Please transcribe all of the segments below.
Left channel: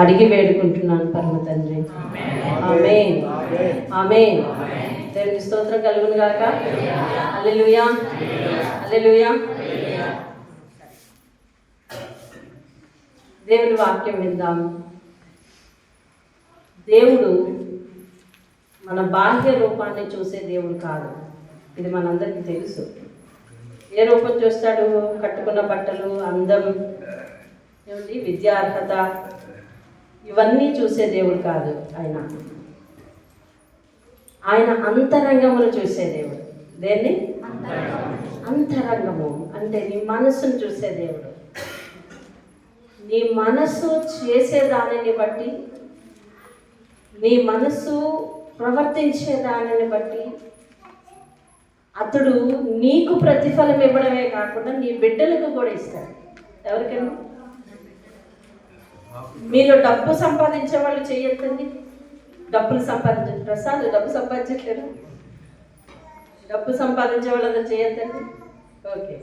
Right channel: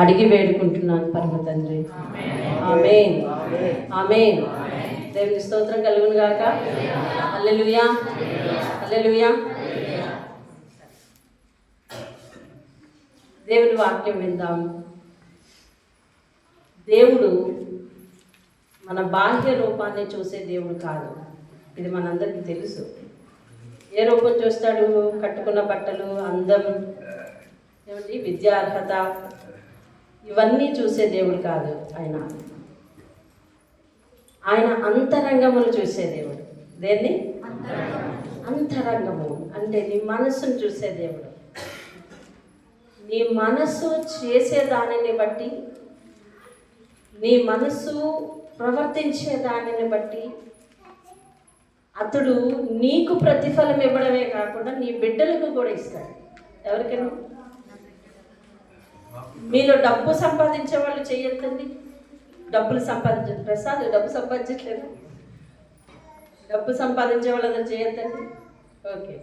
అడిగి వేడుకుంటున్నాను పరమ తండ్రి. ఆమేన్, ఆమేన్. దేవుని స్తోత్రం కలుగును గాక. హల్లెలూయా, హల్లెలూయా. దేవుని వాక్యం విందాం. దేవుడు మన బాహ్య రూపాన్ని చూసే దేవుడు కాదు, ఇది మనందరికీ తెలుసు. ఏ రూపం చూస్తాడు? కట్టుకున్న బట్టలు, అందం, ఏమిటి విద్యార్హత, ఇవన్నీ చూసే దేవుడు కాదు. ఆయన అంతరంగమును చూసే దేవుడు. దేన్ని? అంతరంగము అంటే నీ మనస్సును చూసే దేవుడు. నీ మనస్సు చేసే దానిని బట్టి, నీ మనస్సు ప్రవర్తించే దానిని బట్టి అతడు నీకు ప్రతిఫలం ఇవ్వడమే కాకుండా నీ బిడ్డలకు కూడా ఇస్తాడు. ఎవరికైనా మీరు డబ్బు సంపాదించే వాళ్ళు చేయొద్దండి. డబ్బులు సంపాదించండి. ప్రసాద్ డబ్బు సంపాదించట్లేదు. డబ్బు సంపాదించే వాళ్ళందరూ చేయొద్దండి. ఓకే,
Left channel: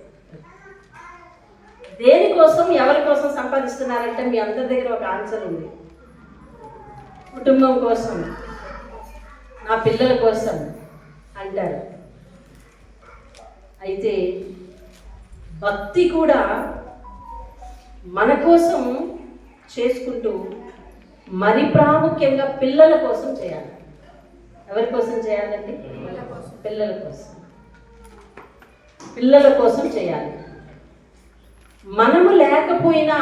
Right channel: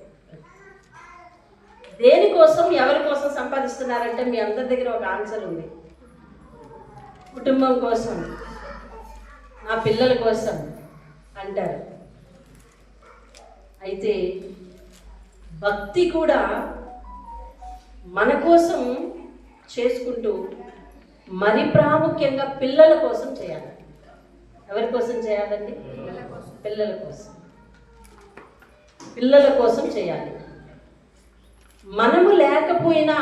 దేనికోసం ఎవరి కోసం సంపాదిస్తున్నారంటే మీ అందరి దగ్గర ఒక ఆన్సర్ ఉంది. కుటుంబం కోసం, నా పిల్లల కోసం అంటారు. అయితే భక్తి కూడా మన కోసం చేసుకుంటూ మరి ప్రాముఖ్యంగా పిల్లల కోసం చేయాలి. ఎవరి కోసం చేయాలండి? పిల్లల కోసం. పిల్లల కోసం చేయాలి. మనము లేకపోయినా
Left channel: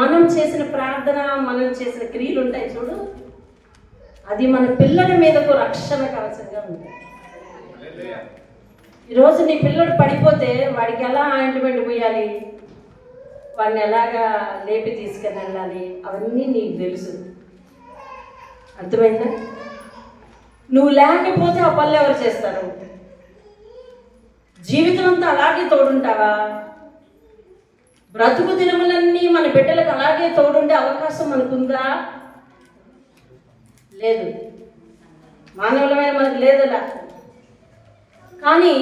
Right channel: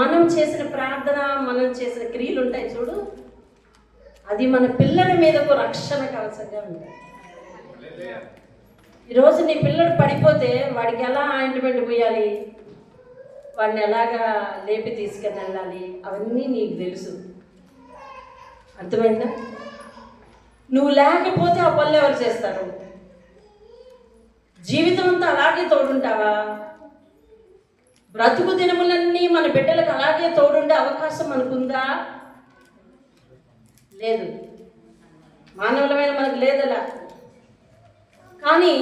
మనం చేసిన ప్రార్థన, మనం చేసిన క్రియలు ఉంటాయి చూడు, అది మన పిల్లల మీదకు రక్షణ కవచంగా ఉంటాయి. ఈరోజు నీ పిల్లడు పడిపోతే వాడికి ఎలా ఆయింట్మెంట్ పోయాలి, వాడిని ఎలాగా లేపి తీసుకుని వెళ్ళాలి, అవన్నీ నీకు తెలుసు. అర్థమైందా? నువ్వు లేకపోతే ఆ పనులు ఎవరు చేస్తారు? జీవితం అంతా అలాగే తోడుంటావా? బ్రతుకు దినములన్నీ మన బిడ్డలకు అలాగే తోడుండే అవకాశం మనకుందా? లేదు. మానవులమైన మనకు లేదలా. కానీ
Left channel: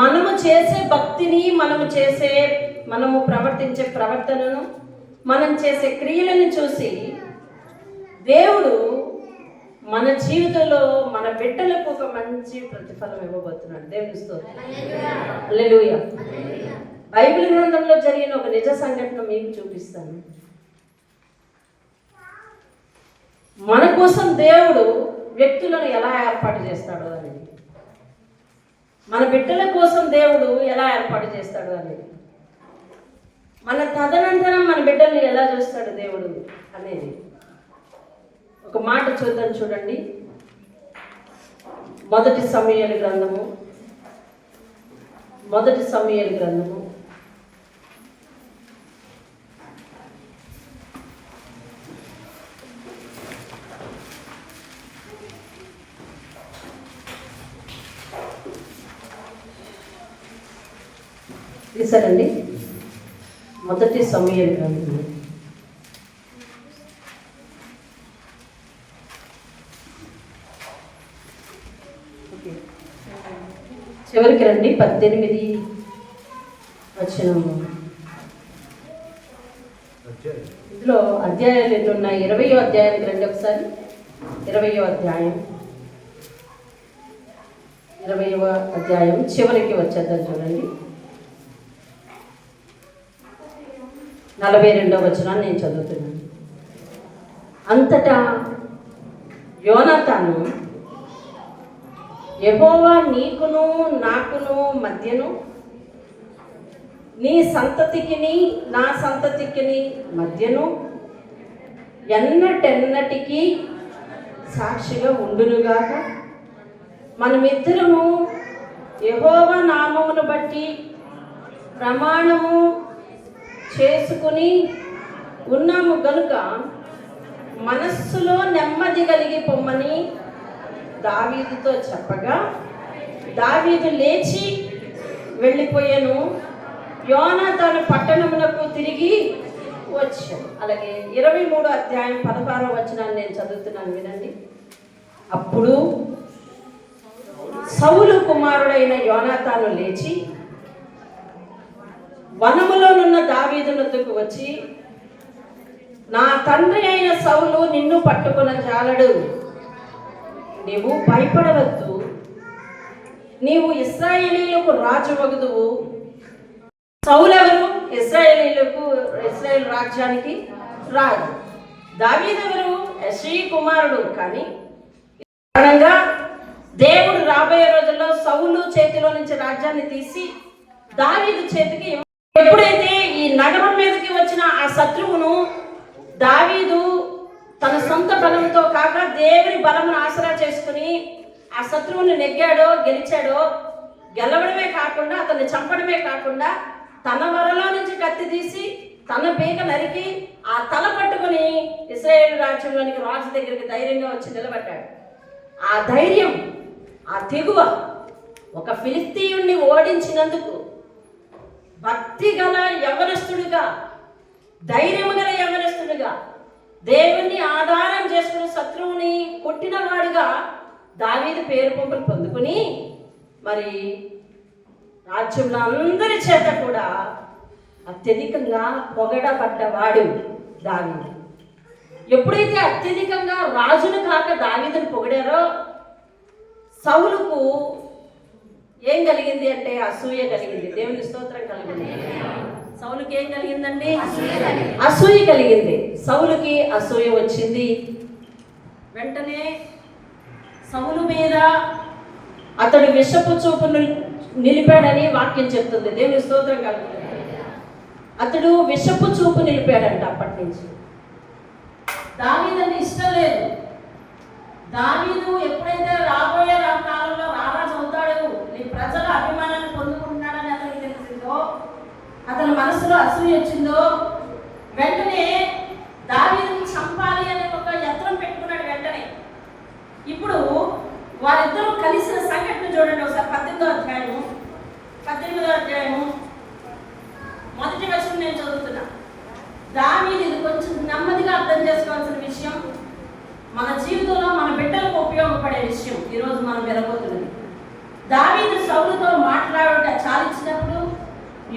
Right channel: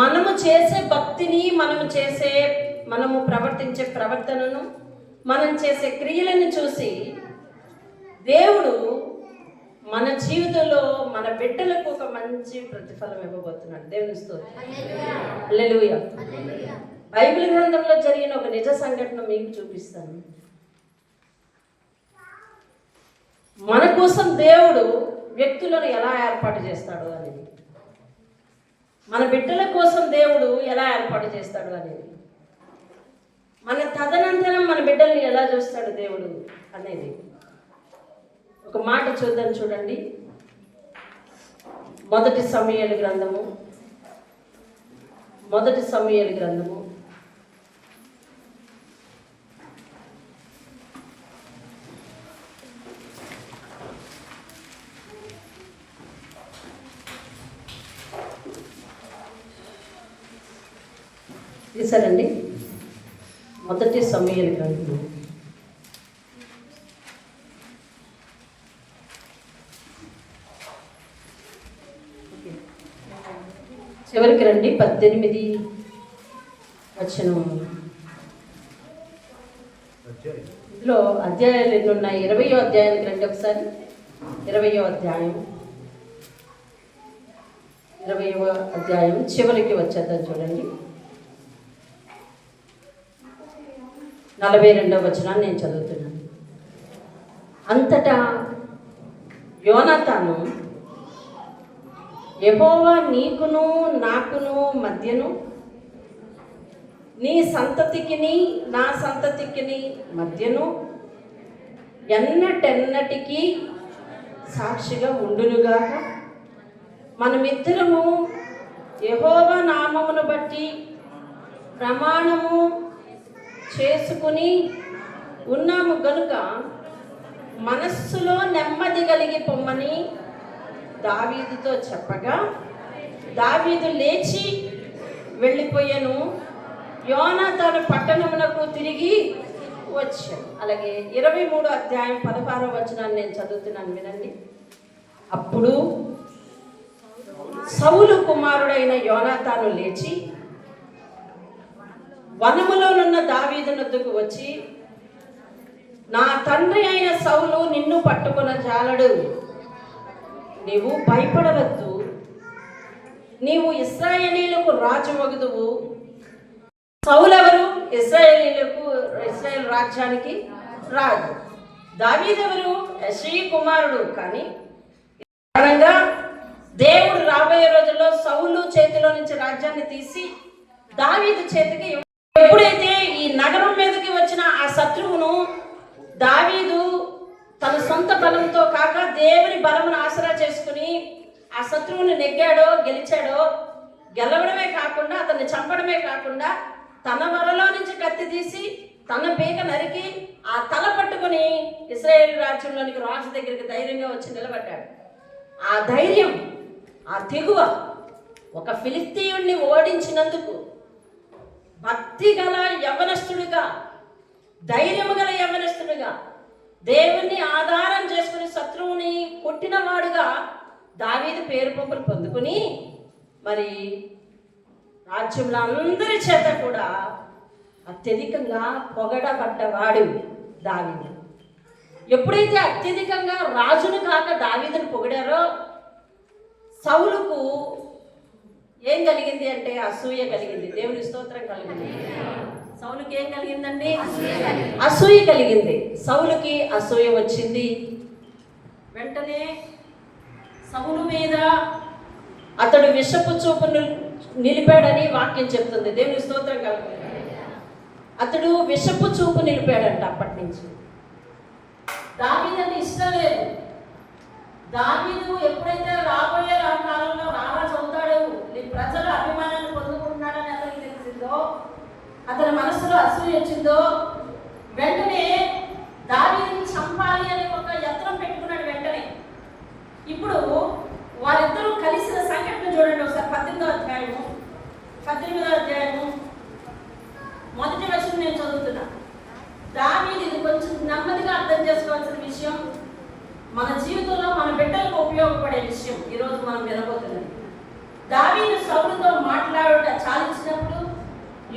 మనము చేసే భక్తిని, మనము ప్రవర్తించే ప్రవర్తనను, మనం చేసే క్రియలను చూసి దేవుడు మన జీవితంలో మన బిడ్డలకు ఒక మంచి ప్రతిఫలం ఇవ్వబోతున్నాడు. దేవుని స్తోత్రం. హల్లెలూయా. బైబిల్ గ్రంథంలో జరిగిన ఒక నిజ సంఘటన మీకు చూపిస్తాను. మన కోసం దేవుడు వ్యక్తులను ఎలా ఏర్పాటు చేస్తాడు అనేది, మన బిడ్డల కోసం దేవుడు ఎలా ఏర్పాటు చేస్తాడు అనేది, మన తదనంతరం మన బిడ్డల్ని ఎలా చూస్తాడు దేవుడు అనేది ఒక మాట చూద్దాం. చూడండి, మొదటి సమూయేలు గ్రంథము తీసారండి. మొదటి సమూయేలు గ్రంథము చివరికి రండి. 18 వచనము. ఇందులో అధ్యాయాలు ఎన్ని ఉన్నాయి? 20వ అధ్యాయానికి రండి ఒకసారి. 20వ అధ్యాయం చివరికి వచ్చేద్దాం. చూడండి, 42వ వచనాన్ని నేను చదువుతున్నాను. అంతటా యోనాతాను, యెహోవా నీకును నాకును మధ్యను, నీ సంతతికిని నా సంతతికిని మధ్యను ఎన్నటెన్నటికీ సాక్షిగా ఉండునుగాక. మనమిద్దరము యెహోవా నామమును బట్టి ప్రమాణము చేసుకుని ఉన్నాము గనుక మనస్సులో నెమ్మది కలిగి పొమ్మని దావీదుతో చెప్పగా, దావీదు లేచి వెళ్ళిపోయాను. యోనాతాను పట్టణమునకు తిరిగి వచ్చాను. అలాగే 23వ అధ్యాయం 16వ వచనాన్ని నేను చదువుతున్నాను, వినండి. అప్పుడు సౌలు కుమారుడైన యోనాతాను లేచి వనములోనున్న దావీదు వద్దకు వచ్చి నా తండ్రి అయిన సౌలు నిన్ను పట్టుకున్న జాలడు, నీవు భయపడవద్దు, నీవు ఇశ్రాయేలీయులకు రాజు వగుదువు. సౌలెవరు? ఇశ్రాయేల్ రాజ్యానికి రాజు. దావీదెవరు? యెష్షయి కుమారుడు. కానీ కారణంగా దేవుడు రాబోయే రోజుల్లో సౌలు చేతిలో నుంచి రాజ్యాన్ని తీసి దావీదు చేతికి ఎప్పుడైతే ఈ నగరం మీదకి వచ్చిన ఆ శత్రువును దావీదు తన సొంత బలంతో కాక దేవుని బలమును ఆసరా చేసుకుని ఆ శత్రువుని నెగ్గాడో గెలిచాడో, గెలవడమే కాకుండా అతన్ని చంపడమే కాకుండా తన వరలో నుంచి కత్తి తీసి తన పీక నరికి ఆ తల పట్టుకుని ఇశ్రాయేలు రాజ్యంలోనికి రాజు దగ్గరికి ధైర్యంగా వచ్చి నిలబడ్డాడు. ఆ ధైర్యం, ఆ తెగువ, ఒక ఫిలిస్తీయుణ్ణి ఓడించినందుకు భక్తి గల యవనస్తుడిగా, ధైర్యము గల యవనస్తుడిగా, దేవుణ్ణి ఆధారం చేసుకుని శత్రువుని కొట్టినవాడుగా దావీదు పేరు పంపులు పొందుకుని మరి రాజ్యంలో అందరి చేత కూడా అత్యధికంగా పొగడబడ్డవాడు దావీదు. ఎప్పుడైతే అత్యధికంగా రాజును కాక దావీదును పొగిడారో సౌలుకు ఏం కలిగింది అంటే అసూయ కలిగింది. దేవుని స్తోత్రం కలిగింది. సౌలుకి ఏం కలిగిందండి? అసూయ కలిగింది. సౌలుకి అసూయ వచ్చింది. వెంటనే సౌలు మీద అతడు విషపు చూపు నిలిపాడని వాక్యం చెప్తుంది. దేవుని స్తోత్రం కలిగింది. అతడు విషపు చూపు నిలిపాడంట. అప్పటి నుంచి దావీదుని ఇష్టం లేదు. దావీదు ఎప్పుడైతే రాబోయే కాలంలో రారాజు అవుతాడు, నీ ప్రజల అభిమానాన్ని పొందుకుంటున్నాడని అతనికి తెలిసిందో, అతని మనసులో అసూయ వచ్చిందో, వెంటనే దావీదుని చంపాలి అనే ఒక యత్నం పెట్టుకున్నాడు. వెంటనే ఇప్పుడు వారిద్దరూ కలిసిన సంఘటన చూడండి ఒకసారి. 18వ అధ్యాయము మొదటి వచనం నేను చదువుతున్నా. దావీదు, ఇది కొంచెం నెమ్మదిగా అర్థం చేసుకోవాల్సిన విషయం, మన జీవితంలో మన బిడ్డలకు ఉపయోగపడే విషయం ఈరోజు మనం వినబోతున్నది. దావీదు సౌలుతో మాట్లాడుట చాలించినప్పుడు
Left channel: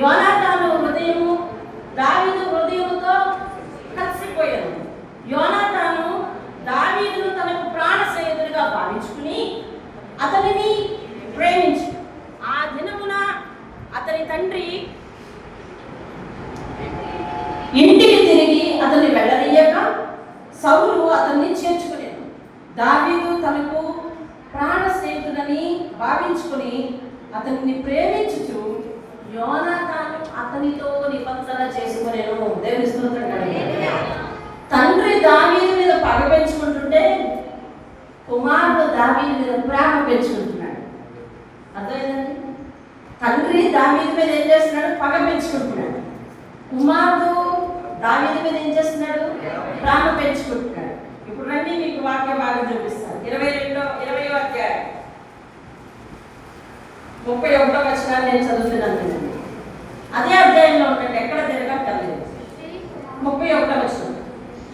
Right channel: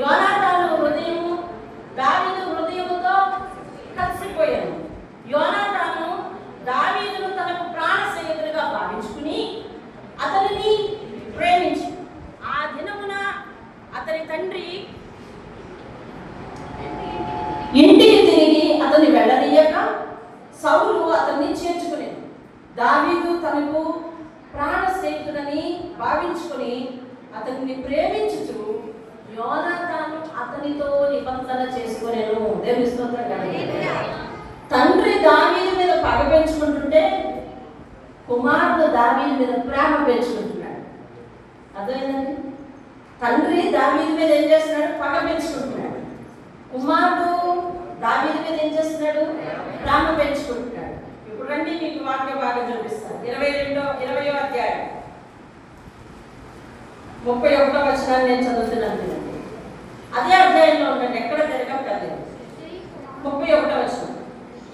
యోనాతాను హృదయము దావీదు హృదయముతో కలిసిపోయాడు. యోనాతాను దావీదును తనకు ప్రాణ స్నేహితుడిగా భావించుకుని అతనిని ప్రేమించి ఆ దినమున అతని తండ్రి ఇంటికి తిరిగి అతన్ని వెళ్ళనీయక సౌలు అతన్ని చేర్చుకునేది. దావీదు తనకు ప్రాణ స్నేహితుడని భావించుకుని అతన్ని ప్రేమించుచు యోనాతాను అతనితో నిబంధన చేసుకునేను. దేవుని స్తోత్రం. తండ్రి దావీదు మీద పగ పెంచుకుంటుంటే కుమారుడు దావీదు మీద ప్రేమ పెంచుకుంటున్నాడు. అర్థమైందండి? తండ్రి దావీదు మీద ఏం చేస్తున్నాడు? పగ పెంచుకుంటున్నాడు. కుమారుడు దావీదు మీద ఏం చేస్తున్నాడు? ప్రేమ పెంచుకుంటున్నాడు. ఇప్పుడు రండి, మీకు వాక్యం బాగా చూపిస్తాను. 20వ అధ్యాయం 31వ వచనాన్ని నేను చదువుతున్నాను. అదే అధ్యాయంలో ఉండండి, ఎక్కడ తిరగక్కర్లేదు. 31వ వచనం.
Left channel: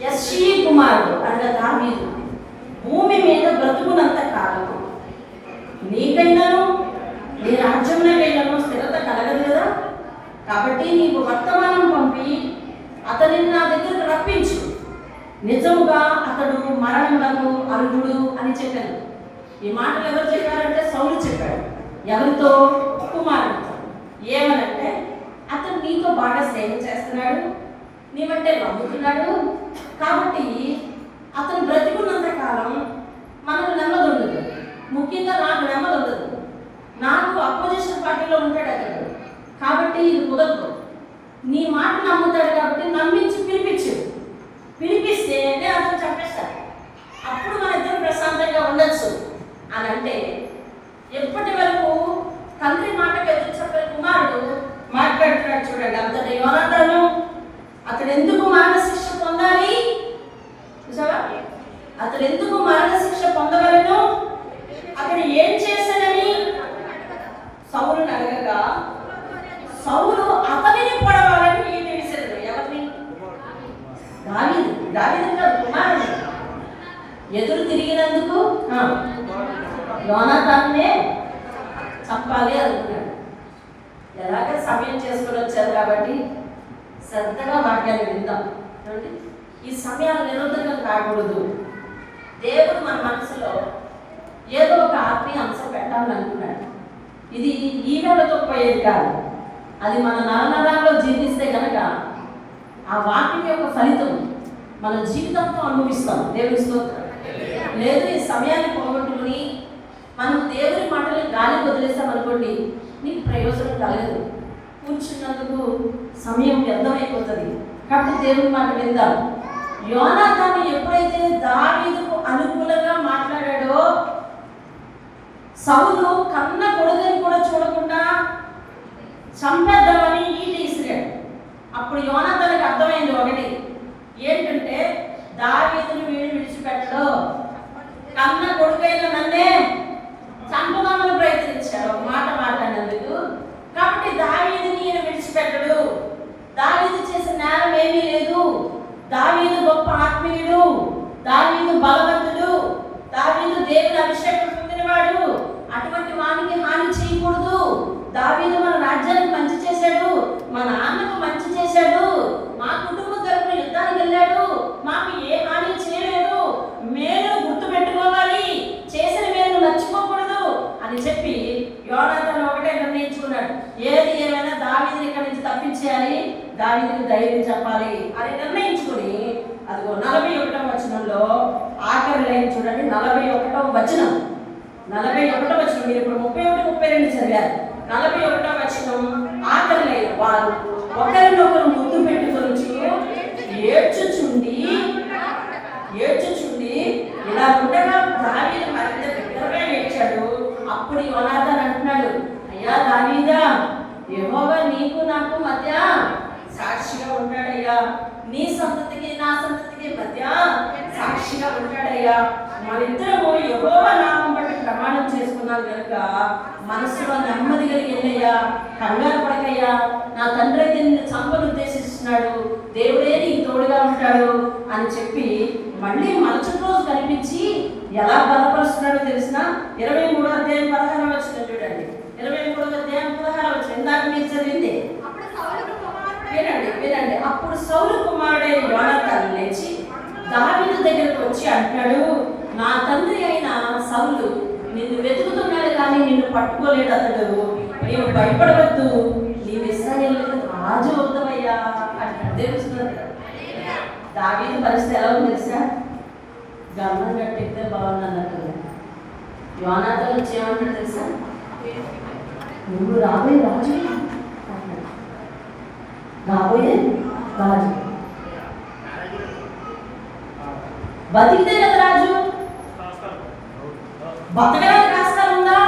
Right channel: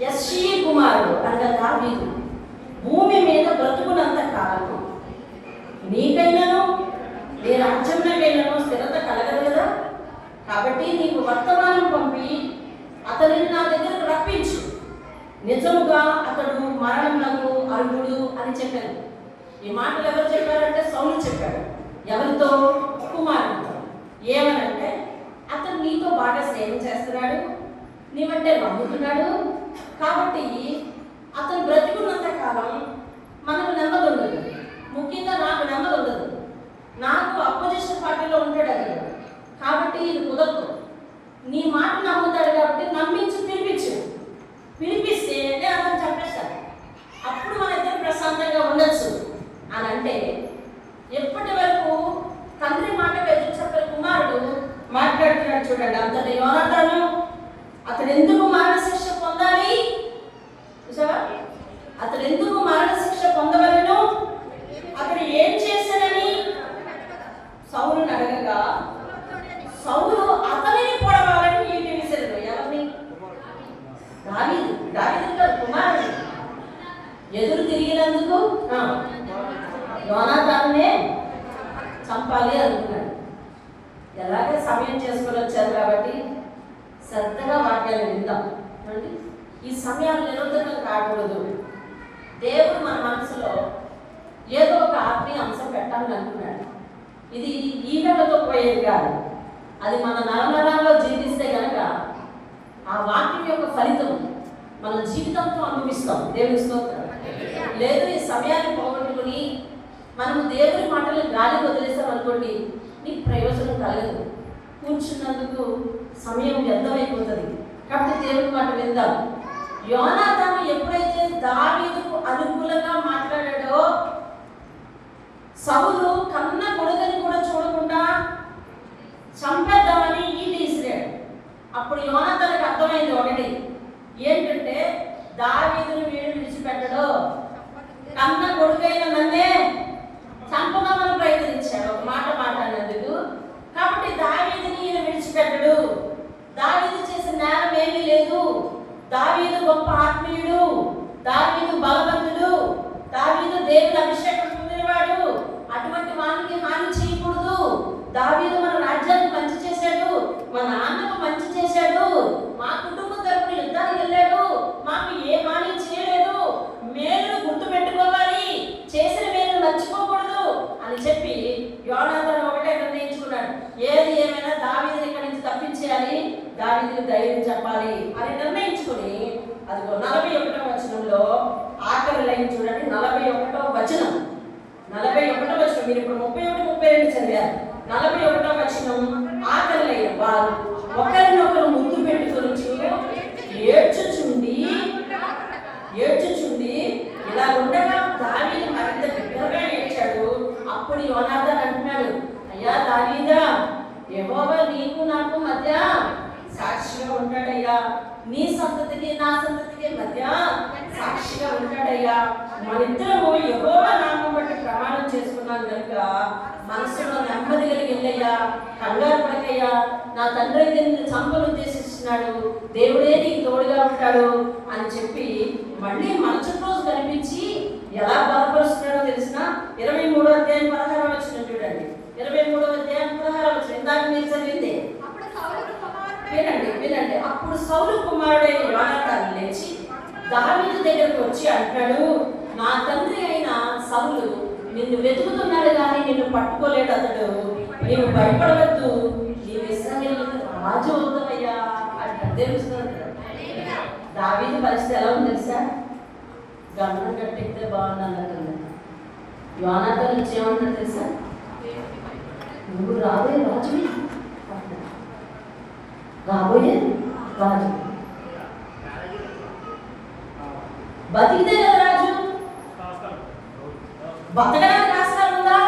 యెష్షయి కుమారుడు అన్న దావీదు భూమి మీద బ్రతుకున్నంత కాలం నీకైనాను నీ రాజ్యంలోకైనాను స్థిరత కలగదు కదా. కాబట్టి నీకు వర్తమానం పంపి అతనిని నా దగ్గరకు రప్పించు. నిజముగా అతడు మరణమునకు అర్హుడు అని చెప్పారు. ఈ మాటలు ఎవరు చెప్పారంటే సౌలు చెప్పాడు. ఎవరితో? కుమారుడితో. ఏమనంటే, అతను నీతో బాగా స్నేహం చేస్తున్నాడు, నీవంటే నమ్ముతున్నాడు, కాబట్టి అతను బ్రతికున్నంత కాలం మనకు నెమ్మది ఉండదు. ముఖ్యంగా నాకు నెమ్మది ఉండదు. నాకు అపోజిషన్ పార్టీలో ఉంటాడు అతను, కాబట్టి ఇది కుదరదు. నీ మాట నమ్ముతాడు కాబట్టి నమ్మించి పిలిపిస్తే అతను చంపేస్తాడు. అప్పుడు మన ఇద్దరు ప్రశాంతంగా ఉండొచ్చు అని అంటే, ఎప్పటి వరకు తండ్రి మాటకు ఎదురు చెప్పే కుమారుడు మాట్లాడుతున్నాడు చూడండి. అంతటి యోనాతాను అతడు ఎందుకు మరణశిక్ష పొందాలి? చూసావా? అతడు ఎందుకు మరణశిక్ష పొందవలను? అతడు ఏం చేశానని సౌలుని అడగగా సౌలు అతనిని పొడవాలని విసిరాడు. ఎవరిని? దావీదు కుమారుడు. ఎదురు తిరిగినందుకు యోనాతానునే చంపాలి అనుకున్నాడు. ఎలాగ సమయం చేసుకుని వచ్చారు కాబట్టి శ్రద్ధగా వాక్యాలు విందాం. ఈ సమయాలు నిరంతరం రాకూడదు. దేవుడు మన మనసులో ఏదో ఒక ఆత్మీయ అంశం పెట్టాలని అనుకున్నాడు. ఇది ఈవేళతో పోయేది కాదు. అది మన నరనరాల్లో జీవిస్తే కనుక ఆ వాక్యం యొక్క ఫలితం మన జీవితంతో అనుభవిస్తాం. దేవుని స్తోత్రం. లేదు ఈ సమయాన్ని పోగొట్టుకుని మనం దేవుని మాటలు గాలి వదిలేస్తాం అనుకోండి, నీకు ప్రయోజనం కలగదు. కూర్చున్నందుకు సమయం వ్యర్థమైపోతుంది. కాబట్టి దేవుని మాట విందాం. యోనాతాను ఎప్పుడైతే దావీదుకు అనుకూలంగా మాట్లాడాడో, సౌలు కన్న కొడుకుని కూడా చూడకుండా చంపేద్దామని ఈటి ఇసిరాడు. అప్పుడు యోనాతానుకు అర్థమైంది ఒకటి ఏంటంటే, దావీదుని వీడు విడిచిపెట్టడు, కన్న కొడుకైన నన్నే చంపుదామని ప్రయత్నించాడు ఒక మాట మాట్లాడినందుకు. కాబట్టి దావీదుని ఈయన విడిచిపెట్టడు. దావీదు చేసిన నేరం ఏమీ లేదు. దావీదు గొప్ప ఆత్మీయుడు, దావీదు బలవంతుడు, దావీదు దేవుని అభిషేకం పొందినవాడు. అటువంటి వానికి హాని చేయకూడదు. దావీదు మన రాజ్యానికి మంచి చేశాడు, మా నాన్నకు మంచి చేశాడు, మా కుటుంబ తరపున యుద్ధానికి వెళ్ళాడు, మాకు ఏ హాని చేయలేదు, మేలు గుర్తు పెట్టుకోవాలి, చేసిన మేలు నచ్చుకోకూడదు అని చెప్పి యోనాతాను ఒకటే నిర్ణయించుకున్నాడు. ఏది ఏమైనా దావీదుని ఇక్కడి నుంచి తప్పించేయాలి, దావీదుని ధైర్యం చెప్పాలి అని నిర్ణయించుకుని, అదిగో 41వ వచనంలో ఆఖరి లైన్ చూడండి. 41వ వచనం మీరు ఇప్పుడు 31, 32 చదివారు. 41వ వచనం ఆఖరి లైన్. వారు ఒకరినొకరు ముద్దు పెట్టుకొని ఏడ్చుచుండి ఇలా ఉండగా దావీదు మరింత బిగ్గరగా ఏడ్చాడు. అప్పుడు యోనాతాను అంటున్నాడు, అయ్యా దావీదా, యెహోవా నీకు నాకు మధ్య సాక్షిగా ఉంటాడయ్యా, నీ సంతతికి నా సంతతికి మధ్య సాక్షిగా ఉంటాడయ్యా. మనిద్దరము యెహోవా నామం బట్టి ప్రమాణం చేసుకున్నాం కనుక మనసులో నెమ్మది కలిగిందయ్యా, కంగారు పడకయ్యా. నా తండ్రి అయితే నిన్ను చంపను ఉద్దేశిస్తున్నాడు, దేవుడే నీకు తోడుగా ఉంటాడు అని చెప్పి మళ్ళీ మరుసటి రోజు కనిపించి ఎలా బలపరుస్తున్నాడో తెలిసిన 23వ అధ్యాయం 16వ వచనం చూడండి. 23వ అధ్యాయం 16వ వచనం ఇందాక మీరు చదివింది. వినండి. అప్పుడు సౌలు కుమారుడైన యోనాతాను లేచి దావీదు దగ్గరకు వచ్చి అంటాడు, నా తండ్రి అయిన సౌలు నిన్ను వెతుకుతున్నాడు కానీ నిన్ను పట్టుకోలేడు అతడు, నీవు భయపడవద్దు, నీవు ఇశ్రాయేలుకు రాజు అవుతావయ్యా అంటాడు. తెలుస్తుంది దావీదు పరిస్థితి ఎలా ఉంది తెలుసా? గమనం కట్టితే బాగున్నాను అనుకున్నాను. యోనాతాను నుంచి ఏమంటాడు తెలుసా? నువ్వు రాబోయే రాజు అంటాడు. రాబోయే రాజు బతికితే కదా రాజు, బతకడానికి రాష్ట్రాలు ఉందా?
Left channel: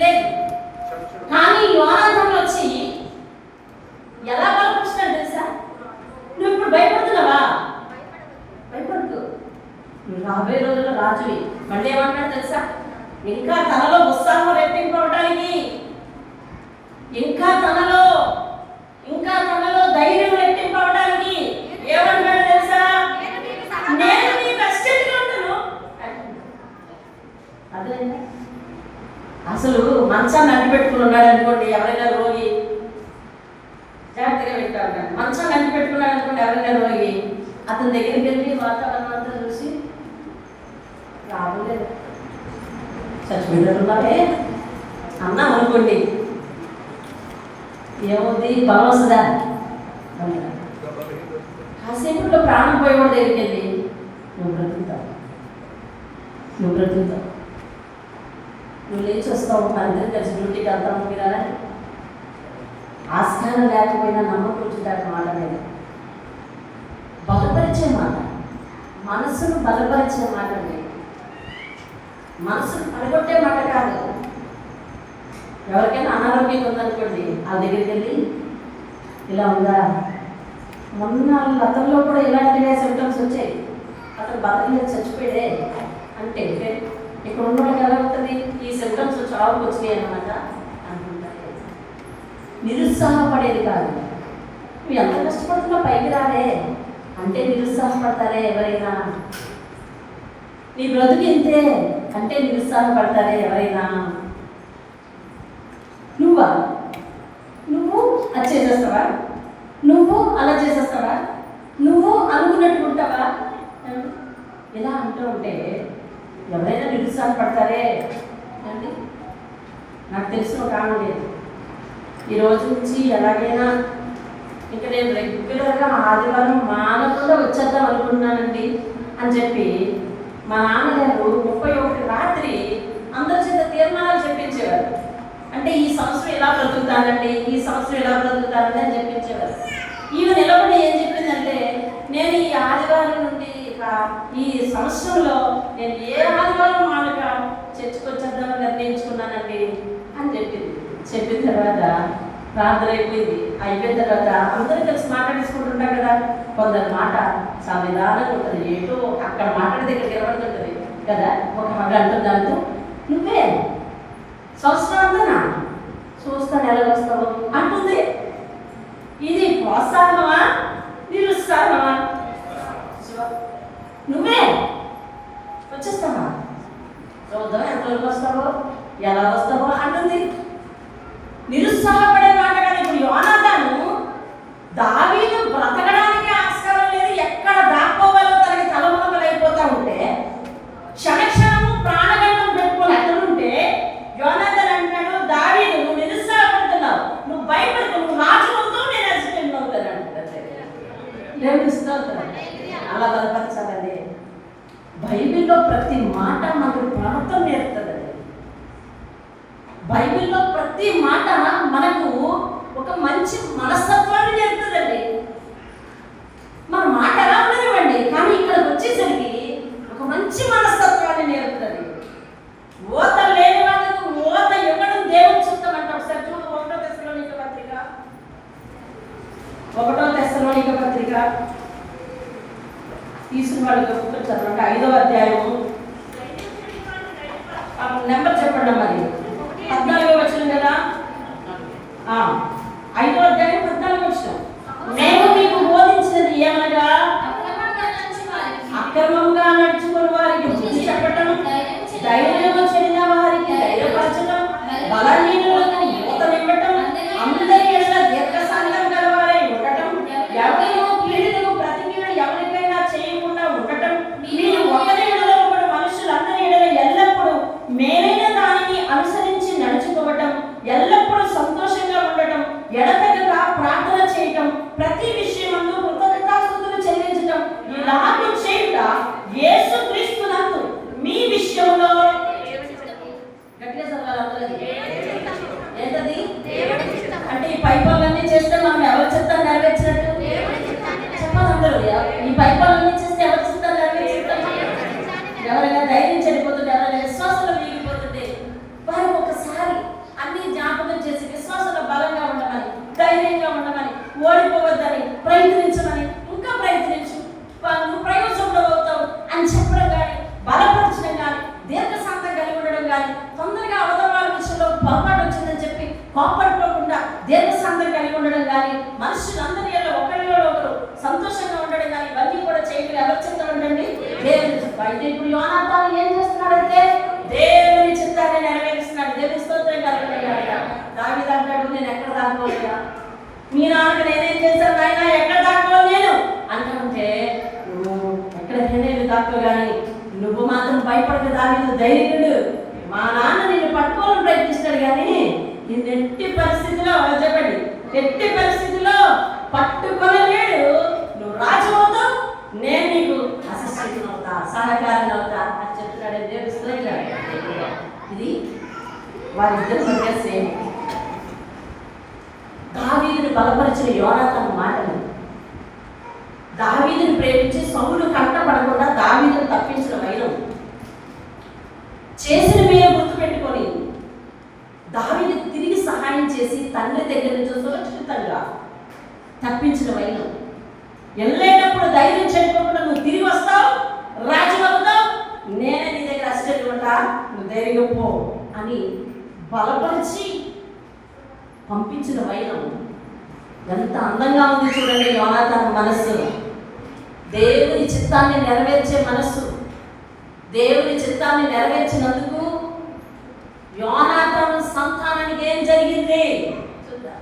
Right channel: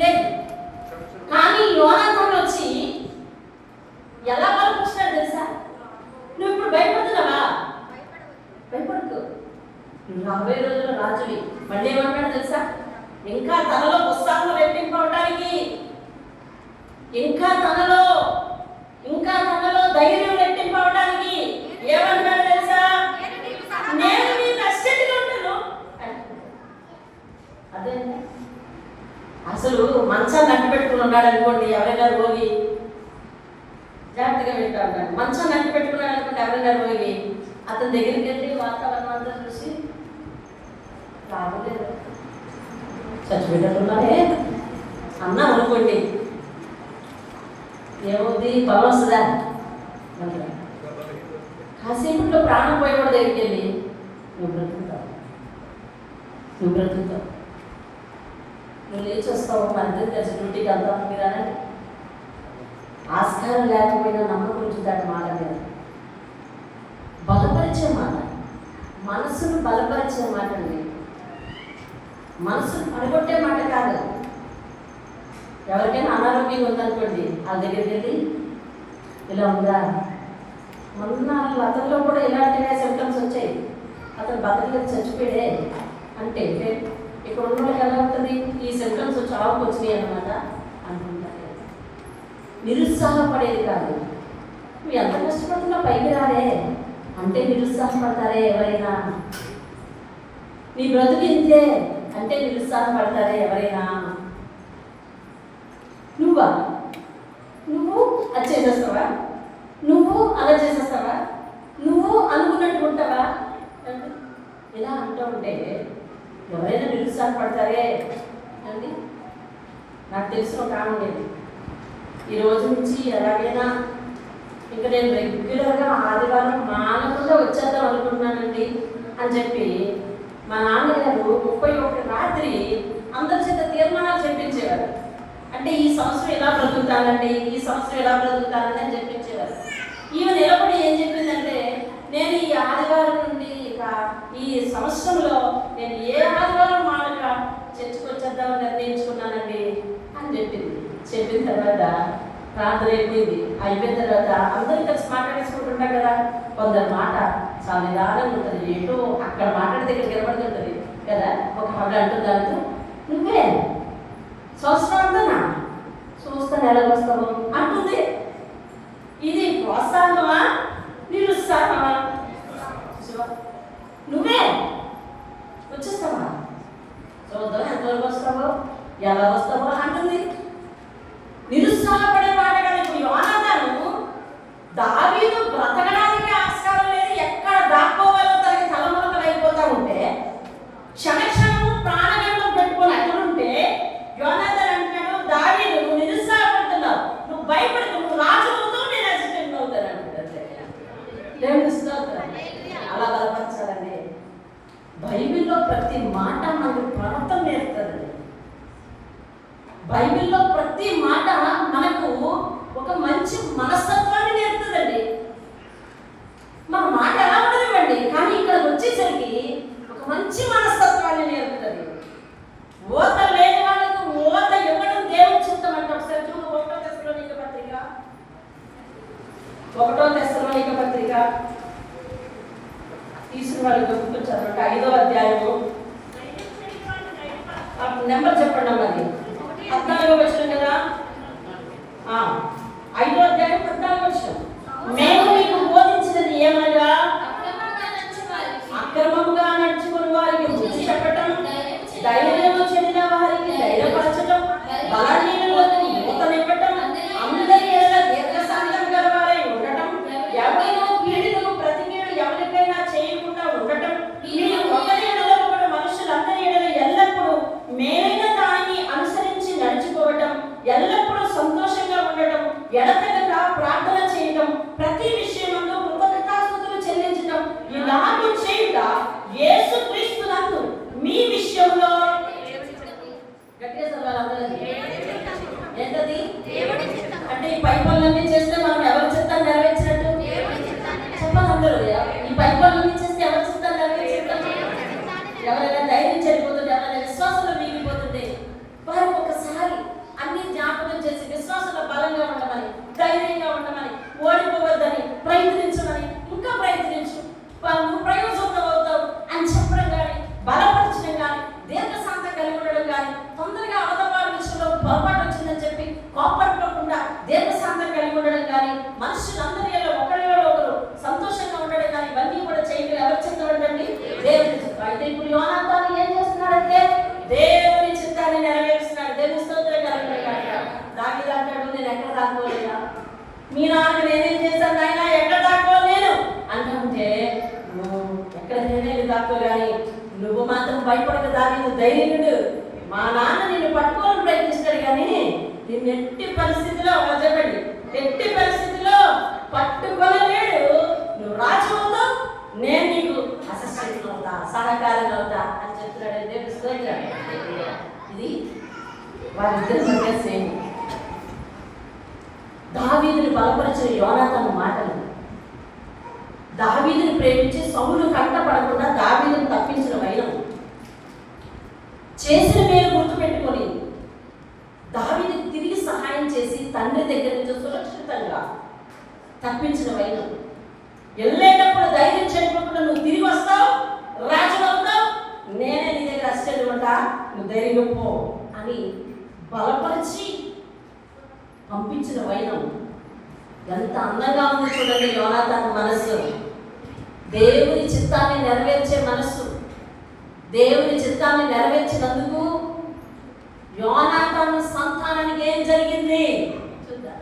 లేదు. కానీ యోనాతాను వచ్చి ఎలా బలపరుస్తున్నాడు తెలుసా? నువ్వు ఇప్పుడు భయపడుతున్నావా? భయపడదు, నువ్వు రాబోయే రోజుల్లో రాజువి. మళ్ళీ ఏమంటాడు తెలుసా? ఇంకా తనలో ఉత్సాహం రెట్టింపవడానికి, ఇంకా తనలో ధైర్యం రెట్టింపవడానికి ఏమంటాడు తెలుసా? నేను నీ రక్షకుడిగా ఉంటాను. అదే అసలు మంచాన్ని అడ్డు పెట్టుకుని ఉన్నాడు అనుకోండి, ఎవరైనా రోగి జాగ్రత్తగా పెట్టాడు. మంచాన్ని అడ్డు పెట్టుకున్నాడు అనుకోండి, ఎవరైనా రోగి అతని దగ్గరికి వెళ్ళి వాతావరణం అంతా చూసి రాబోలేదు చచ్చిపోయినట్టున్నారే అన్నాం అనుకోండి, ఏముంది బలం వస్తుందా? కాసేపులో ప్రాణం పోయేవాడి దగ్గరికి వెళ్ళి నువ్వు బ్రతుకుతావు, నువ్వు లేచి వస్తావు, మన ఇద్దరు కలిసి డ్యూటీకి వెళ్తాము మీరా. ఆస్కారం లేకపోయినా నమ్మకం ఉంచుతాడు మాట మీద. బలపరిచే మాట, మనసును బలపరిచే మాట, మనసును పడగొట్టే మాట కాదు. ఎవరికైనా అనారోగ్యంగా ఉందనుకోండి, ఆ దగ్గరికి వెళ్ళి ఇలా ఉందా, మొన్న గతంలో కూడా ఇలాంటివే సిమ్టమ్స్ వచ్చాయి, అతను బతకలేదు చచ్చిపోయాడే అంటే ఇక్కడ ఉన్న వాళ్ళకి ఎలా ఉంటుంది? ఈ సిమ్టమ్స్ చావుకు వచ్చినాయి అన్నమాట అనుకుంటారు. నిరుత్సాహపడేది కాదు. నువ్వు ఎంత కష్టపడుతున్నా పైకి రాలే అంటే నిరుత్సాహపడతారే ఎవరైనా? నీ బ్రతుకు ఇంతే అంటే నిరుత్సాహపడతారే ఎవరైనా? నువ్వు అది చేసేస్తావా? నువ్వు అలా చేసేస్తావా? నువ్వు అనుకున్నట్టు ఇలా అంటూ ఉంటే ఎవరైనా నిరుత్సాహపడతారే అండి. నాకు తెలిసిన ఒక ఆమె లేదు, ఈ రోజు నుంచి ఎలాగైనా ఇంకా నేను రెగ్యులర్గా ఆదివారం మానకుండా వచ్చేద్దాం అనుకున్నానండి అని చెప్పి మా నాన్నగారు 31 రాత్రి అందరి చేత తీర్మానాలు చెప్పించేవారు. అంటే ఈ సంవత్సరం ఎలా బ్రతుకుతానండి, ఈ సంవత్సరం ఎలా బ్రతుకుతానండి అని చెప్పించేవారు. ఈమె నిలబడి ఏం చెప్పిందంటే, నేను ఈ ఆదివారం నుండి ఈ సంవత్సరంలో నేను ఏ ఆదివారం మానక చర్చకొచ్చేద్దామని నిర్ణయించుకున్నానండి అని చెప్పింది. చెప్పిన తర్వాత ప్రార్థన అయిపోయిన తర్వాత అందరూ కలిసి మాట్లాడేసుకుంటుంటాం కదా. కొందరి మాట చాలా నిదానంగా ఉంటుంది, ఏంటో అక్కడ మాట్లాడే దగ్గర నిలబడుతుంటుంది కదా. ఒక మగ అంటుందాను, నువ్వే సంవత్సరం అంతనా చూస్తాను ఎలాగొస్తావు అంటుంది. ఇది ప్రోత్సాహమా నిరుత్సాహమా? నువ్వే వచ్చేస్తావా, చూద్దాం ఎంతవరకు వస్తావో ఎలా వస్తావో అంటుంది. నిరుత్సాహపడే మాట కదా. ఇప్పుడు యోనాతాను దావీదు బ్రతకడానికి ఆస్కారం లేదు, ఎక్కడ దాక్కోవాలో తనకి తలమునకలైపోతా ఉంటే క్షణక్షణము ప్రాణగండం పెట్టుకొని అక్కడుంటే యోనాతాను అంటాడు, దావీదు నువ్వు నిరుత్సాహపడుతున్నావు, నువ్వు భయపడుతూ నువ్వు రాజు అవుతావు, నేను అసిస్టెంట్ అవుతాను అంటాడు. అలా బలపరచాలండి. బైబిల్లో ప్రతి మాట మనకు ప్రార్థన నేర్పుతుందండి. బైబిల్లో ప్రతి మాట మనకు ఒక మంచి మనస్తత్వాన్ని నేర్పుతుందండి. మన మాట ఎలా ఉండనివ్వండి, కానీ ఇక్కడ వచ్చేసరికి ఒక మంచి మనస్తత్వాన్ని నేర్పుతుంది. ఓత లేని వాళ్ళకు ఓత ఇవ్వడం దేవుడు చిత్తం ఒకసారి చూడు. 1 తెస్సలోనిక పత్రిక తీసుకున్న వాళ్ళు గుర్తుంటారు. 5వ అధ్యాయము నెంబర్ చెప్పండి మరి. 14వ వచనం కదా. 5వ అధ్యాయం 14వ వచనం. మేము మీకు బోధించినది ఏమనగా అక్రమంగా నడుచుకుని వారికి బుద్ధి చెప్పటం, ధైర్యము చెందిన వారికి ధైర్యపరచడం, బలహీనులకు ఊతనివ్వటం, అందరి ఎడల దీర్ఘశాంతం గలవారై ఉండటం, ఎవరైనా పీడితకు ప్రతి కీడు ఎవరికైనా చేయకుండా ఉండటం, మీరు ఒకరి ఎడల ఒకడు మనుషులందరి ఎడల ఎల్లప్పుడూ మేలైన దానిని అనుసరించి నడుచుకోవటం, ఎల్లప్పుడూ సంతోషంగా ఉండటం, ఎడతెగక ప్రార్థన చేయటం, ప్రతి విషయమందు కృతజ్ఞతాస్తుతులు చెల్లించటం, ఇలాగూ చేయుట యేసుక్రీస్తునందు మీ విషయంలో ఏంటది అంటే ఈ పై పనులన్నీ చేస్తే మనం ఎవరి చిత్తాన్ని నెరవేర్చినట్టు చెప్పాలి అందరూ. ఈ పై పనులన్నీ చేస్తే ఎవరి చిత్తాన్ని నెరవేర్చినట్టు? ఎవరైనా ధైర్యం చనిపోతుంటే, ఎవరైనా విశ్వాసంలో మిగిలిపోతుంటే వారు ఒకసారి అన్ని జ్ఞాపకం చేసి విశ్వాసంలో బలంగా ఉండమని, ధైర్యంగా ఉండమని, ఓడిపోవద్దని, ప్రయత్నించమని, ఇంకా ప్రయత్నించు, నువ్వు ప్రయోజనంలో అవుతావు అని చెప్పడం కానీ, బలపరచడం కానీ, దీర్ఘశాంతం కలిగి ఉండడం కానీ, తొందరగా అవతల వాళ్ళ విషయంలో పొరపాటు వచ్చిందని చెప్పి కోపడుకోకుండా దీర్ఘశాంతం కలిగి ఉండడం కానీ, మనుషులందరి ఒకరిలో ఒకరు సంతోషంగా ఉండడం కానీ, ఇవన్నీ కూడా చేయగలిగే ఆలోచనలు ఉండండి. ఇప్పుడు యోనాతాను ఏం చేస్తున్నాడంటే దేవుని చిత్తాన్ని నెరవేరుస్తున్నాడు. దేవుని స్తోత్రం కలుగుతాడు. దావీదు అంటాడు, నేను ఎక్కడ దాక్కోలేదా, మీ నాన్నకు నేనేం చేశాను నాయన, ఎక్కడ దాక్కోవాలి నేను అంటే, నువ్వు ఎక్కడికైనా దాక్కో కానీ నువ్వు మాత్రం భయపడక దావీదు ధైర్యుడు. మా నాన్న నిన్ను పట్టుకోవాలని ప్రయత్నిస్తాడు కానీ నిన్ను ఎట్టి పరిస్థితిలో చెప్పండి, ఎట్టి పరిస్థితిలో పట్టుకోలేడు. నువ్వు రాజు అవుతావు, నేను నీకు అసిస్టెంట్ అవుతా, సహకారం అవుతా అని చెప్తున్నాడు. ఇది వారిద్దరి మధ్య సేమ్. దావీదుని బలపరిచిన యోనాతాను మాటలు, దావీదుని ప్రేమించి సౌలు కంటపడకుండా దావీదుని తప్పించిన వైరం, చేసిన మేలు గుర్తుపెట్టుకొని దావీదుకి తిరిగి సహాయం చేసి తండ్రి దగ్గర నుంచి సురక్షితంగా తప్పించిన వైరం, వెళ్ళేటప్పుడు ధైర్యం చనిపోకుండా నువ్వు తిరిగి వస్తావు, రాజు అవుతావు, నేనే నీ దగ్గర అసిస్టెంట్ ఉంటా, నువ్వు ధైర్యంగా పో అని బలపరిచి పంపించిన వైరం ఎంత అందంగా ఉంది చూడండి. యోనాతాను మనస్సు, దేవుని చిత్తాన్ని నెరవేర్చే మనస్సు. దేవుని చిత్తాన్ని నెరవేర్చినందుకు యోనాతాను సంతానానికి ఏం జరిగింది చూద్దాం.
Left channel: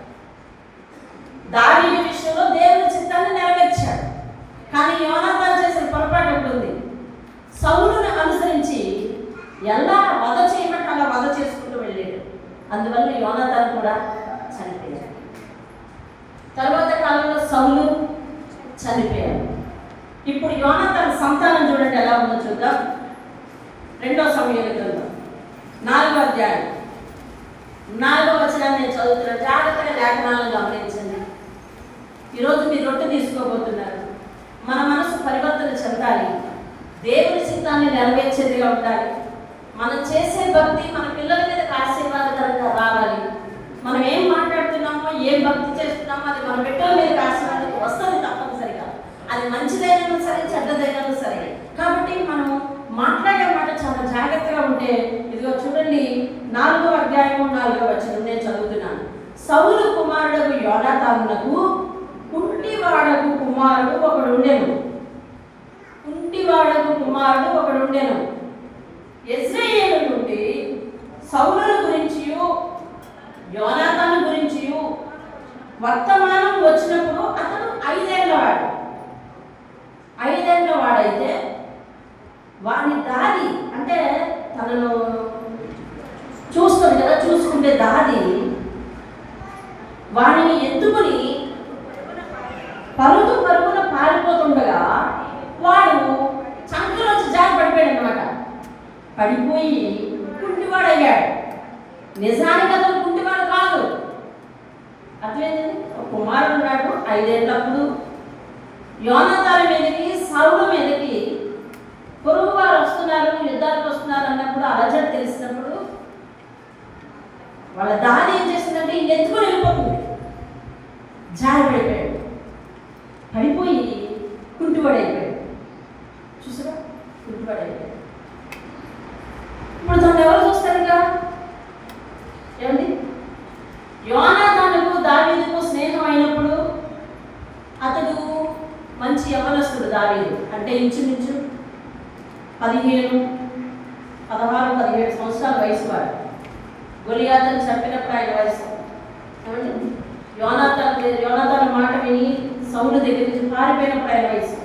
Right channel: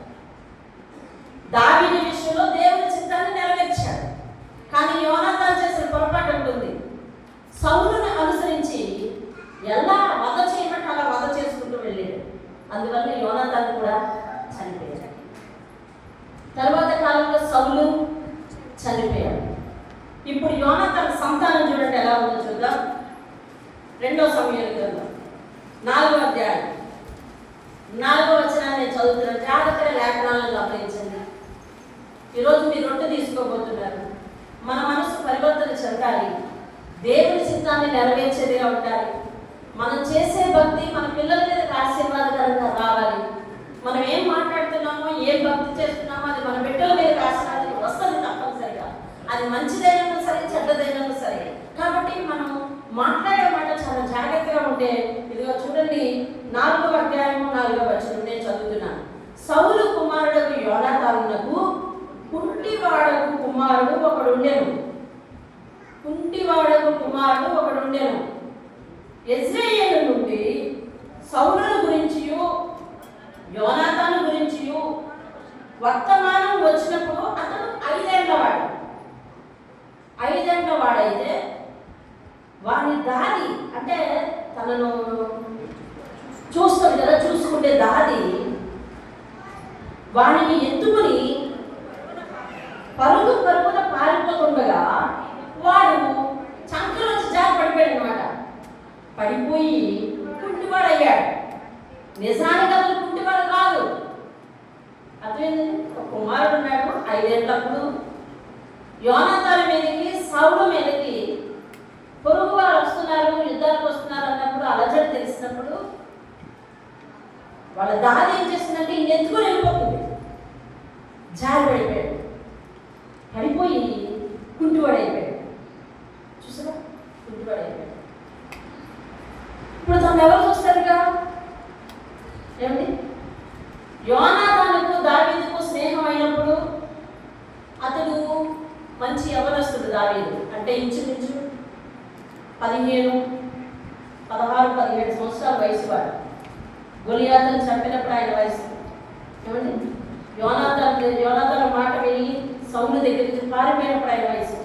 దావీదు విషయంలో దేవుని చిత్తాన్ని నెరవేర్చాడు, కానీ యోనాతాను చేసిన పొరపాటు ఉంటుంది. అనుసరించి ఎలా వధ చేయమంటే అలా వధ చేసుకుంటూ వెళ్ళాడు. అందువల్ల యోనాతాను కూడా చనిపోయాడు. తర్వాత కాలంలో సౌలు చనిపోయాడు. ఇప్పుడు యోనాతాను సంతానం చూడండి ఎలా ఉందో చూద్దాం. 2 సమూయేలు గ్రంథం 4వ అధ్యాయం 4వ వచనాన్ని నేను చదువుతున్నాను. జాగ్రత్తగా లేఖనాలను గమనించండి. ఈరోజు మీరు రొట్టె తీసుకోబోతున్నారు. మన మనసు పరివర్తన చెందాలి. దేవుని చిత్తాన్ని నెరవేర్చేదిగా ఉండాలి. మనం చేసే భక్తి మన పిల్లల మీద ఆశీర్వాదకరంగా రావాలి. మనం ఏం మాట్లాడుతున్నామో, ఏం భక్తి చేస్తున్నామో అది మన బిడ్డల మీద ఆశీర్వాదం వస్తుంది తప్పనిసరిగా. అది మంచిదైనా సరే, చెడ్డదైనా సరే. కాబట్టి మనం మాట్లాడే మాట చాలా జాగ్రత్తగా ఉంటే, ఇదిగో చూడండి 4వ అధ్యాయం 4వ వచనం నేను చదువుతున్నాను. సౌలు కుమారుడు యోనాతానునకు కుంటివాడకు కుమారుడు ఒకడుండెను. కుంటివాడకు కుమారుడు ఒకడుండెను. ఇశ్రాయేలు నుండి సౌలు గురించియు యోనాతాను గురించియు వర్తమానం వచ్చినప్పుడు అతడు 5 ఏళ్ల వాడు. 5 ఏళ్ల వాడైతే వాని దాది అంటే తనను చూస్తుంది కదా, చూసుకుంటే దాది వాడిని ఎత్తుకొని పరుగున పారిపోతుండగా వాడు చంకలోంచి జారి పడిపోయాడు అనమాట. పడిపోయి కుంటివాడయ్యాడు. నిజానికి అతను కుంటివాడు కాదు. అర్థమైందండి. ఒక కుమారుడు ఉన్నాడు. 5 ఏళ్ళప్పుడు యోనాతాను మీదకి, సౌలు మీదకి పొరుగు వారు వస్తున్నారు, యుద్ధాలకు వస్తున్నారు అన్నప్పుడు, అలజడి తెలిసినప్పుడు వాళ్ళ దాది ఏం చేస్తుందంటే ఇంకెందుకుని వెళ్ళిపోతుంది. జారి పడిపోయాడు. పడిపోయి కుంటివాడైపోయాడు. చూసారా, కుంటివాడైపోయాడు. ఇప్పుడు తను ఎవరు చూస్తారు? ఇక ఏమండి, యోనాతానుకు దావీదుకు స్నేహం అయినప్పుడు అతడు మంచి యవ్వనస్తుడు. దావీదు అంటే ఇంచుమించు 16, 17 సంవత్సరాల వయసు వాడు. గొలియాతును చంపినప్పుడు ఆయన వయసు. ఏమండి, యోనాతాను మాట విని సౌలు దగ్గర నుంచి పారిపోయినప్పుడు ఆయన వయసు.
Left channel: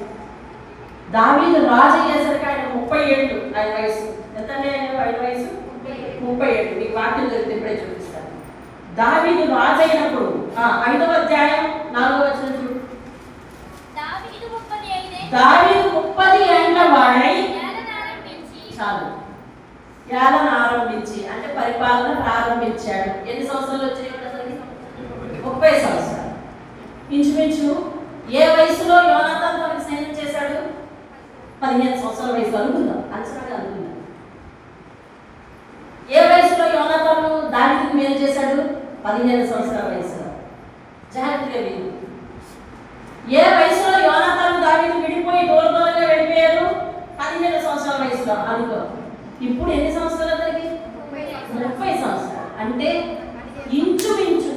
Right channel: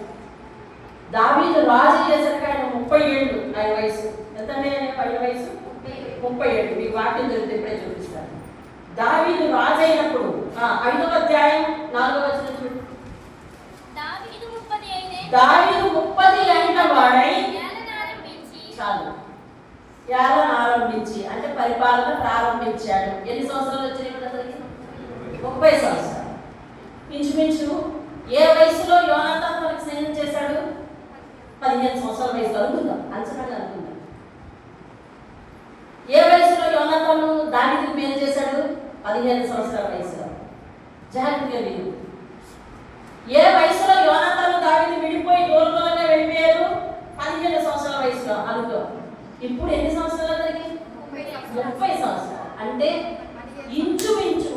దావీదు రాజు అయ్యేసరికి ఆయన 30 ఏళ్ళు ఆయన వయసు. ఎంతంటే ఆయన వయసు 30 ఏళ్ళు. మీకు వాక్యం దొరికితే ఇప్పుడే చూపిస్తాను. దావీదు రాజు అయినప్పుడు 5వ అధ్యాయం 4వ వచనం చూడు. దావీదు 30 ఏళ్ల వాడై చాలు ఏలన ఆరంభించి అంటే పరిపాలన ప్రారంభించాడు. ఎన్ని సంవత్సరాలు వచ్చినాయి కూడా అతనికి? 30 సంవత్సరాలు. ఇంచుమించు ఏ వయసులో యోనాతాను తనకి స్నేహం చేశాడు? 15 సంవత్సరాల వయసులో అనుకుందాం, అంచనాగా అనుకుందాం. ఏ వయసులో యోనాతాను దావీదుకు మేలు చేశాడు? 15 సంవత్సరాల వయసులో. జాగ్రత్తగా విను. ఏ వయసులో యోనాతాను దావీదు విడిపోయి దూరంగా వెళ్ళిపోయారు? 15 సంవత్సరాల వయసులో అనుకో. ఇప్పుడు ఎన్ని సంవత్సరాలు అతనికి? 30 సంవత్సరాలు. అంటే ఇంచుమించు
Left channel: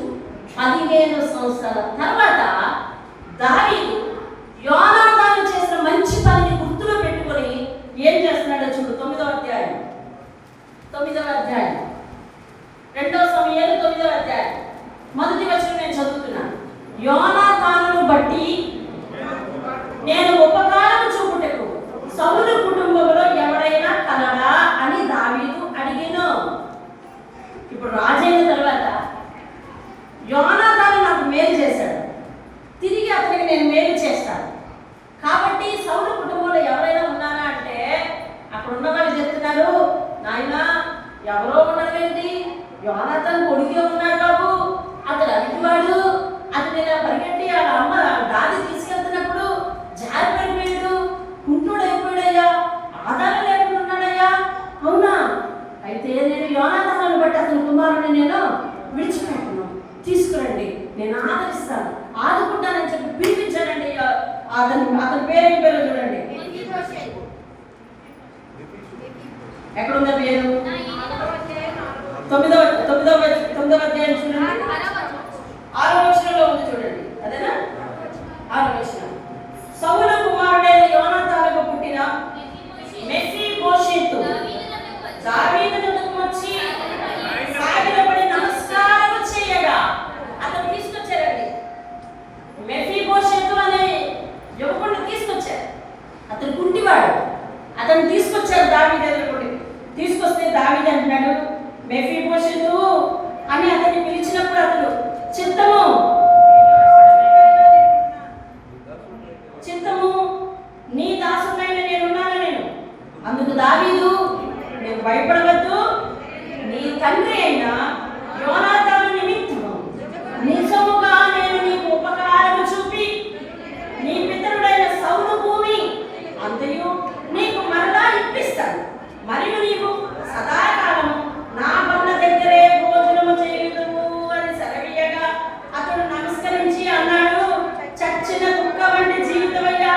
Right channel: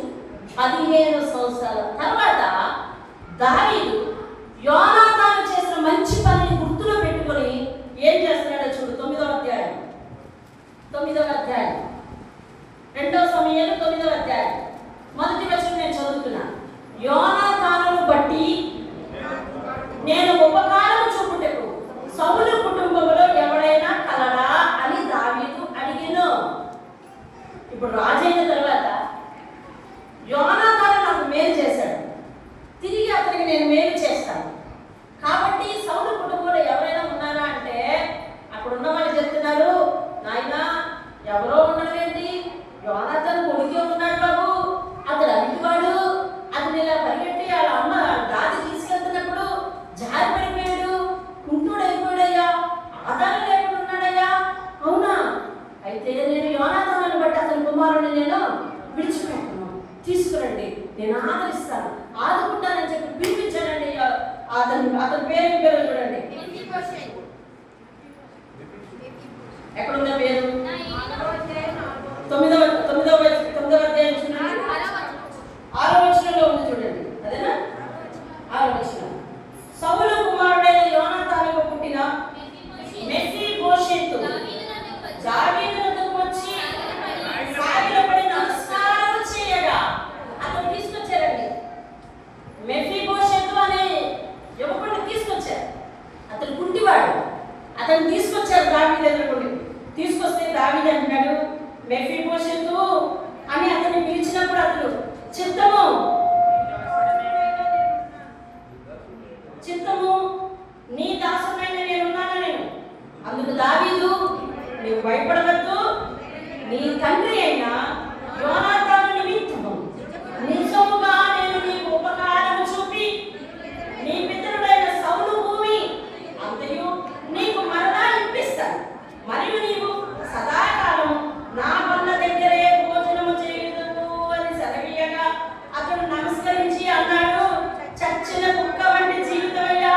15 సంవత్సరాల తర్వాత దావీదు యోనాతాను చేసిన మంచి పనిని గుర్తులో పెట్టుకొని ఏం చేస్తున్నాడో చూడు. 9వ అధ్యాయం 2 సమూయేలు 9వ అధ్యాయం మొదటి వచనం నేను చదువుతున్నాను. యోనాతానును బట్టి నేను ఉపకారం చూపుటకు సౌలు కుటుంబంలో ఎవరైనా కలడా అని దావీదు అడిగెను. ఇప్పుడు రాజైన తర్వాత యోనాతాను నాకు మేలు చేశాడు, తిరిగి అతనికి నేను మేలు చేస్తాను. కాబట్టి సౌలు కుటుంబంలో ఎవరైనా ఉన్నారా అంటే అక్కడ ఉన్న వాళ్ళు చెప్తున్నారు, నాయనా ఎవరో ఉండడం ఏంటి, యోనాతాను కొడుకే ఉన్నాడు బాబు, అతడు అడిగివాడు, అతను ఇలా పరిగెట్టి వాళ్ళ అమ్మ గాలి తీసుకెళ్తున్నప్పుడు జారి పడిపోయాడు, కుంటుడైపోయాడయ్యా, ఆధారం లేకుండా ఉన్నాడయ్యా. అవునా? అయితే నేను యోనాతానును బట్టి అతని కుమారుడిని నేను విడిచిపెట్టుకున్నాను, తీసుకురండి, నేను ఆదరిస్తాను, ఆదుకుంటానని చెప్పి పిలిపించానండి. అతని పేరేం పేరు చూడండి. ఎక్కడుందా పేరు? 9వ అధ్యాయం చూడండి, 6వ వచనంలో ఉంది చూడండి. అదేనా? 6వ వచనం. సౌలు కుమారుడైన యోనాతానుకు పుట్టిన మెఫీబోషెతు దావీదు వద్దకు వచ్చి సాగిలపడి నమస్కారం చేయగా అతను తీసుకొచ్చారండి. మెఫీబోషెతు అనే యువకుడిని తీసుకొచ్చారు. అతను కుంటివాడు. అతను అతను తీసుకొచ్చాడు దావీదు ఎదురుకి. తీసుకొస్తే దావీదు అంటున్నాడు, మెఫీబోషెతు అని అతన్ని పిలిచినప్పుడు అతడు చిత్తము నీ దాసుడైన నేనున్నాను నేను. అందుకు దావీదు, నీవు భయపడవద్దు, నీ తండ్రి అయిన యోనాతాను నిమిత్తము నిజముగా నేను నీకు ఉపకారము చూపి నీ పితరుడైన సౌలు భూమి అంతయు నీకు మరలా ఇప్పిస్తాను. మరియు నీవు సదాకాలము నా బల్ల దగ్గరే భోజనము చేయుదువు అని సెలవీయగా అతడు నమస్కరించి అన్నాడు, చచ్చిన కుక్క వంటి జీవితమయ్యా,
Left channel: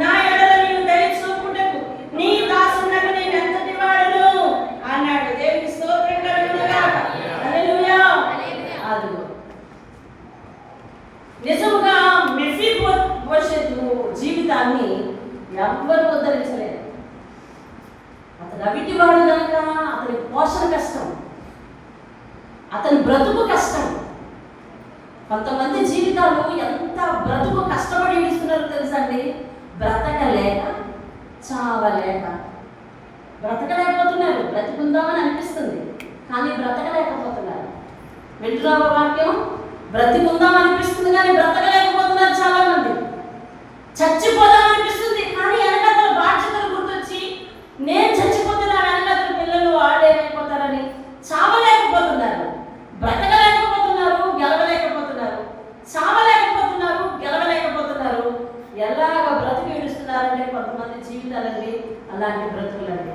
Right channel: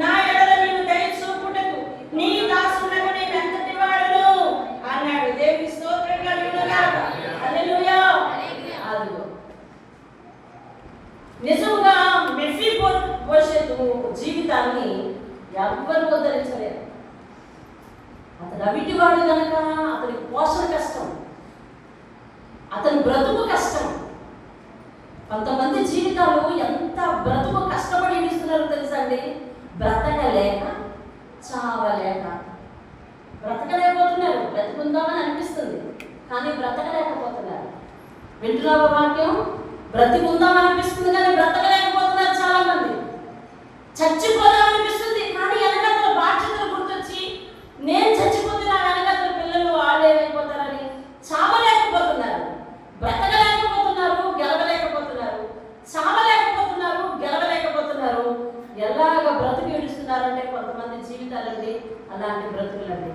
నా ఎడల నీవు దయ చూపుటకు నీ దాసునకు నేను ఎంతటి వాడును అన్నాడు. దేవుని స్తోత్రం కలుగునుగాక. హల్లెలూయా. నిజముగా మెఫీబోషెతు జీవితాన్ని ఎవ్వరూ ఉద్ధరించలేదు. అతను అవిటివాడు కనుక అతని పోషణ కష్టం, అతని బ్రతుకు కష్టం. కొంతమంది జీవితాలు ఎంత బ్రతుకు కష్టపడి ఇస్తున్నారో తెలుసా అండి? బ్రతకలేక, చావలేక. బ్రతకలేకపోతున్నారు. బ్రతుకుందామని అనిపిస్తుంది కానీ బ్రతకలేకపోతున్నారు. వింటున్నావా వాక్యం? బ్రతికుందాం అనిపిస్తుంది కానీ బ్రతకలేకపోతున్నారు చాలా మంది. చచ్చిపోదాం అనిపిస్తుంది కానీ వెనకాల బాధ్యతలు గుర్తొచ్చి నేను చచ్చిపోతే నా వెనకాల పిల్లలు ఆడలేకపోతారని చావలేకపోతున్నారు. బ్రతకలేకపోతున్నారు, గెలవలేకపోతున్నారు. చావలేకపోతున్నారు, గెలవలేకపోతున్నారు. ఎలాగ బ్రతికి ఏడుస్తున్నారంటే కొంతమంది జీవితాలండి అలాంటి బ్రతుకులండి.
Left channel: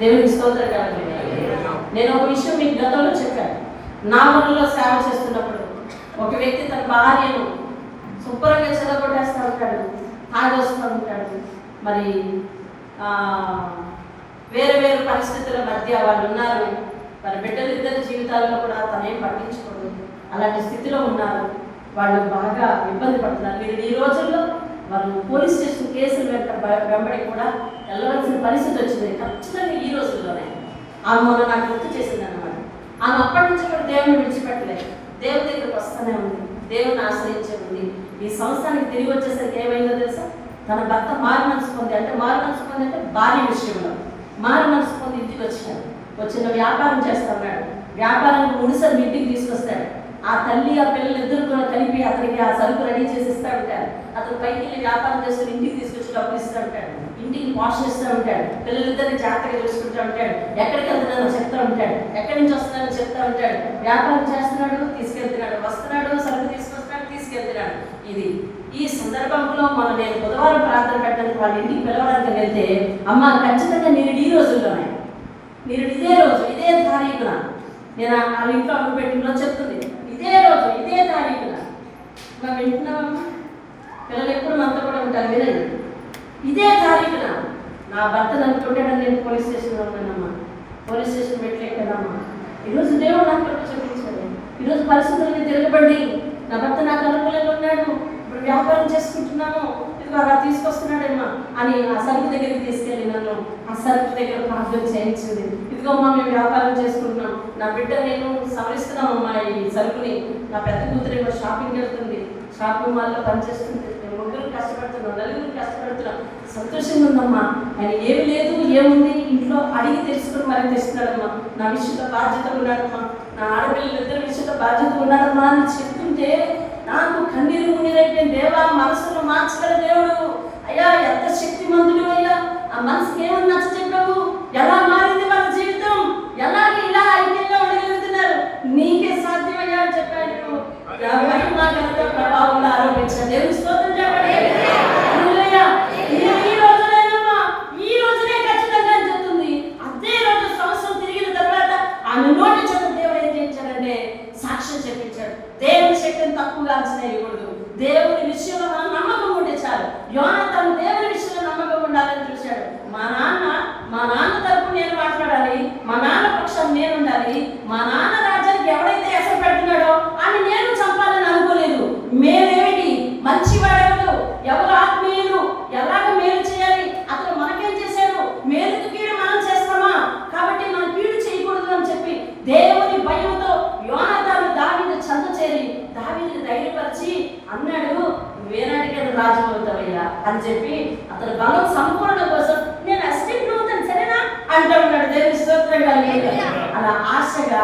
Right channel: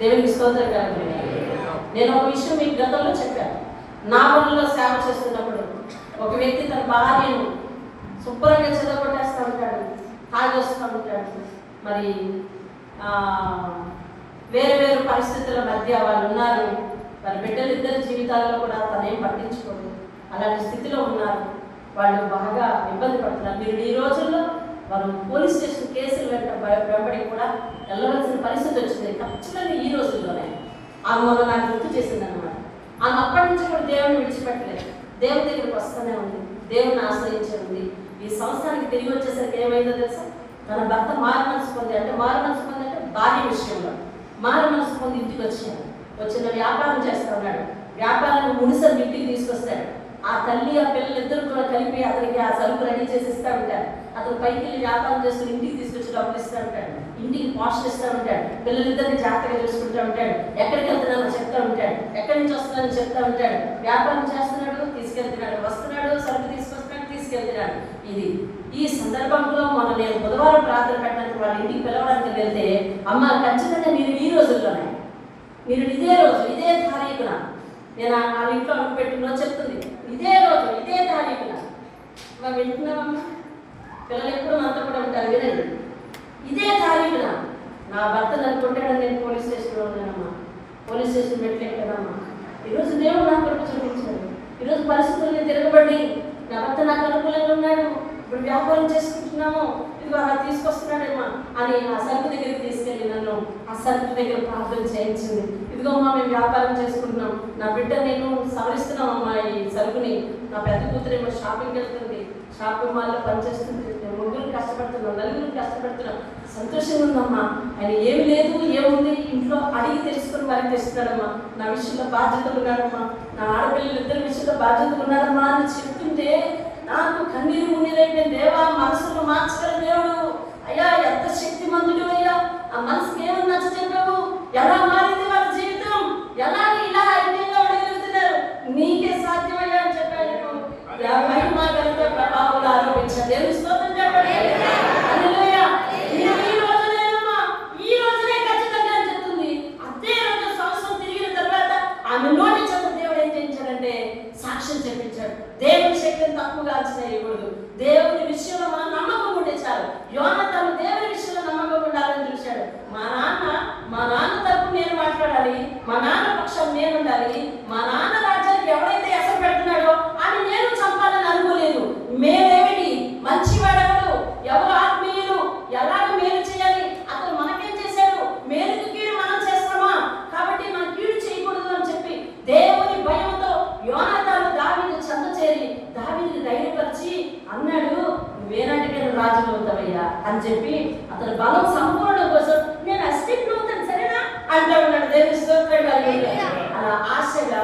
దేవునికి స్తోత్రం కాదు. నేను ఒక విషయం మీకు గతంలో చెప్పాను. నా ఊళ్ళో సేవ చేస్తున్నప్పుడు ఒక వ్యక్తి తన భార్యను శుభ్రంగా చెదగొట్టేస్తూ ఉంటాడు, తాగొస్తూ ఉంటాడు. మరి వేరు వేరు పరిస్థితుల మధ్య వాళ్ళు ఉన్నారు. మరి బిడ్డలిద్దరి జీవితాల్లో కూడా తనేం పట్టించుకోరు. అలాంటి స్థితిలో ఉన్నారు. వాళ్ళు బాగా ఇబ్బంది పడుతున్నారు. మీరు ఈ రోజుల్లో వారు పోలీస్ స్టేషన్ కేసులు వెంబడి కూడా వెళ్ళవలసిన పరిస్థితి వచ్చింది. ఖచ్చితంగా ఈ రోజుల్లోనే. ఆమె మొన్న నాకు గుర్తు చేసింది అనమాట. ఆమె అప్పటి నుంచి కూడా దేవుని విడిచిపెట్టలేదు. దేవుని దగ్గరికి వస్తూనే ఉంది, దేవుని ఆశ్రయించే ఉంది. ఈ సంవత్సరానికి తిరిగి వచ్చేసరికి ఏమైందో తెలుసా? తన భర్త మారు మనసు పొంది, అంటే మారు మనసు పొంది అంటే భార్య విషయంలో మారు మనసు పొంది ఇంటికి వచ్చాడు. వచ్చిన వ్యాపారం చేస్తా ఉన్నాడు. వ్యాపారాన్ని ముడిసరి ఇంటికి తీసుకొస్తాడు. ఆ తల్లి ఆ పిల్లలు ఇద్దరు కూడా కలిపి అతనికి ఆ సరుకు రెడీ చేసి ఇస్తా ఉంటాడు. అతను పైకి వెళ్ళి వ్యాపారం చేసుకుని ఇంటికి తీసుకొచ్చి డబ్బులు ఇస్తూ ఉంటాడు. ఇంటికి పోషణ ఇస్తూ ఉంటాడు. పిల్లలిద్దరిని జాగ్రత్తగా చూసుకుంటూ ఉంటాడు. ఎక్కడికి వెళ్తున్నాడో చెప్తూ ఉంటాడు. ఎక్కడి నుంచి వస్తున్నాడో చెప్తూ ఉంటాడు. వ్యాపారం చేస్తున్నాడు, తీసుకెళ్తున్నాడు, వస్తున్నాడు, సరుకు తీసుకొస్తున్నాడు, తీసుకెళ్తున్నాడు. ఈ సందర్భంలో నేను బుధవారం ప్రార్థన పెట్టడానికి వాళ్ళ ఇంటికి పిలవడానికి వెళ్తే, అమ్మ ఖచ్చితంగా మీరు ఈ రోజుల్లోనే, మీరు ఇదే రోజు ఇదే తారీఖున, నేను వాళ్ళ ఇంట్లో అడుగు పెట్టిన చెప్తుంది, ఇదే రోజు ఇదే తారీఖున మనం వింటున్నామమ్మా. పిల్లలు ఎప్పుడు మనతో కూడా ఉంటారు. వినండి, ఇదే తారీఖున నా భర్తను అనుకుంటాడని నేను పోలీస్ స్టేషన్లో ఉన్నానమ్మా. Police station పెట్టలేకదమ్మా. ఈరోజు దేవుడు నాకు చూపించాడు. ఈరోజు పరిస్థితుల్ని తిరగబడి నా భర్త నాకు అనుకూలంగా ఉన్నాడు, ఇప్పుడు వ్యాపారం చేసుకుంటున్నాము, ఇదిగో అలా తీసుకొస్తున్నాడమ్మా అని ఆ సరుకు దగ్గరికి తీసుకెళ్ళి నన్ను ఆ సరుకు దగ్గర ప్రార్థన చేయించింది. ఇదిగో అమ్మా మేము వ్యాపారం చేసుకుంటున్నాం, నా బిడ్డ నేను సవరిస్తున్నామమ్మా ఈ సరుకుని. నా పెద్ద కూతురు ఏమో షాపింగ్ వెళ్తుంది, షాపింగ్ మాల్లో పనిచేస్తుంది. మేము ముగ్గురు కష్టపడుతున్నాం, నలుగురు కష్టపడుతున్నాం, సంతోషంగా ఉన్నామ్మా. ఆయన ఏమి లేదు ఏముంది ఇంట్లో అడిగి తెలుసుకుని మరి తెస్తున్నాడమ్మా. నా విషయంలో బాధ్యత ఉన్నాడమ్మా, నా ఆడపిల్లలు ఇద్దరు విషయంలో బాధ్యత ఉన్నాడమ్మా అని చెప్తుంటే నాకు కన్నీరు మున్నీరైపోయింది. దేవా, మనసును మార్చగల దేవుడు అయ్యా, ఎంత శక్తిమంతుడు అయ్యా. ఆ మనసుకి ఏమని నచ్చ చెప్పావు? ఎలా మారింది వాళ్ళ జీవితం? ఎలా ఇలా ఐక్యంగా ఉండగలుగుతున్నారు? నీకే సాధ్యమయ్యా అని చెప్పాను. మహిమ ఘనత ప్రభావాలు ఆరోపించాను. దేవుని స్తోత్రం చెప్పండి. హల్లెలూయా. ఈ రోజునేనమ్మా, ఈ రోజునే ఖచ్చితంగా అని చెప్తుంది. అదే రోజు సంవత్సరం తిరిగిన తర్వాత ఆమె నోటి చేత దేవుడు ఏం చేయించాడంటే సాక్ష్యం చెప్పించాడు. దేవుని శక్తిని తక్కువగా అంచనా వేయకూడదు. దేవుని విషయంలో మనం నమ్మకం ఉంటే చాలు. యోనాతాను దేవుని విషయంలో నమ్మకం ఉండాలని చూశాడు. మా నాన్న తరపు నేను మాట్లాడాలి, మా నాన్న పక్షం నేను ఉండాలి, మా నాన్న రాజ్యానికి ఎవరైతే ఎసరు పెడుతున్నాడో అని నేను చంపాలని అనుకోలేదు. మేమేమిటి మంచివాడెవడు, ఎవరు ఆత్మీయులు, ఎలాగ మేలు చేయాలి, అతను మనకేం చేశాడు, మేలుకు కీడు మనం చేస్తామా, కాబట్టి మనం కీడు చేయకూడదు అని చెప్పి దేవుని భయంతో యోనాతాను దావీదు చెంత చేరి దావీదుని ధైర్యపరిచి అన్నాడు, నువ్వేనాటికైనా రాజు అవుతావయ్యా అని చెప్పి అతని బలం సంపూర్ణ కోసం నేను అసిస్టెంట్ అంటూ ఉన్నాడు. దేవుని స్తోత్రం హల్లెలూయా. అలా ఆశగా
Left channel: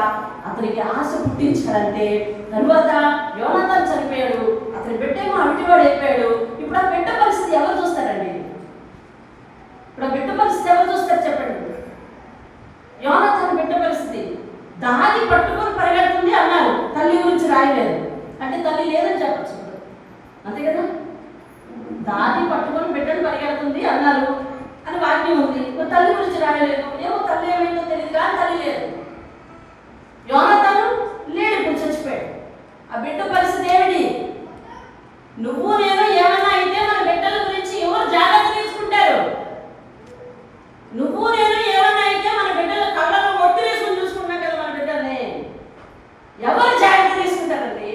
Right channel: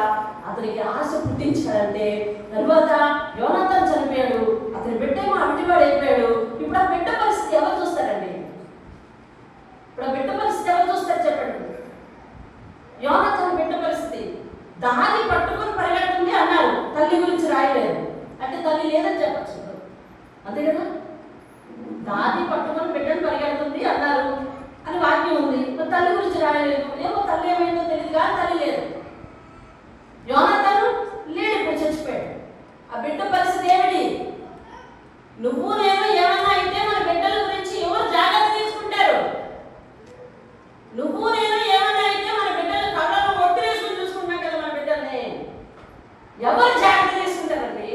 అతనికి ఆశ పుట్టించాడంటే తరువాత యోనాతాను చనిపోయాడు, అతని బిడ్డేమో అవిటివాడు అయిపోయాడు. ఇప్పుడు ఆ బిడ్డ పరిస్థితి ఎవరు చూస్తారండి? ఇప్పుడు ఆ బిడ్డ పరిస్థితి ఎవరు చూస్తారు చెప్పండి? యోనాతాను బిడ్డ పరిస్థితి దాన్ని పట్టుకొని పరిగెడుతుంది అన్నారు, తల్లి గురించి రాయలేదు అంటే తల్లి లేదని చెప్పచ్చు, అంతే కదా. దాన్ని పట్టుకొని బిడ్డను పరిగెడుతుంది అన్నారు అని వాక్యం ఉంది, తల్లి గురించి రాయలేదు. ఏమో తల్లి ఏమైందో తెలియదు కానీ తల్లి లేదు. యోనాతాను లేడు, ఇప్పుడు చచ్చిపోయాడు. ఆ బిడ్డ పరిస్థితి ఏమిటి? నువ్వు నేను ఏమన్నా అయితే మన బిడ్డల గురించి ఎవరు జాగ్రత్త తీసుకుంటారు? నువ్వు నేను ఏమన్నా అయితే మన బిడ్డల కళ్ళలో ఒట్టి వేసుకుని చూసుకుంటున్నాం కదా మన బిడ్డల్ని, ఎవరు జాగ్రత్త తీసుకుంటారండి?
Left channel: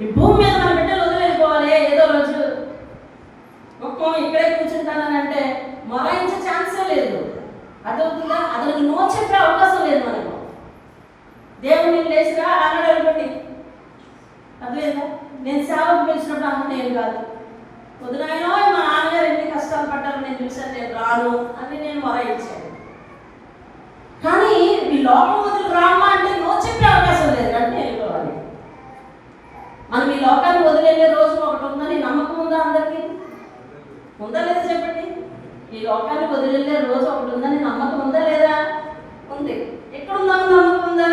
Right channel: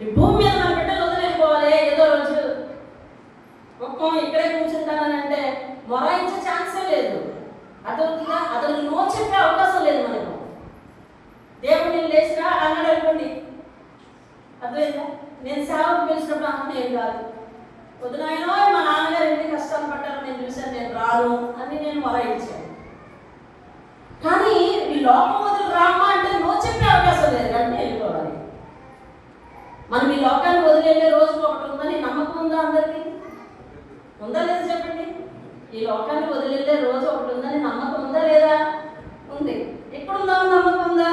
ఈ భూమి మీద మన బిడ్డలు వదిలేసుకోవాలి. ఏదో రోజు ఒక్కో ఇక్కడే కూర్చుంటానని అంటే మొరాయించే ఛాన్సే లేదు. అదవుతుందా? అతను నో చెప్పే అవకాశం లేదు మనకు. దేవుడిని లేచినా అన్నాడు అనుకోండి, అర్థమైందా? నేను సేవకు పిలిచినప్పుడు అన్న ఏం కాదు, పొద్దునాయనో మా నాన్నగారు ఎన్ని కష్టాలు పడ్డారు నేను చూశాను, నేను రాను అని నేను మొరాయించాను. కానీ ఈ లోకం వదిలి రామా అంటే నో చెప్పే అవకాశం లేదు, అంటే వెళ్ళిపోవాలి. మనం ఈ లోకాన్ని వదిలేళ్ళే రోజు ఒకటి ఉందని నమ్మకం ఉందా అందరికీ? ఉందా లేదా చెప్పండి? ఈ లోకాన్ని వదిలేళ్ళే రోజు ఒకటి ఉందని నమ్మకం ఉందా లేదా? ఉంది. ఎక్కడుందా నమ్మకం ఉందా?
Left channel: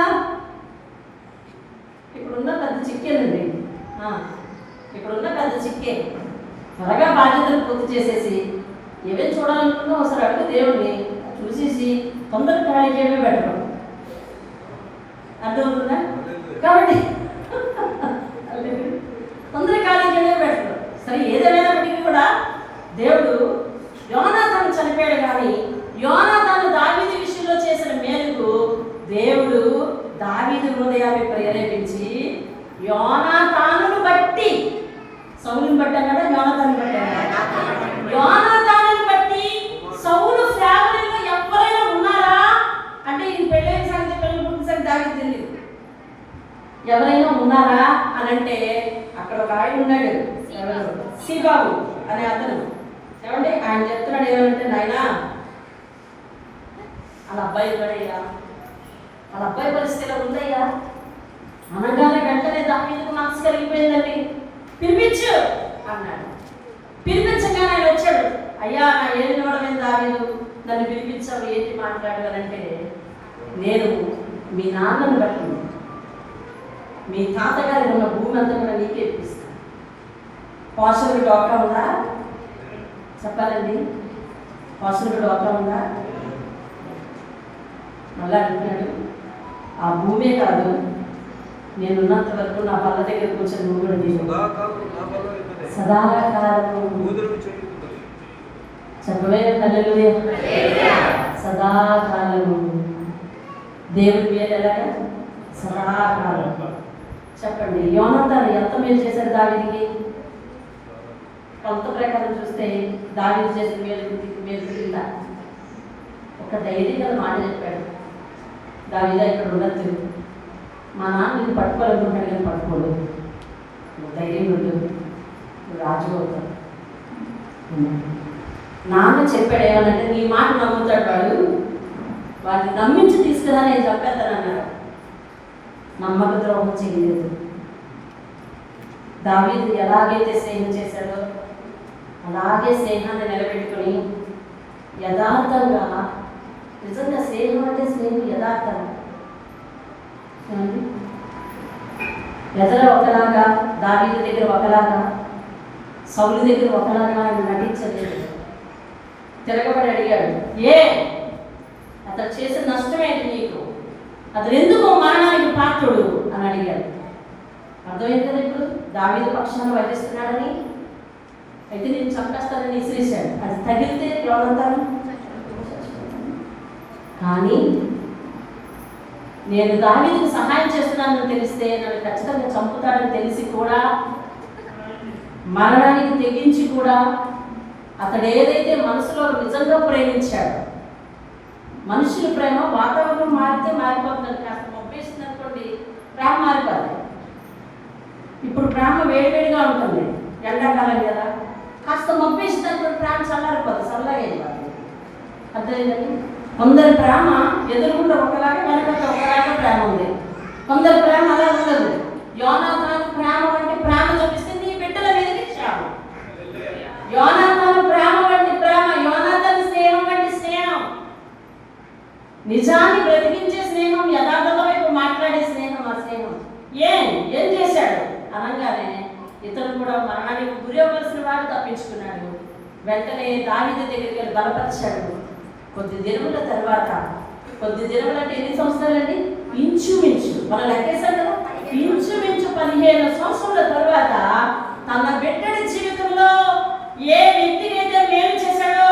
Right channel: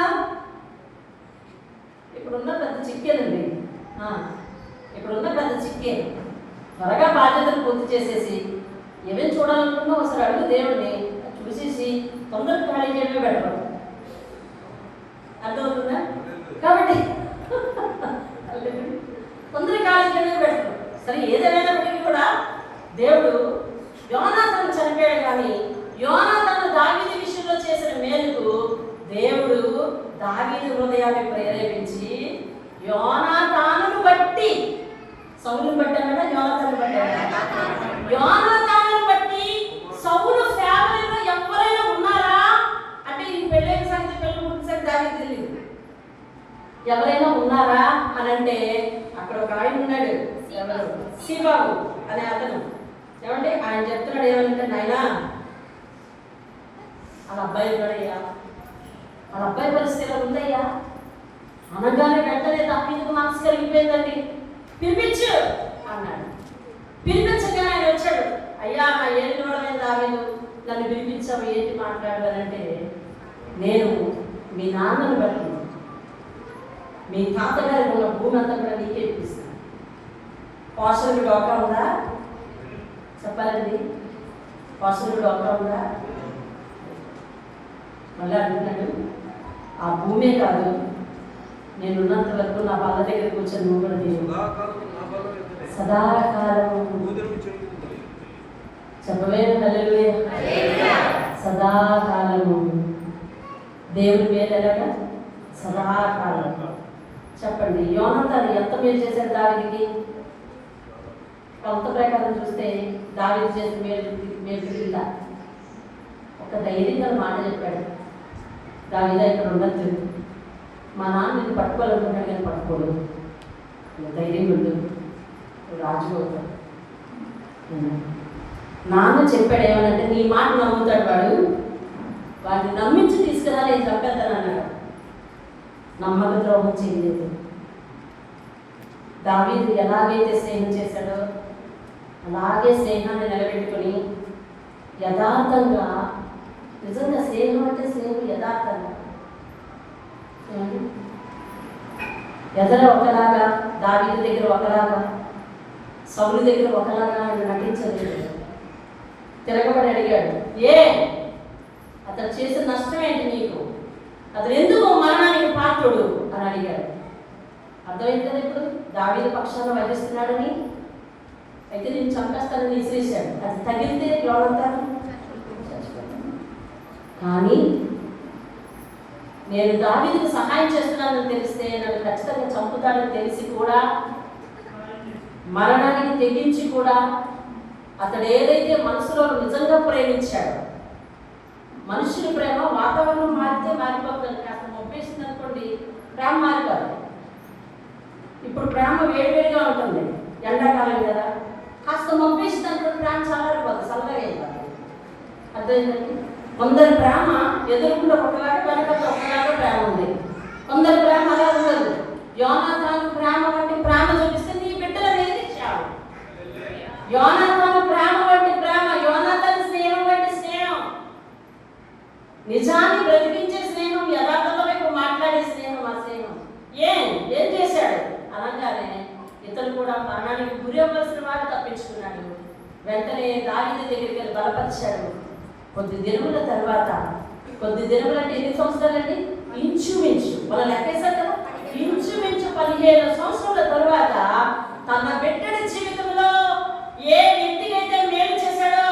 ఇక్కడున్న పెద్ద చిక్కేనండి, ఇక్కడున్న పెద్ద చిక్కే. త్వరగా బాధ్యతలు పూర్తి చేసేసి ఏమేమి చూడాలనుకున్నా ఒకసారి అడుగు దేవుడిని, చూసేసి తొందరగా ఖాళీ చేయడమే బెటర్. అర్థమవుతుందా? కాబట్టి తొందరగా ఖాళీ చేయడమే బెటర్. సరే, ఏదేమైనప్పటికీ కూడా దేవుడు యోనాతాను చనిపోయాడు, కానీ యోనాతాను దావీదు విషయంలో చేసిన మేలుకు దేవుడు దావీదు హృదయాన్ని ప్రేరేపించి యోనాతానును బట్టి, సౌలుని బట్టి అన్నాడా యోనాతాను బట్టి అన్నాడా? యోనాతానును బట్టి సౌలు ఫ్యామిలీలో ఎవరైనా ఉన్నారా అంటే ఈ పెళ్ళైన సంగతి పెళ్ళి పుట్టిన సంగతి దావీదు తెలియదు. ఎవరైనా ఉన్నారా అని అంటే అక్కడ ఒక ఆయన ఉన్నాడు, సీబాబు అనే అతను. ఏమంటే ఆయన చెప్తున్నాడు ఏమంటే, నాయనా వాళ్ళ అబ్బాయి ఉన్నాడయ్యా, వాళ్ళ అబ్బాయి పరిస్థితి ఉందయ్యా అనగానే వెంటనే దావీదుకు మనసు కలిగిపోయిందండి. పిలిపించు అన్నాడు. పిలిపించగానే ఆయన వచ్చాడు. అయ్యా, నా ఏది నోడమే దావీదు, నన్ను పిలిపించావు, ఏంటి మాట్లాడాలంటే, నేను మీ నాన్నను బట్టి మీ తాతగారి ఉన్న భూమి అంతా కూడా నీకే ఇప్పిస్తాను. పోషకుడు డోకా ఉందా చెప్పాలండి? పోషకుడు డోకా ఉందా? అలా అంటున్నాడు, ఆ భూమే కాదు, నేను ఉన్నంత వరకు నా బల్ల దగ్గర కూర్చొని నువ్వు కూడా సదాకాలము చెప్పలే హల్లెలూయా. సదాకాలము దేవుడి మీద ఎలాగా? సదాకాలం. చెప్పండి, యోనాతాను ఎంత మేలు చేశారు దావీదుకి? కొంత ప్రకారం చూస్తే దావీదు చేసిన మేలు తిరిగిందా? ఒక ధైర్యం కదా మాట చెప్పాడు, దావీదు ఇక్కడ ఉండొచ్చు, మా నాన్న ఇది పట్టుకోవాలనుకుంటాడు కానీ పట్టుకోడు, ధైర్యం ఉంటుంది, రాజుపోతాడు. నాన్న చెప్పాడు ఏమనంటే, నీ మాట నమ్ముతాడు వాడు, వాడిని నమ్మించి తీసుకురా నేను చెప్పేస్తాను అన్నాడు. నమ్మక ద్రోహం చేయలేదు. దావీదు ఎలాగైతే స్నేహం చేశాడో అలాగే స్నేహాన్ని నిలబెట్టుకొని యథార్థంగా, నిజంగా స్నేహం అంటే స్నేహం యథార్థంగా, ఎదర ఒకలాగా, దావీదు దగ్గర ఒకలాగా, సౌలు దగ్గర ఒకలాగా ఆయన నటించలేదు. తిరగబడి అడిగాడు, ఏ అతను చేసిన నష్టం ఏంటి నీకు? అతను ఎందుకు మరణానికి పాత్రుడు అని అడిగాడు. అర్థమైంది కదా ఇప్పుడు దావీదు పక్షాన వహిస్తున్నాడని. అయితే నేను చంపేస్తానని విసిరేశాడు. అది తగిలితే ఎవరంతాను? కానీ నేను దావీదుకు సహాయం చేస్తున్నానని తెలిస్తే నన్ను ఖచ్చితంగా చంపుతాడని తెలిసి కూడా, మరణానికి తెగించి కూడా అతడు ఏదైతే మనసులో నిజంగా ప్రేమించాడో, మనుషుల ప్రేమ వాతావరణం మారితే మారిపోతుంది. కాస్త మొప్పేస్తుంది అనుకోండి, ప్రేమ మారిపోదు. ఇప్పుడు ప్రేమ వేడివేడిగా ఉంటుంది, ఎండాకాలం కదా, కాస్త మొప్పేస్తుంది అనుకోండి, ప్రేమ చల్లారిపోతుంది, చల్లగా అయిపోతుంది. అర్థమైందండి? కొందరి ప్రేమ ఎదురుకుండా ఒకలాగా వెనక ఒకలాగా ప్రేమ ఉంది. కొందరి ప్రేమ అలా ఉండదు. యోనాతాను ప్రేమ వంటి ప్రేమ చూపిస్తే నీ బిడ్డల మీదకి క్షేమం. యోనాతాను ప్రేమ వంటి ప్రేమ, యోనాతాను స్నేహం వంటి స్నేహం, నిజాన్ని బ్రతికించే స్నేహం, యథార్థత వైపు మాట్లాడే స్నేహం. ఆ స్నేహం ఏం చేశాడు అనగానే ఇతను కూడా మరణానికి గురి అవ్వాల్సిన వాడు తప్పించుకున్నాడు. వెంటనే దావీదు దగ్గరికి వెళ్ళి బలపరిచాడు. కొద్ది దినముల తర్వాత, కొద్ది దినములు అంటే ఎన్ని సంవత్సరాలండి? ఇంచుమించు మనం లెక్కేశారు కదా, ఇంచుమించు 15 సంవత్సరాల తర్వాత తన బిడ్డడి జీవితంలో ఏ వ్యక్తికి అయితే మేలు చేశాడో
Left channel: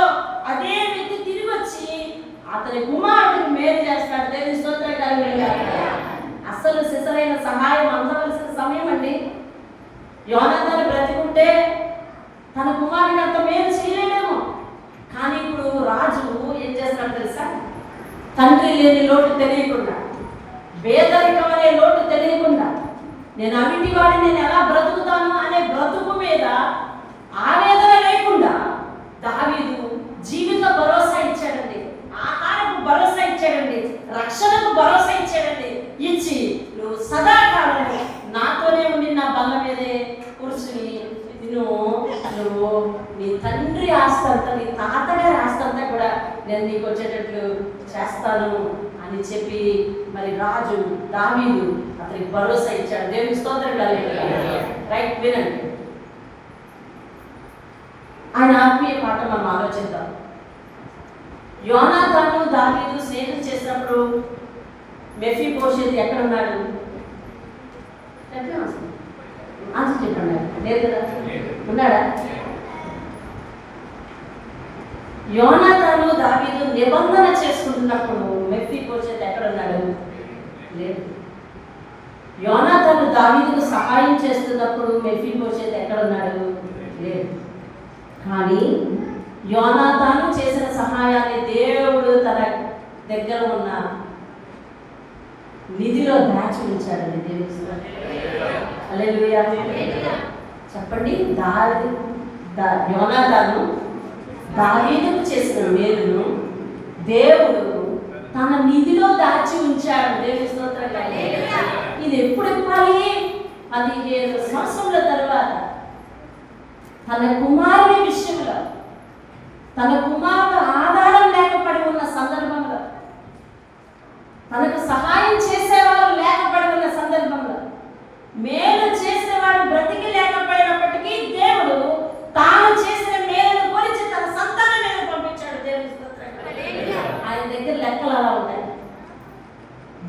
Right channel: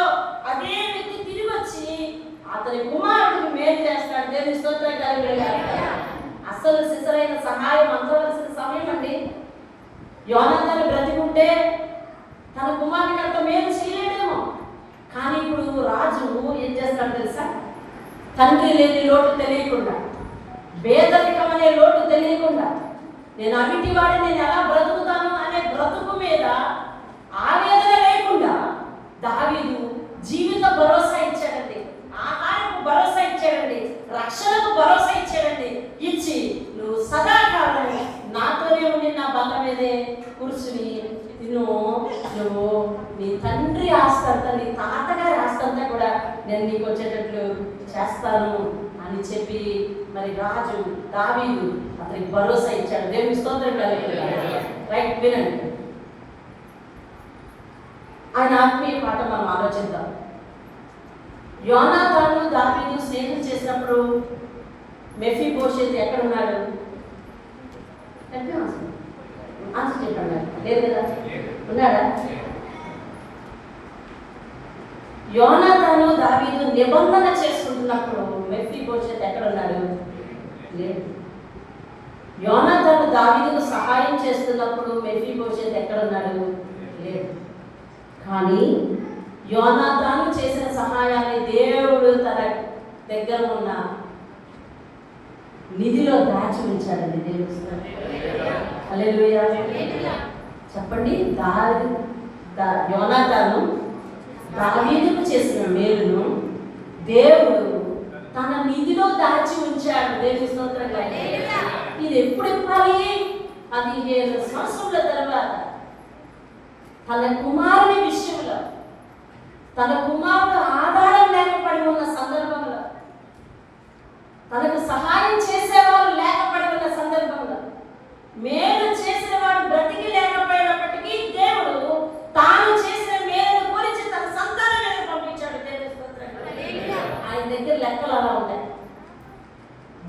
అదే వ్యక్తి తిరిగి వచ్చి అతని కుమారుడికి మేలు చేస్తాడు. దేవుని స్తోత్రం కలుగును. అసలు సిసరైన సహాయం అందవలసిన సమయం అండి. యోనాతాను బ్రతికుంటే తన కుమారుడికి అంత మేలు చేయలేమేమో. కానీ ఇప్పుడు రాజు ఏం చేస్తాడు తెలుసా? తండ్రి లేని లోటు తెలియకుండా, పేదరికం అనే లోటు తెలియకుండా, నేను అవిటి వాడిని నేను ఎలా బ్రతుకుతాను అనే బ్రతుకు మీద ఆవేదన లేకుండా దావీదు జీవిత భరోసా ఇచ్చాడండి, ఆహారపు భరోసా ఇచ్చాడండి, రక్షణకు భరోసా ఇచ్చాడండి. ఇచ్చి నువ్వు సదాకాలం నాతోనే ఉండి నా బల్ల మీదే కూర్చుని నువ్వు నీ తండ్రి ఆస్తంతా, నీ తాతగారి ఆస్తంతా కూడా నేను నీకు వచ్చేటట్లు చేస్తాను అని చెప్పి మరి రాజు దావీదు అతనికి భరోసా ఇచ్చాడు. దేవుని స్తోత్రం కలుగుతుంది. రైట్, వినండి. ఆయన ఆత్మీయ పాట మనం ఆలోచిద్దాం. యోనాతాను దావీదు స్నేహం చేసినప్పుడు మెఫీబోషెత్ ఎక్కడ ఉన్నాడు? చెప్పండి, లేదు కదా, ఉన్నాడా? యోనాతాను దావీదు నిబంధన చేసుకుంటున్నప్పుడు మెఫీబోషెత్ ఎక్కడ ఉన్నాడు? లేదు. యోనాతాను దావీదుకు సహాయం చేస్తున్నప్పుడు మెఫీబోషెత్ ఎక్కడ ఉన్నాడు? లేదు. కానీ యోనాతాను చేసిన సహాయాన్ని దేవుడు తన దగ్గర ఉన్న నిధిలో దాచి ఉంచాడండి. హల్లెలూయా. చెప్పండి. యోనాతాను దావీదుకు చేసిన మేలును దేవుడు తన నిధిలో దాచి ఉంచాడు. దేవుని స్తోత్రం. ఇది ఎప్పుడు ఇవ్వాలి? 15 సంవత్సరాల తర్వాత తన కుమారుని విషయంలో, తన కుమారుడు ఆధారం లేకపోయి ఉన్న సందర్భంలో, తనకు సహాయం చేసేవారు లేకపోయి ఉన్న సందర్భంలో, మేలు చేసేవాడు బ్రతికి లేకపోయినప్పటికీ దేవుడు తాను చేసిన మేలును గురించి తన సంతానం మీద పంపించాడు. దేవుని స్తోత్రం. ఆయన దగ్గర లెక్కలు అలా ఉంటాయి.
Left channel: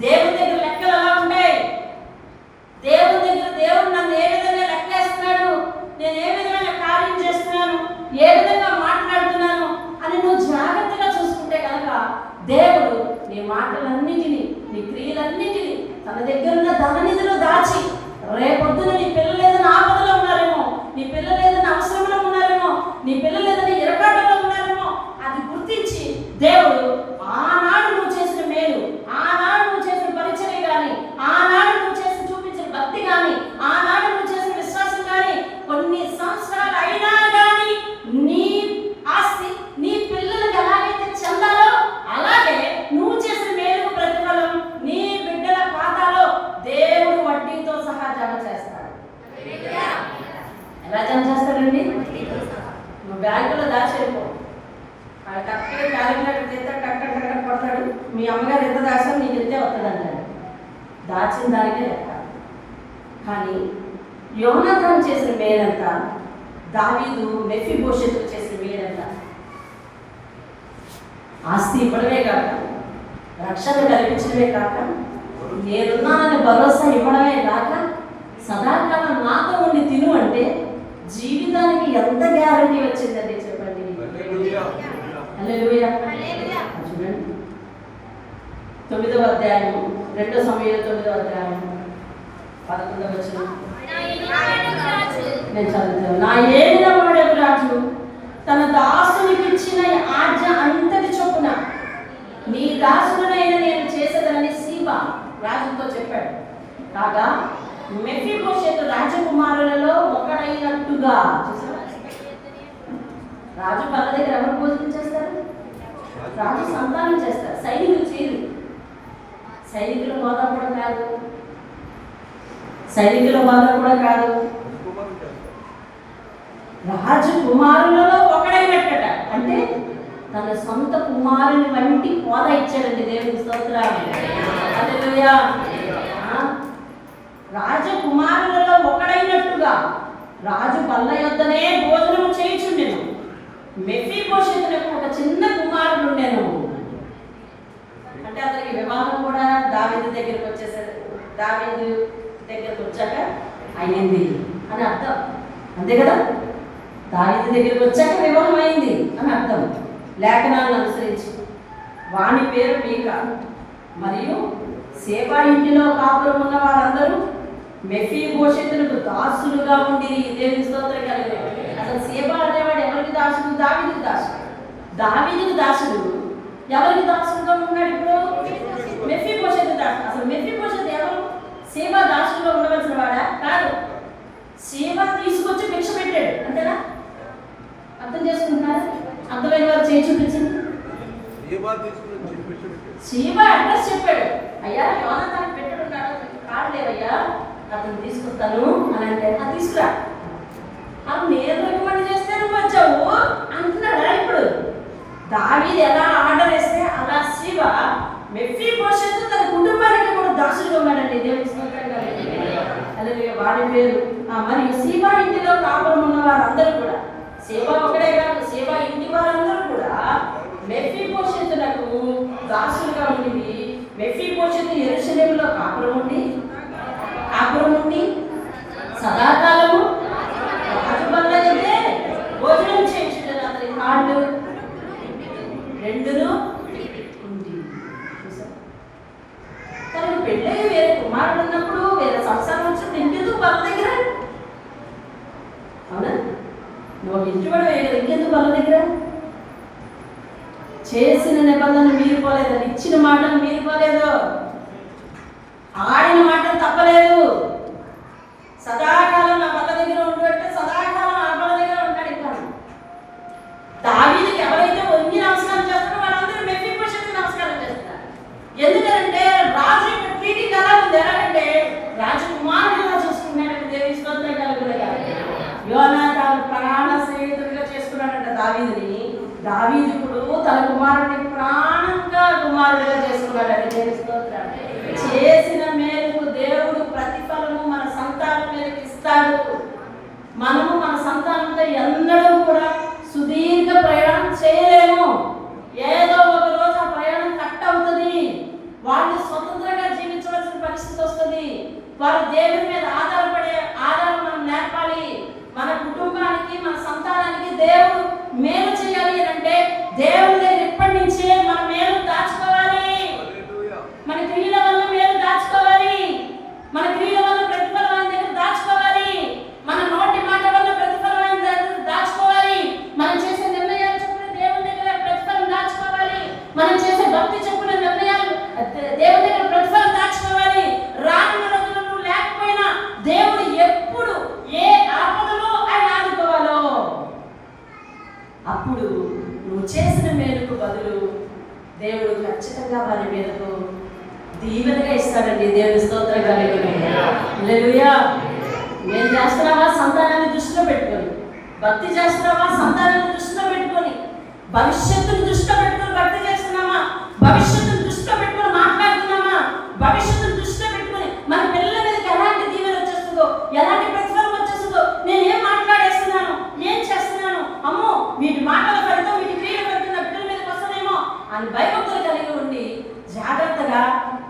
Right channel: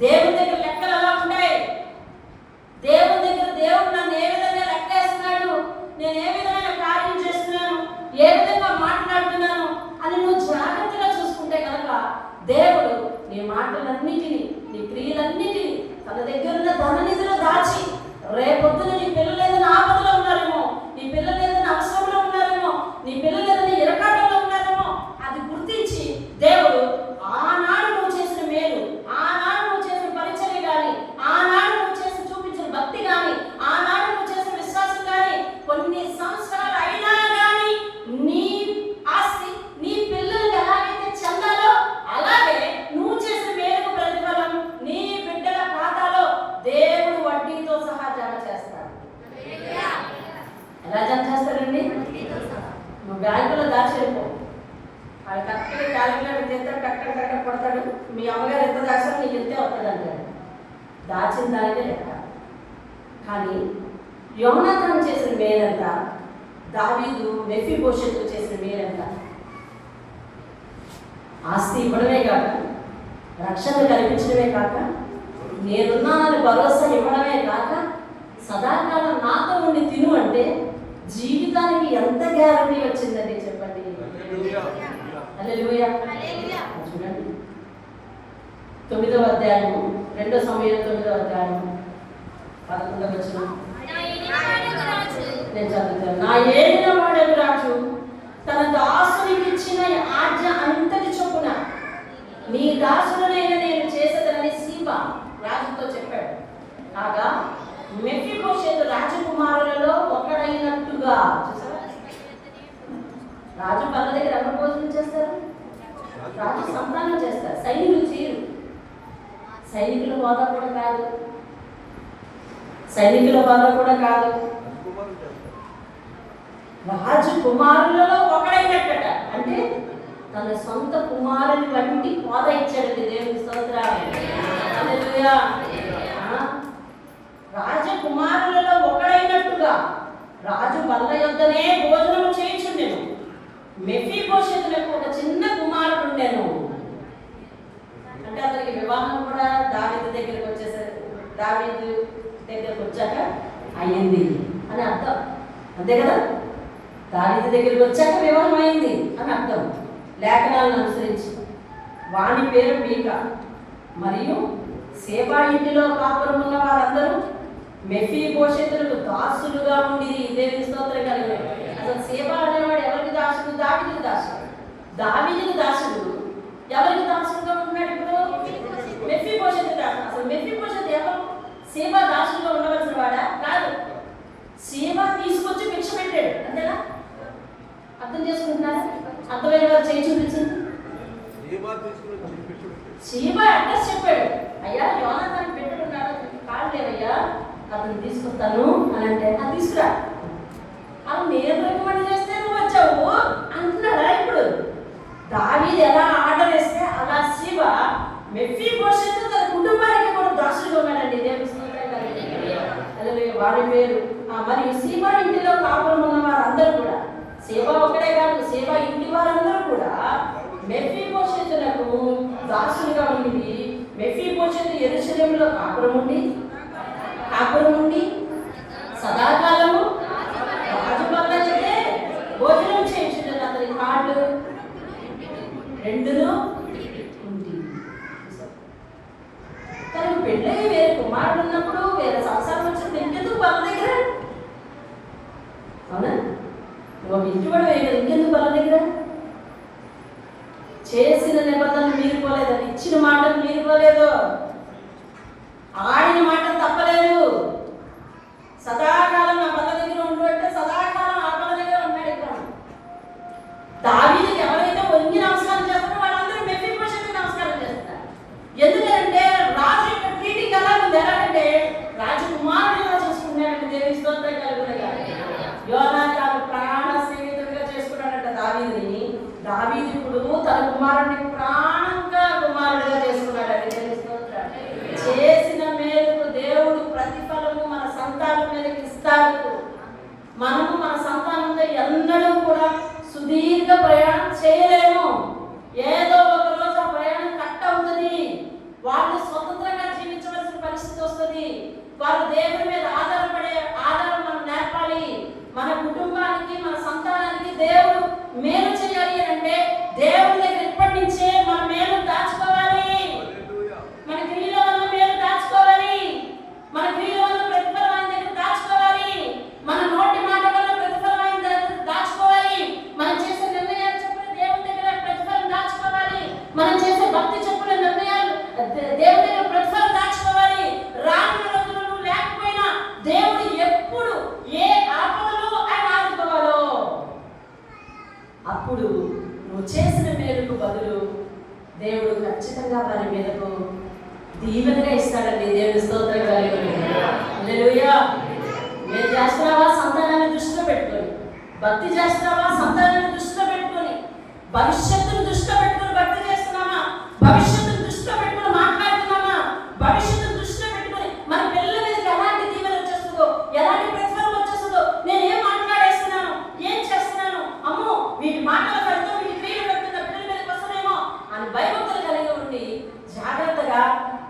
దేవుని దగ్గర లెక్కలు అలా ఉంటాయి. దేవుని దగ్గర దేవుడు నన్ను ఏ విధంగా లెక్కేస్తున్నాడు, నేను ఏ విధమైన కార్యం చేస్తున్నాను, ఏ విధంగా మాట్లాడుతున్నాను అని నువ్వు జాగ్రత్తగా చూసుకుంటే కనుక దేవుడు నీ మాటలన్నిటినీ, నీ క్రియలన్నిటినీ తన దగ్గర ఉన్న ధననిధిలో దాచి, రేపొద్దున నీ పిల్లలు ఏదైనా ఆపదలో ఉన్నారేమో, నీ పిల్లలు ఏదైనా అవసరంలో ఉన్నారేమో, నీ పిల్లలు ఏదైనా ఇరకాటంలో ఉన్నారేమో, అది గుర్తించి దేవుడు ఆనాడు నువ్వు చేసిన మేలు, ఆనాడు నువ్వు చేసిన పరిచర్య కానీ, ఆనాడు నువ్వు చేసిన చూపించిన భక్తి కానీ, ఆనాడు నువ్వు చేసిన విశ్వాసం కానీ, కొన్ని సంవత్సరాలు అయినా కానీ నీ ఆస్తి నీ పిల్లలకు ఎలాగైతే చెందాలో అలాగే నువ్వు చేసిన మేలు ప్రతిఫలం నీ బిడ్డల ఖాతాలో దేవుడు వడ్డీతో సహా జమ చేస్తాడు. ఎలా జమ చేస్తాడండి? నువ్వు బ్యాంకులో దాచేపో, కరెక్ట్గా క్యాలిక్యులేటర్ చేస్తే కరెక్ట్ కొడతాడు. మీ అమ్మగారు ఎంత దాచాలో నీకు ఎంతే వస్తుంది అంటాడు. దాచిన దానికే లెక్క. కానీ యోనాతాను చేసిన మేలంతా, దావీదు మెఫీబోషెతుకు చేసిన మేలంతా ఆస్తి ఇవ్వడమే కాక, రక్షణ కల్పించడమే కాక, నేనున్నానని భరోసా ఇవ్వడమే కాక, సదాకాలం నాతో ఉండి తిను అంటే జీవితానికి ఎంత గ్యారంటీ వచ్చిందండి చెప్పండి. హల్లెలూయా. చూడండి 9వ అధ్యాయము, 2 సమూయేలు 9వ అధ్యాయము 11వ వచనం నేను చదువుతాను. నా ఏలిన వాడకు రాజు తన దాసునికి ఇచ్చిన ఆజ్ఞ అంతటి చొప్పున నీ దాసులనైన నేను చేసేదని సీబా రాజుతో చెప్పాడు. కాగా మెఫీబోషెతు రాజకుమారులలో ఒకడైనట్టుగా, రాజు పళ్ళ దగ్గర ఎవరు భోజనం చేస్తారు? రాజు సంతానం చేస్తారు, సైనికులు చేయరు. సైనికుల హోదా కూడా కాదు, సైనికుల హోదా కూడా కాదు. రాజు కుమారులలో ఒకడైనట్టట, అంటే తన సొంత కుమారుని వంటి హోదా ఇచ్చాడండి దేవుని స్తోత్రం. హల్లెలూయా. రాజకుమారులలో ఒకడైనట్టుగా రాజు బల్ల యొద్దనే భోజనం చేయించుండెను. మెఫీబోషెతునకు ఒక చిన్న కుమారుడు ఉండెను. అంటే అతనికి వివాహం కూడా దావీదు దగ్గరకు వచ్చేసరికి, దావీదు దగ్గరకు వచ్చాక అయ్యింది అని అర్థం, అంతే కదా. దావీదు దగ్గరకు వచ్చాక వివాహం అయింది అని అర్థం లేఖనాలను అనుసరించి. వాని పేరు మీకా. మరియు సేబా ఇంటిలో కాపురం ఉన్న వారందరూ మెఫీబోషెతులకు దాసులుగా ఉండి దేవుని స్తోత్రం కలిగిన. అసలు సేబా అనేవాడు ఎవరికి దాసుడు? దావీదుకు దాసుడు. దావీదుకు దాసుడు ఎవరికి దాసుడుగా ఉన్నాడు? ఇప్పుడు మెఫీబోషెతు దాసుడు. అసలు మెఫీబోషెతు ఎవరు? సేబా దాసుడుగా ఉండవలసిన వాడా? కాదు. సేబా తీసుకొచ్చి భిక్ష పెట్టాడు, అంతేనా? అర్థం చేసుకుంటున్నారు? అర్థమైన వారు చేయి చూపించింది. సేబా అడ్రస్ చెప్పాడు, అయ్యా యోనాతాను పెట్టాడు, కాదు లేవయ్యా అతను తీసుకొస్తాను అని అంటే, అది తీసుకురా. అప్పుడు నేను పని చేస్తే నువ్వు వచ్చావు అంటున్నాడా? ఇప్పుడు దావీదు ఎలా ఆర్డర్ వేస్తే అలా శివ మెఫీబోషెతు తన కుటుంబానికి కూడా దాసులుగా ఉన్నాడండి దేవుని స్తోత్రం. అలాగే వాడి పేరు. మరియు శివ ఇంటిలో కాపురం ఉన్న వారందరూ కూడా, సేవ ఒకటే కాదు, సేవ ఇంటి వారందరూ కూడా మెఫీబోషెతునకు దాసులుగా ఉండి, మెఫీబోషెతు యెరూషలేములో కాపురం ఉండి సదాకాలము రాజు బల్ల దగ్గరే భోజనం చేయించుండెను. అతని కాళ్ళు రెండును ఉంది. తనకు పెళ్ళై వేరే కుమారుడు ఉన్నప్పుడు, వేరే సంసారం వచ్చినప్పుడు ఇంకెందుకు బల్ల దగ్గర? అవునా? నువ్వు ఇంటి వాడు వేయలేదు, ఇంకెందుకు బల్ల దగ్గర? చేసిన నిబంధనలు మీరిపోలేదు, ఇచ్చిన మాటలు మీరిపోలేదు, ఆడిన మాటలు తప్పలేదు. సదాకాలం నా బల్ల దగ్గర ఉండు అంటే సదాకాలం ఆ బల్ల దగ్గర ఉన్నాడు. ఇంకా దావీదుకి ఎవరైతే వంగి నమస్కారం చేస్తారో వాళ్ళందరూ మెఫీబోషెతుకి నమస్కారం చేస్తారు. ఎందుకంటే రాజు యొక్క ట్రీటింగ్ అలా ఉంది. ఎలాగంటే రాజకుమారుడిగా చూసుకున్నాడు దేవుని స్తోత్రం కలుగునగా. యోనాతాను ప్రాణ స్నేహితుడిగా చేసుకున్నాడంట దావీదుని. దావీదు ఇప్పుడు తన కుమారుడిని కుమారుడిగా చేసుకున్నాడు దేవుని స్తోత్రం. చేసిన మేలుకు దేవుడు ప్రతిఫలము మన సంతానం మీదకి ఇస్తాడు. మనము మన సంతానంతో ఎన్నడూ కూడా సుదీర్ఘ ప్రయాణం చేయలేము. ఏదో ఒక రోజు ఆ ప్రయాణం కట్ అవుతుంది. వాళ్ళు స్వతంత్రంగా జీవించవలసిన పరిస్థితి వస్తుంది. వారు దేవుని మీద ఆధారం మనం నేర్పాలి. మన కుటుంబానికి, మన సంతానానికి దేవుడు మేలు చేయాలి అంటే దేవుడి దగ్గర ఇప్పటి నుంచే మన మేలు దాచుకోవాలి. మన క్రియల వల్ల మేలు దాచుకోవాలి. మన క్రియల వల్ల ప్రతిఫలమైన దగ్గర దాచుకోవాలి. మన నోటి మాట వల్ల ప్రతిఫలమైన దగ్గర దాచుకోవాలి. మనం చేసే నిర్ణయాలు చొప్పున దేవుని దగ్గర ప్రతిఫలం దాచుకోవాలి. మనం చేసే భక్తి చొప్పున నిర్ణయాలు దేవుని దగ్గర ప్రతిఫలం దాచుకోవాలి. రానున్న రోజులు లేకపోయినా దేవుడు ఎప్పుడు ఏ ఆపదలో ఆయన ఆదుకోవాలో అప్పుడు నువ్వు చేసిన మేలుకు బదులు దేవుడు ఖచ్చితంగా వారి మీదకు దీవెనగా ఇస్తాడండి. దేవుని స్తోత్రం కలుగును. హల్లెలూయా. నేను చేస్తున్నావా సంతానాన్ని దృష్టిలో పెట్టుకొని, భక్తి చేస్తున్నావా సంతానాన్ని దృష్టిలో పెట్టుకొని, భవిష్యత్తును దృష్టిలో పెట్టుకొని భక్తి చేస్తున్నావా, భవిష్యత్తును దృష్టిలో పెట్టుకొని మాట్లాడుతున్నావా, భవిష్యత్తును దృష్టిలో పెట్టుకొని మన పిల్లల మీదకి ఎలాంటి దీవెన వచ్చేస్తుందో, ఎలాంటి ప్రతిఫలం వచ్చేస్తుందో, నేను ఏం మాట్లాడేస్తున్నాను, ఏం చేస్తున్నాను, అమ్మో వీటి మాటలు పెడుతూ వీటి క్రియలు పెడుతున్న పిల్లల మీదకి వస్తానేమో అని భయభక్తులు కలిగి ఉండి జాగ్రత్తగా.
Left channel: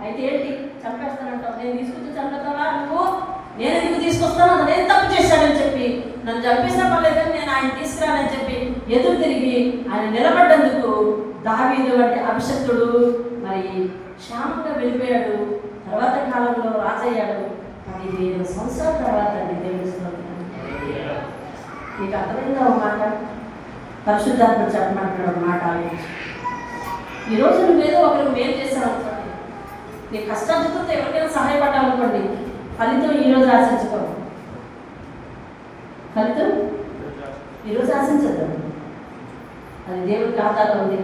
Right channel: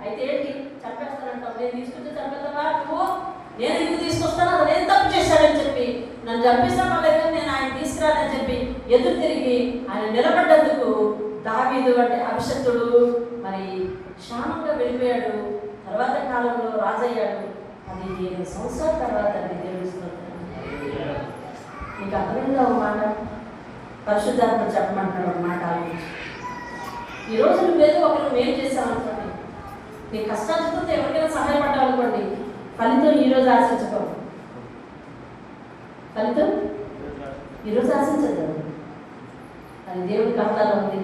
అయితే ఏంటి చంపేస్తానంటావు? నేను తీసుకొచ్చి చంపుతావా నువ్వు? నేను నీకు తీసుకొస్తాను, అది నేను తప్పు చేశానని చెప్పి నన్ను చంపిస్తే పర్లేదని నేను ఆయన తీసుకురానని చెప్పి ఎదురు తిరిగి ఆయన నిలబడ్డందుకు దావీదు అంటే అభిషక్తుడు మరి క్షేమంగా వెళ్ళిపోయాడు. తర్వాత కాలంలో రాజయ్యాడు. 15 సంవత్సరాల తర్వాత దేవుని స్తోత్రం. మీకు అర్థమైందా ఒక మాట? పరిశుద్ధాత్మ చెప్పమంటున్నాడు ఒక మాట ఆలోచించి. ఈరోజు నువ్వేదో ఒకరు మేలు చేశావు అనుకోండి, నీ కష్టార్జితంతో ఎవరికైనా సహాయపడ్డావు అనుకోండి, ఫలితం ఈరోజు ఆశించుకోవు. ఫలితం ఈరోజు ఆశించద్దు, అది దేవుడి ఖాతాలో ఉంది.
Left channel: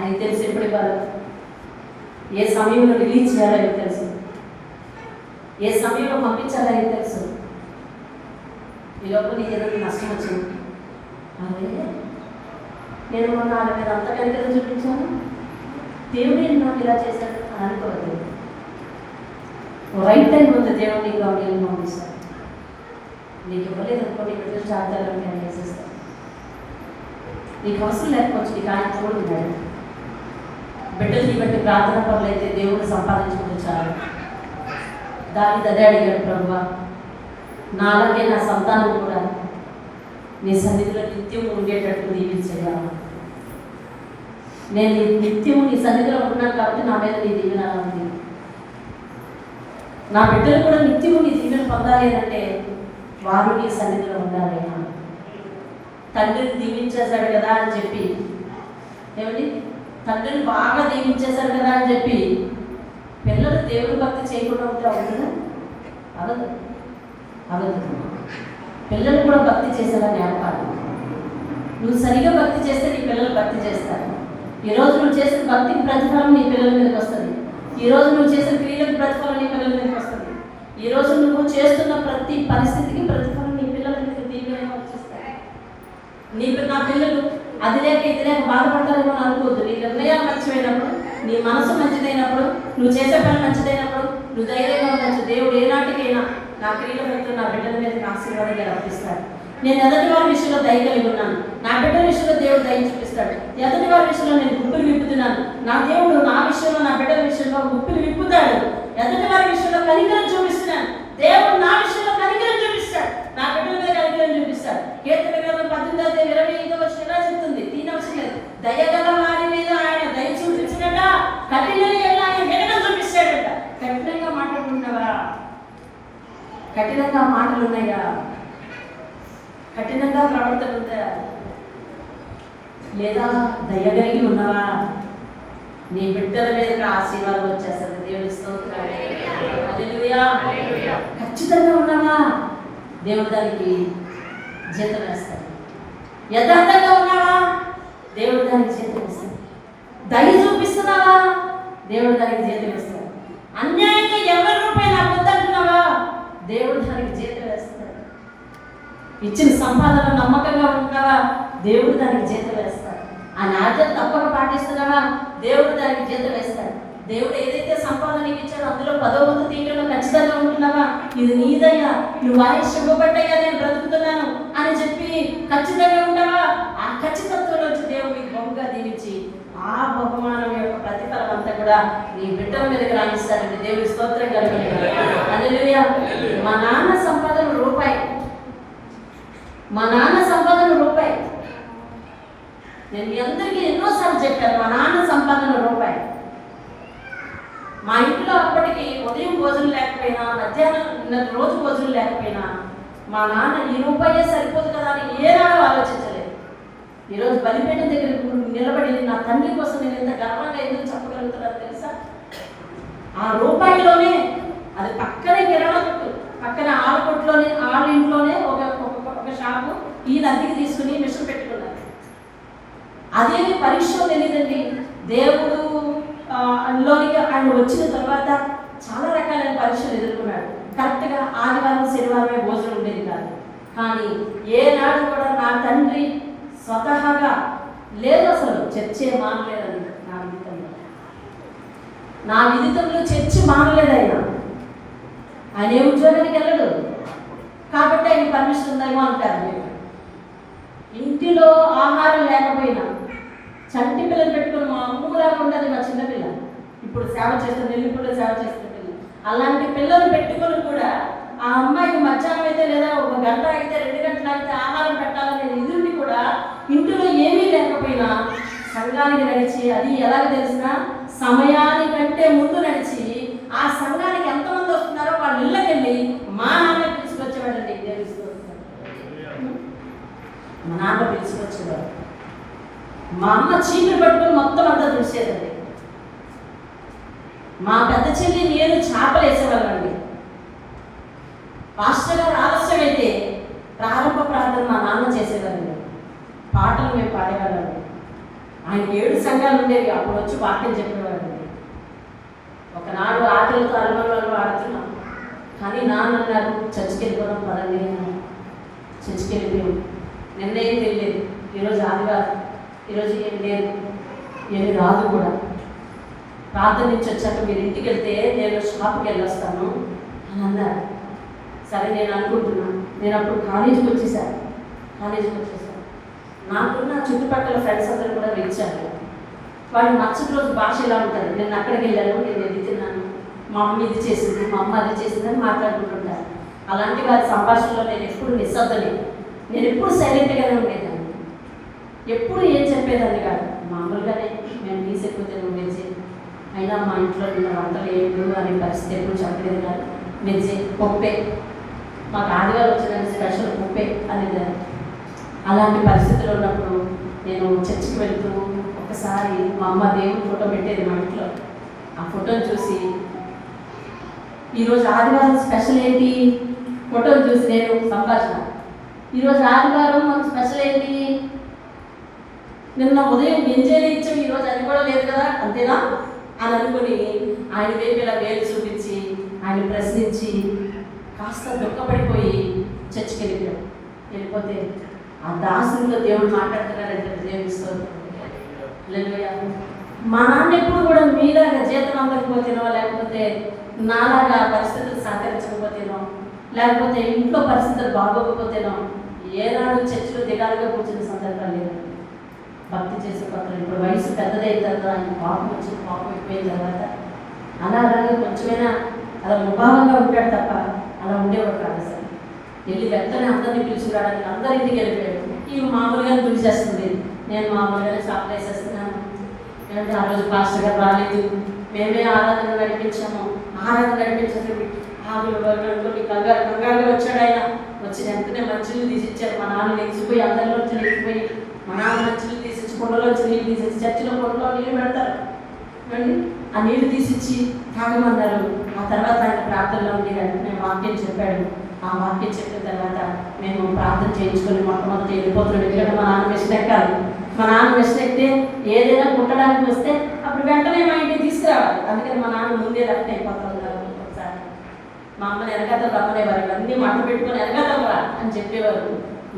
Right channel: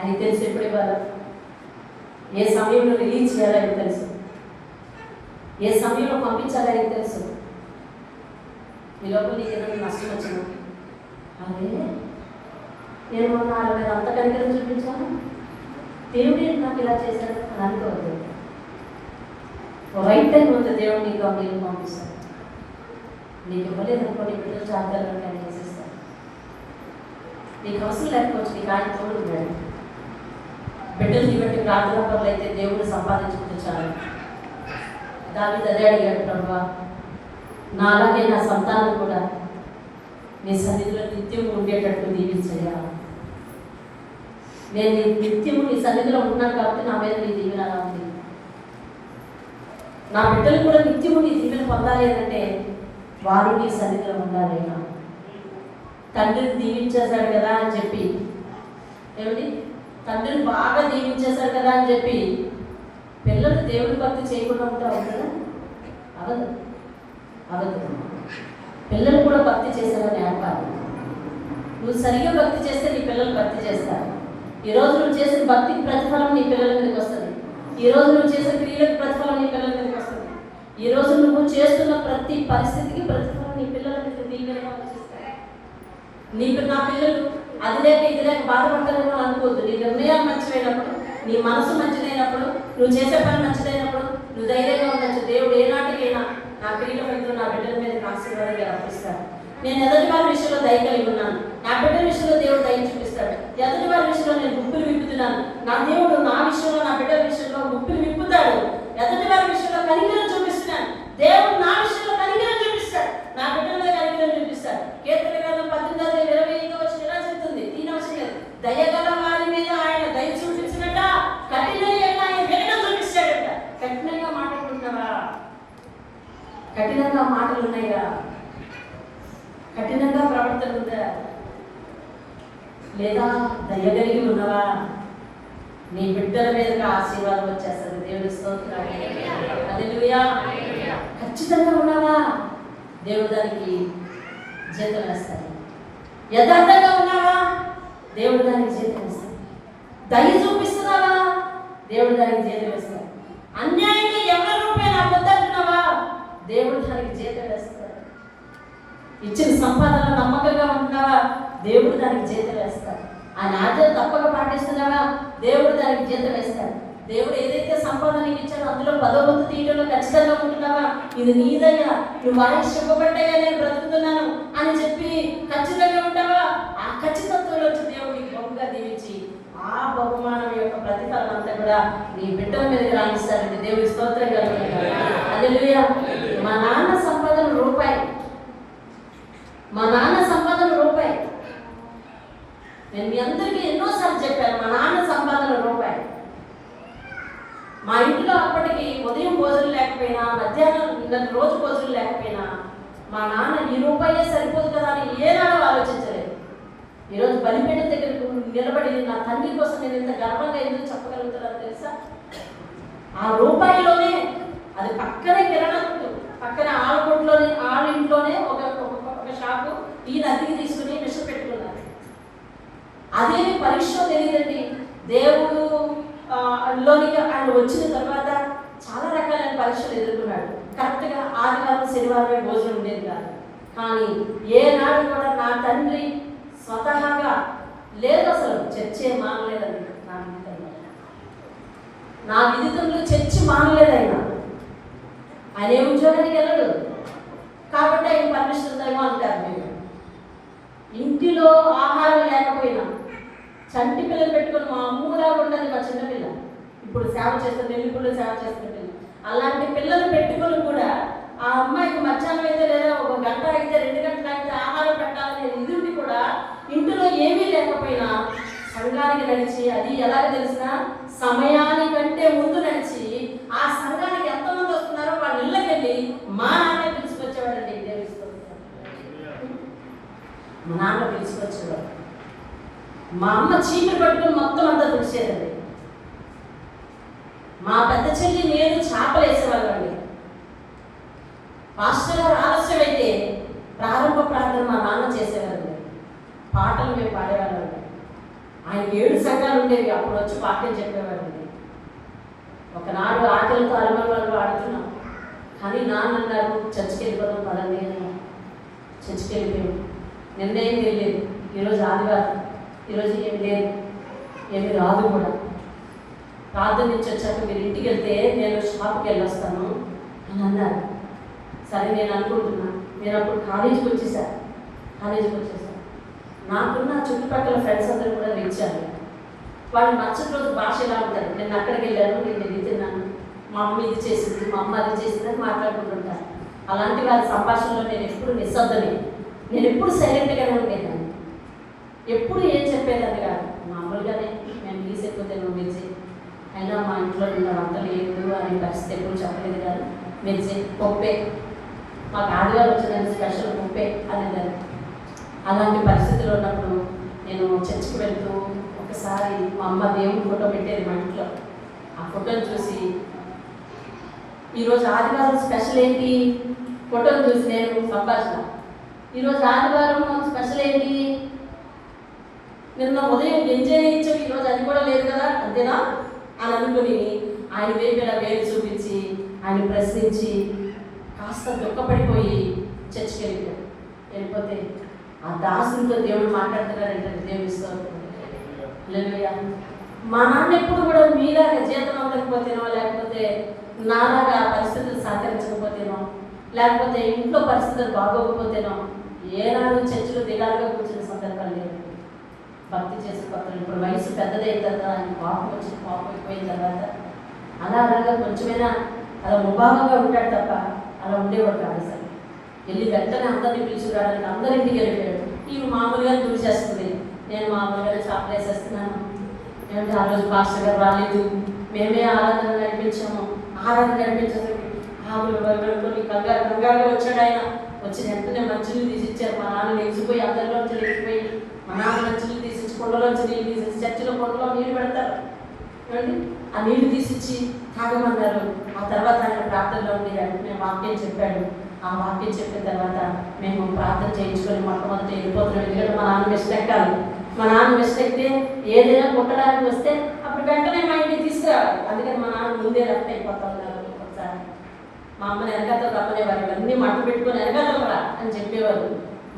అది తెలిసి ఎప్పుడు ఇవ్వాలి, ఏ సమయంలో రిలీజ్ చేయాలని తెలుసు, ఏ సమయంలో పంపించాలని తెలుసు. ఈ లోపల నీకు ఏదైనా నష్టం వచ్చింది, అదే నేను మొన్న వాళ్ళ మీద అంత కనికరం చూపించాను, దేవుడు నాకు ఇలా చేశాడు అని అనుకోలేదు. రైట్ టైం ఉంది దేవుడు నీకు మీరు పంపిస్తాడు. నీకు ఇవ్వలేదు అనుకోండి, బిడ్డలు జాగ్రత్తగా వేసేస్తాను. నీకు అవసరం లేకపోవచ్చు, నీకు ఆయన తోడు ఉన్నాడు. బిడ్డల్ని బట్టి ప్రార్థన పనులు అయితే దేవుడు సంపాదించుకుంటూ చాలు. దావీదు అదే అడిగాడు, ప్రభువా నాలాగే నా సంతానం కూడా నీ సన్నిధిలో నిత్యం ఉండేటట్టు దీవించగా. నేను నిత్యం నీ సన్నిధిలో ఉంటున్నాను కాబట్టి నా మీద నీ దీవెన ఉంది. నా బిడ్డలు కూడా నిత్యము నీ దీవెన పొందాలి అంటే వారు నీ సన్నిధిలో ఉండాలి. తండ్రిని దీవించేశాడు కదా అని చెప్పి, ఏమిటి తండ్రిని బాగా దీవించేశాడు కదా అని చెప్పి పిల్లలు దేవుడి భక్తి చేయకుండా ఉంటే అవుతుందా? అవ్వదు, అవ్వదు. పిల్లలు కూడా భక్తి చేసేదని నేర్పాలి. నువ్వు సరిగా భక్తి చేస్తే నీ పిల్లలు భక్తి చేస్తారు. ఈరోజు నువ్వు చేసిన భక్తికి ప్రతిఫలం నీ పిల్లల మీదకి వస్తుంది. ఈరోజు నువ్వు చేసిన క్రియలకు ప్రతిఫలం నీ పిల్లల మీదకి వస్తుంది. ఈరోజు నువ్వు చేస్తున్న ప్రతి పరిస్థితికి ప్రతిఫలం నీ పిల్లల మీదకి దీవెన వచ్చేస్తాయి. నా పిల్లలు అది లేక ఇది లేక బాధపడతారేమో అని అనుకోవద్దు. నీ నిర్ణయాలు మంచిదైనప్పుడు, నీ మనసు మంచిదైనప్పుడు, నువ్వు చేసే పని మంచిదైనప్పుడు నువ్వు ధైర్యంగా ఉండొచ్చు. దేవుడు ఏనాటికైనా నా క్రియల మీద నా బిడ్డల మీదకి ఆశీర్వాదంగా రప్పిస్తాడు. నేను ఎదుటి వారి విషయంలో దయ కలిగి ఉన్నాను, నా బిడ్డల విషయంలో దేవుడు దయ చూపిస్తాడు. ఎదుటి వారి విషయంలో నేను గుప్పిలు విప్పుతున్నాను, నా దేవుడు నా విషయంలో నా బిడ్డల విషయంలో గుప్పిలు విప్పుతాడు. ఎదుటి వారి విషయంలో కనికరం చూపిస్తున్నాను, దేవుడు నా విషయంలో కనికరం చూపిస్తాడు, నా బిడ్డల మీద కనికరం చూపిస్తాడు. కీర్తన గ్రంథం 18:25 ఇలా చెప్తుంది, 3 దయగల వారి మీద ఆయన దయ చూపించినట, కఠినంగా ఆయన వినడం చూపిస్తాడట. కఠినంగా మాట్లాడుతున్నావా? కఠినంగా మాటలు ఉన్నాయా? కఠినంగా ప్రవర్తన ఉందా? లేదా దయగలిగి ఉన్నావా? నీ బిడ్డల మీదకి ఆశీర్వాదం వచ్చేస్తుంది. దేవుడి స్తోత్రం. హల్లెలూయా. ఖచ్చితంగా ఉన్నావా? దేవుడు దానికి జీతం వేస్తాడు. యథార్థంగా ఉన్నావా? దేవుడు దానికి జీతం వేస్తాడు. దయ చూపిస్తున్నావా? దేవుడు దానికి జీతం వేస్తాడు. అన్యాయంగా ఎవరి రూపాయలు అబద్ధంటున్నావా? దేవుడు దానికి జీతం వేస్తాడు. ఇచ్చిన సంపాదన నమ్మకంగా ఉంటున్నావా? దేవుడు దానికి జీతం వేస్తాడు. ఆ నాట్యం తప్పక పాటిస్తున్నావా? దేవుడు దానికి జీతం వేస్తాడు. దేవుడు ఏదైతే సంపాదన ఇచ్చాడో అందులో 10వ వంతు తీయడంలో ఖచ్చితంగా ఉంటున్నావా? ఇది నీదయ్యా, నువ్వు ఆయుష్ ఇవ్వబడ్డగా నేను బ్రతుకుతున్నాను అని చెప్పి ఖచ్చితంగా ఉంటావా? ఆ ఖచ్చితత్వంలో వచ్చి దేవుడు నీకు బహుగా దీవించి ఆ బహుమానం యొక్క ప్రతిఫలం అంతా కూడా నీ బిడ్డల మీదకి రాణిస్తాడు. దేవుడి స్తోత్రం కలుగుతుంది. హల్లెలూయా. మా నాన్న సంపాదన రూపాయి, మా నాన్న సంపాదన రూపాయి. నేను మీ అందరికీ ఎన్నోసార్లు చెప్పాను, మా నాన్న సంపాదన రూపాయి. మా ఇంట్లో అప్పటికి ఉదయం భోజనం లేకపోయినా, మధ్యాహ్నం రోజు భోజనం లేకపోయినా మా నాన్న ఈ రూపాయే సరిపోదు కదా అని ఏనాడో ఆలోచించలేదు. ఈరోజు బలిపేట దగ్గర నిలబడి నా తండ్రి కోసం నేను ఎంత గర్వంగా ఎందుకు చెప్పగలుగుతున్నాను తెలుసా? ఆ రూపాయిలోనే, అది పక్కనే కిరాణా కొట్టు, పక్కన ఆడకొట్టులోనే, ఇంట్లోనే ఒక షాపు ఈ అద్దెకి తీసుకుని మిషన్ పెట్టుకున్నారు. అదేమి పరీక్ష తెలియదండి. దేవుడు అందులోనికి ఆయన వచ్చిన తర్వాత చాలా రకాలైన పరీక్షలు ఎదుర్కొన్నాడు. కరెక్ట్గా ఆదివారం శనివారమే భోజనం ఉండేది కాదు. కానీ ఏనాడు కూడా నా తండ్రి స్వతహాగా లేదు, అసలు చర్చే మానలేదండి. నా విదితంలో చర్చి మానలేదు. ఆయన ఏ ఉద్యోగానికి వెళ్ళడు కాబట్టి ఆయన పర్మిషన్ ఉందేమో అంటారు. మీరు ఇంటిలో ఆహారం లేకపోయినా చంటి పిల్లలు పెట్టుకుని మా అమ్మలాగా ఉండదు మా చిన్నపిల్ల, ఇప్పుడు సేవ చేస్తుంది, నెల్లిపుల్లో సేవ చేస్తున్న పిల్ల. అలాంటి పిల్లలు పెట్టుకుని కూడా ఆ అమ్మాయికి మధ్యాహ్నం అయితే లేదా 1 గంట అయితే 2 గంటలు అయితే ఆహారం పెట్టాలనే ఎదురుని కూడా ఇంటిలో ఏమీ లేకపోయినా సంఘానికి నడిచి, అది ఎలాగ తెలిసిన సమయానికంటే ముందు నడిచి ఆ సంఘానికి ఎంతమంది వస్తున్నారో వాళ్ళ ఇళ్ళకెళ్ళి మా నాన్న పిలుచుకొచ్చేవాడండి. మా నాన్న పిలుచుకొచ్చేవాడు. మా అమ్మ చీపురు పట్టుకుని మొత్తం అంతా తుడిచేదండి. మా పెద్ద చెల్లి నేను చేపలు వేసేవాళ్ళండి. పాస్టర్ గారు ఆలస్యం అయితే ప్రారంభ ప్రార్థన మా నాన్న చేసేవాళ్ళండి. పాటలు మేము పాడేవాళ్ళండి. ఆయన 7 సంఘాలు ఉండేవి. అప్పుడు వచ్చి వాక్యం చెప్పేవాడు. ఒకనాడు ఆకలితో అలమలు ఆడుతున్నాం, కానీ నాన్న అన్నారు చర్చికి వెళ్ళిపోవడం పదండి. చర్చికి వెళ్ళిపోయాం. నిన్నేం తెలియదు, ఈరోజు ఆదివారం, ఈరోజు ఏం లేదు, ఏమి రాదు కూడా. ప్రార్థన నుంచి వచ్చాక మీరు ఇంటికి వెళ్తే నేను షాప్కి వెళ్ళొస్తాను అని అన్నారు. సరే నేను అనుకుంటున్నాను. నేను అప్పుడు కాలేజీకి వచ్చేసాను. నాకున్న చుట్టుపక్కల ఫ్రెండ్స్ అందరూ కూడా ఇచ్చారు. వాడి మరుసటి రోజు భాష ఎలా ఉంటుంది, నేను అక్కడికి వెళ్ళాను, నేను వెళ్ళి తిన్నాను, మా మమ్మీ ఇది చేసింది, మా అమ్మ అది చేసింది అని మాట్లాడుకుంటుంటాను. అలాంటి వారి సంభాషణలో నేను ఎప్పుడు నిశ్శబ్దలేదు. నేను ఎప్పుడు సైలెంట్గానే ఉండేదాన్ని, ఎప్పుడు ఏం చెప్పేదాన్ని కాదు. మామూలుగానే మేము తీసేకపోతే నువ్వు మెచ్చి, అయినా మా ఇంట్లో ఉన్న వంటలు ఏమిటో అనే పరిస్థితి ఎప్పుడు చెప్పలేదు కాదు. మెచ్చి పొప్పే, మాకు ఆదివారం వచ్చిన స్పెషల్ పొప్పే అనేది. అలాంటి పరిస్థితుల్లో ఉన్నప్పుడు నేను చర్చికి వెళ్తూ ఒకసారి మా అమ్మ దేవుని ఫోటో పెట్టేది మా ఇంట్లో. ఆ ఫోటోని చూసి ఈరోజు ఆదివారం స్పెషల్ ఏంటి, ఫోటోని చూసి నేను సంభాషణ, ఈరోజు ఆదివారం మాకు స్పెషల్ ఏంటి, నిన్న ఉదయం ఎంజాయ్ ఇచ్చాం, ఈరోజు అది కూడా లేదు కదా, అంతేనా అని అనుకుని ఆయన వైపు ఇలా వేలు చూపించి ఆయన ప్రశ్నించి కాస్త దుఃఖపడిపోయి చర్చికి వెళ్ళిపోతే ఆ దాసులో దేవుడు మాట్లాడుతున్నారంటే దేవుడిస్తూ మా నాన్న ఎప్పుడు కూడా మీలాగా జీతం అందకపోతేనో, లేకపోతే నాలాగా పరిస్థితులు సహకరించకపోతేనో, లేకపోతే ఇంట్లో పరిస్థితులు బాగోకపోతేనో ఏనాడు చర్చిలో దిగాలుగా కూర్చున్న సందర్భాలు లేదు. భక్తి చేసే కొత్తలు ఇప్పుడు వయసు పెద్దదైన తర్వాత ఆయన పాపం అయిపోయిన తర్వాత అలాగా కొంచెమైనా అలా ముభావంగా ఉంటాడు తప్ప అలా ఉండేవాడు కాదు. సార్ వెళ్ళి వెంటనే అందరినీ పిలుచుకురావడానికి అందరి ఇంటికి వెళ్ళిపోయాడు. ఇవి మామూలుగానే గుడి చేస్తుంది, నేను మామూలుగానే షాప్లో వేసేస్తున్నాను. ఏమంటే ఆ రోజు పాస్టర్ గారు రాలేదు, మేమే ఆరాధన నడిపించాము. ఆరాధన నడిపించేసరికి కంగారుగా వచ్చాడు ఆయన. వచ్చి వెంటనే మంచిలు తీసిచ్చారు. మా నాన్న లేచిపోయి అందరిలోంచి లేచిపోయి మా నాన్న మంచిలు తీసిచ్చి కొండలోంచి నీళ్ళు తీసేసి చర్చిలో కొండలో నీళ్ళు పెడతారు అండి, ఆ నీళ్లు తీసిచ్చి తాగమన్నారు. ఆ తర్వాత ఆయన ప్రార్థనలో ఉండి వెంటనే వాక్యం చెప్పాడు. ఆ వాక్యం చెప్పిన తర్వాత మేము ప్రార్థన చేయించుకొని మొట్టమొదటి వెళ్ళిపోతున్నాం. ఎందుకంటే మా నాన్న వెస్ట్ ఎక్కాలి. మా నాన్న వెస్ట్ ఎక్కితే ఏదైనా కుట్టడానికి వస్తే అప్పుడు వెంటనే మా ఇంటికి తీసుకురావాలి. అందుకని మా నాన్న ముందే లెఫ్ట్ అయిపోతా ఉన్నారు. ఒకసారి మా అమ్మని వెనకాతలు రమ్మనేవారు, ఇవన్నీ మట్ట పెట్టుకొని వెనకాతలరా అని చెప్పేవారు.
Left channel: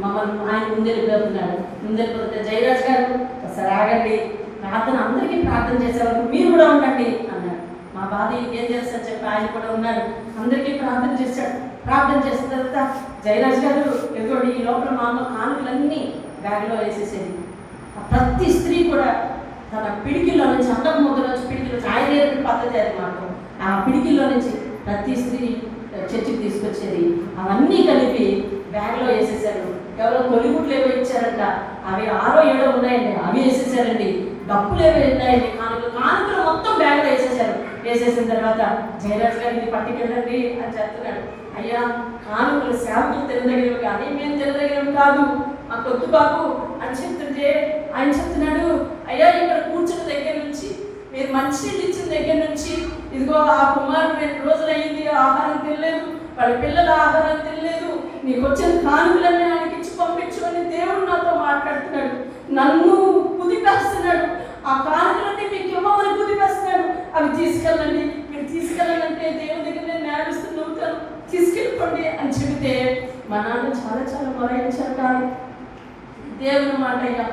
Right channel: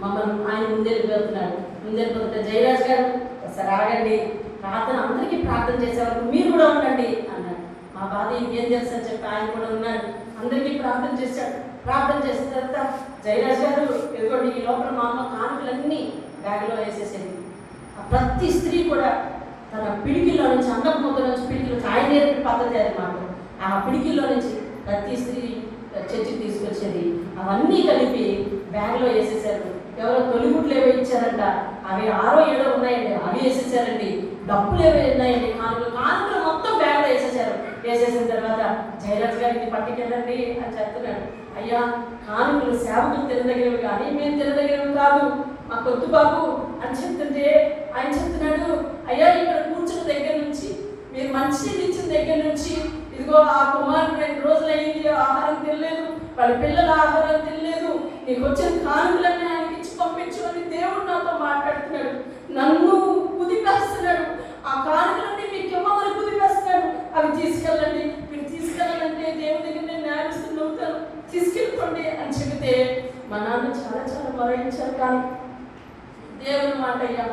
మమ్మల్ని ఆయన ముందే వెళ్ళిపోతున్నాడు. ముందే వెళ్ళిపోతే జయరాజ్ గారు ఒకసారి ఆగండి, ప్రార్థన అందరికీ ప్రార్థన చేసేవారు, మీరు కూడా ఉండండి అన్నారు. మా బాధ ఇంకేం తెలుసు అని చెప్పి ఆయన కూడా ఉన్నాడు. అందరికీ ప్రార్థన చేశాడు. ప్రార్థన చేసిన తర్వాత జయరాజ్ గారు ఎదుటి ఈ లోపల మా అమ్మ కానుకలన్నీ బ్యాగ్లో వేసేసేది. ప్రతి స్త్రీ కూడా తన పిడికిల్లో నుంచి అన్నం ముద్దలో నుంచి పిడికిలో నుంచి ఆయన పద్ధతి అది మాకు. ఆ పిడికిల్లో నుంచి ప్రతి స్త్రీ చర్చికి తీసుకొచ్చేది. అవన్నీ కలిపి బ్యాగ్లో వేసేసారు. ఎవరో తొలిగుట్లు ఏవో ఇచ్చారంట, అవి 6 7 ఉన్నాయండి, అవి వేసేసారండి. డబ్బులు ఏవో ఉన్నాయండి, కానుకలు మొత్తం బ్యాగ్లో వేసేసారు. వేసేసిన తర్వాత జయరాజ్ గారికి పట్టుకెళ్ళండి అని చెప్తున్నాడు. అయ్యా కానుకలు సేవకులు తినదగినవి, అదే మేము తినదగినవి కాదు, మా కొద్దు బాబు అని చెప్తుంటే ఆయన చెప్తున్నాడు, అయ్యా ఇక్కడ కూర్చున్న దగ్గర నుంచి మీరు మంచినీళ్ళు ఇచ్చిన దగ్గర నుంచి ఇదిగో ఆ కుమారుడు 2 రోజులు అయింది ఆహారం తినలేదు, వాళ్ళ పిల్లల ఆహారం తినలేదు, నీకు వచ్చిన కానుకలన్నీ ఆయనకి ఇచ్చి పంపించు అని దేవుడు నాతో మాట్లాడుతున్నాడు. నన్ను కుదిపేస్తున్నాడు. ఆ కానుకలన్నీ మీకు ఇవ్వమని కుదిపేస్తున్నాడు. అవి తీసుకెళ్ళండి, మీరు తీసుకెళ్ళాలంటే దేవుడి దగ్గర నేను నేరస్తులు ఉంటాను, తీసుకెళ్ళిపోండి అని చెబితే మా నాన్న చాలా మొరాయించారు. కానీ దేవుని మాట, అయ్యా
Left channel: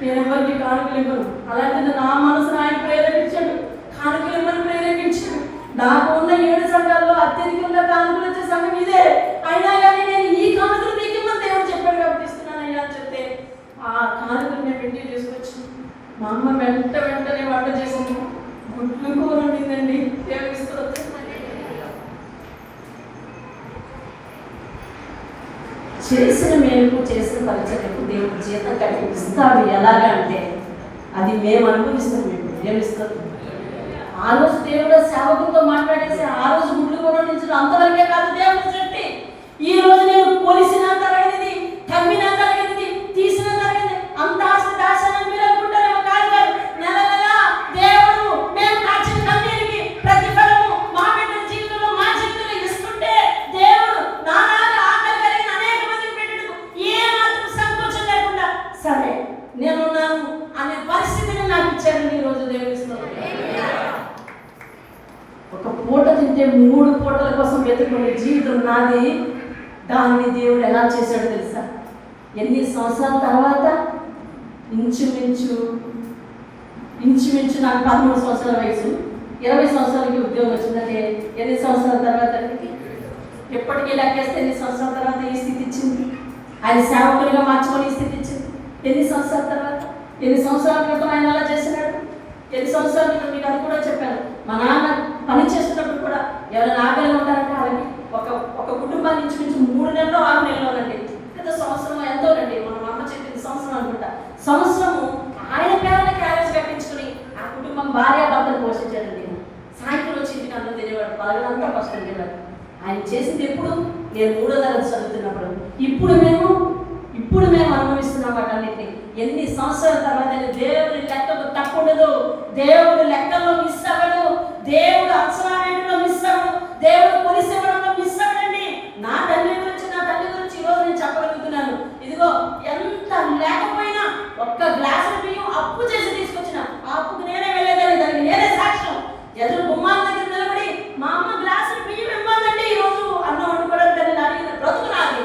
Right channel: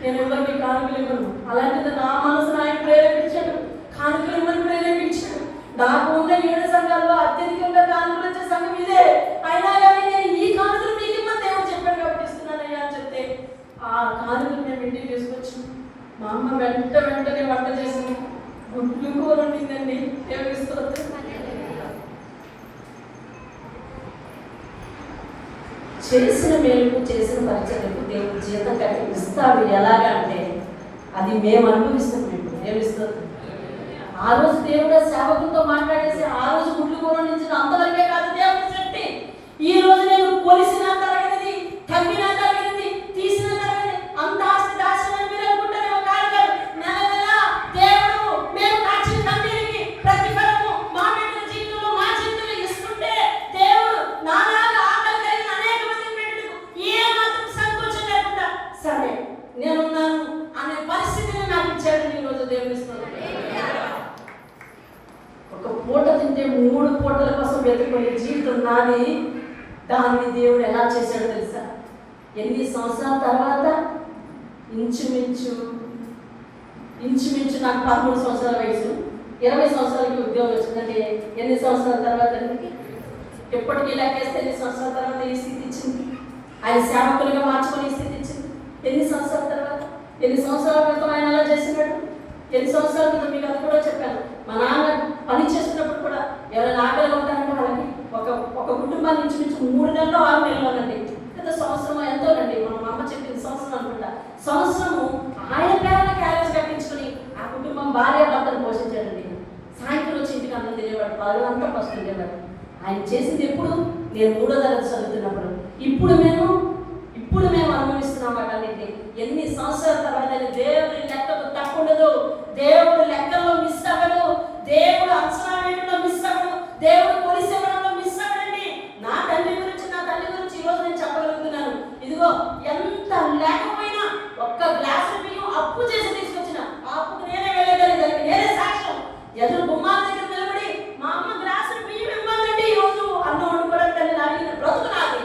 నేను ఎవరికి కానుకలు ఇవ్వను, అలాంటిది నా మనసును ఆయన ప్రేరేపించాడు, కానుకలు ఇవ్వని ప్రేరేపించాడు. నాకు ఉన్న 7 సంఘాల్లో అత్యధికంగా కానుకలు వచ్చే సంఘం ఇదే. అయినా కానీ నేను ఈ కానుకలు మీకు ఇవ్వని దేవుడు చెప్పాడు కాబట్టి ఇస్తున్నాను అయ్యా అని చెప్తే ఆ కానుకలు మేము ఇంటికి తీసుకొచ్చి మా అమ్మ వెంటనే వంట చేసింది. గుడ్లు కూర ఉండిందండి. దేవుడికి స్తోత్రం. చేసిన మేలుకు చేసిన పరిచర్యకు దేవుడు జీతం కలిగిస్తాడు. ఎలాగా అంటే అది మేము అనుభవిస్తామండి. దేవుడిస్తాం. ఆ రోజు దేవుడు సేవకులతో మాట్లాడేసి ఆ రోజు గుడ్లు కూర నుంచి అంతవరకే కాదు దేవుడు శక్తి. ఈ రోజు నేను కొలిసినా తరగనిది, కమ్మినా తరగనిది, తీసినా తరగనిది, అంత ఆస్తి దాసనని మీరు అనుకుంటారేమో. కాదు, నెల దేవుడు మేము కాచిన కమ్మీకి ప్రతిఫలము మా బిడ్డల జీవితంలో మా జీవితంలో ఇస్తుంటే దేవుడు నానాగా ఆకలి కలిగిన అనేక మందికి పెట్టడు. ఏ మాత్రం సంకోచం లేకుండా సరే నేనున్నాను అనే పరిస్థితిని నాకు ఇచ్చాడని ఈరోజు దేవుని స్తోత్రం. ఒక పూట తింటే 3 పూటల కోసం వెతుకునే జీవితం నాది. దాన్ని దేవుడు ఎలా చేశాడో తెలుసా? ఎన్ని సంవత్సరాల తర్వాత ఇంచుమించు నాకు 13 సంవత్సరాల వయసు, 20 సంవత్సరాలకి ఉద్యోగం వచ్చిందంటే ఎన్ని సంవత్సరాల తర్వాత? ఎప్పటికీ లెక్కేస్తే ఎన్ని సంవత్సరాల తర్వాత ఈ స్థితి ఇచ్చింది? ఆయన సేవకులుగా మార్చుకొని ఈ స్థితి ఇచ్చింది ఎన్ని సంవత్సరాల తర్వాత? ఎన్ని సంవత్సరాల క్రితం ఆయన అలా చేసినాడు? ఎన్ని సంవత్సరాల క్రితం మీకు అది కూడా చెప్పాను. మా నాన్న పని చేస్తున్నప్పుడు కూడా ఎవరైనా ఆకలిగా ఉంటారంటే వాళ్ళకి ఒక కుటుంబాన్ని ఇంచుమించు 3 నెలలు 6 నెలలోనండి, లేదా సంవత్సరం ఎంతోనండి, మన అమ్మ చెప్పింది సంవత్సరం అనుకుంటా, సంవత్సరము ఆయన పేరుని క్యారేజ్ కట్టించుకుని ఆ కుటుంబం భార్య భర్తను పోషించాడండి. సాయంత్రం వచ్చి ఇంటికి అన్నం తినేవాడు, పగలంతా కష్టం తినేవాడు. ఆయన చేసింది ఎప్పుడు? నేను 3వ తరగతి చదువుతున్నప్పుడు. ఇప్పుడు మేము అనుభవిస్తున్నాం వాటన్నిటిని. ఎన్ని సంవత్సరాల తర్వాత దేవుడి లెక్కకు తప్పుండదు. దేవుడు లెక్కల్లో మిస్ అవ్వడు. దేవుడు అంచనా వేయడంలో మిస్ అవ్వడు. దేవుడు కొలిసేవడంలో మిస్ అవ్వడండి. నా తల్లి గురించి ఈరోజు నేను చెప్పగలుగుతున్నాను. ఇదిగో ఎంత లేకపోయినా ఒక్క గ్లాసు బియ్యం అప్పు చేసి తీసుకొచ్చిన, ఆ అప్పుకు నేనే వెళ్ళేదాన్ని, దానికి నేనే సాక్ష్యం. ఎదురు గుమ్మాల దగ్గర నిలబడి మా అమ్మ గ్లాసు బియ్యం ఇవ్వాలంటే ఈరోజు అన్నం వండుకోవడానికి అడిగిన బ్రతుకునాలి.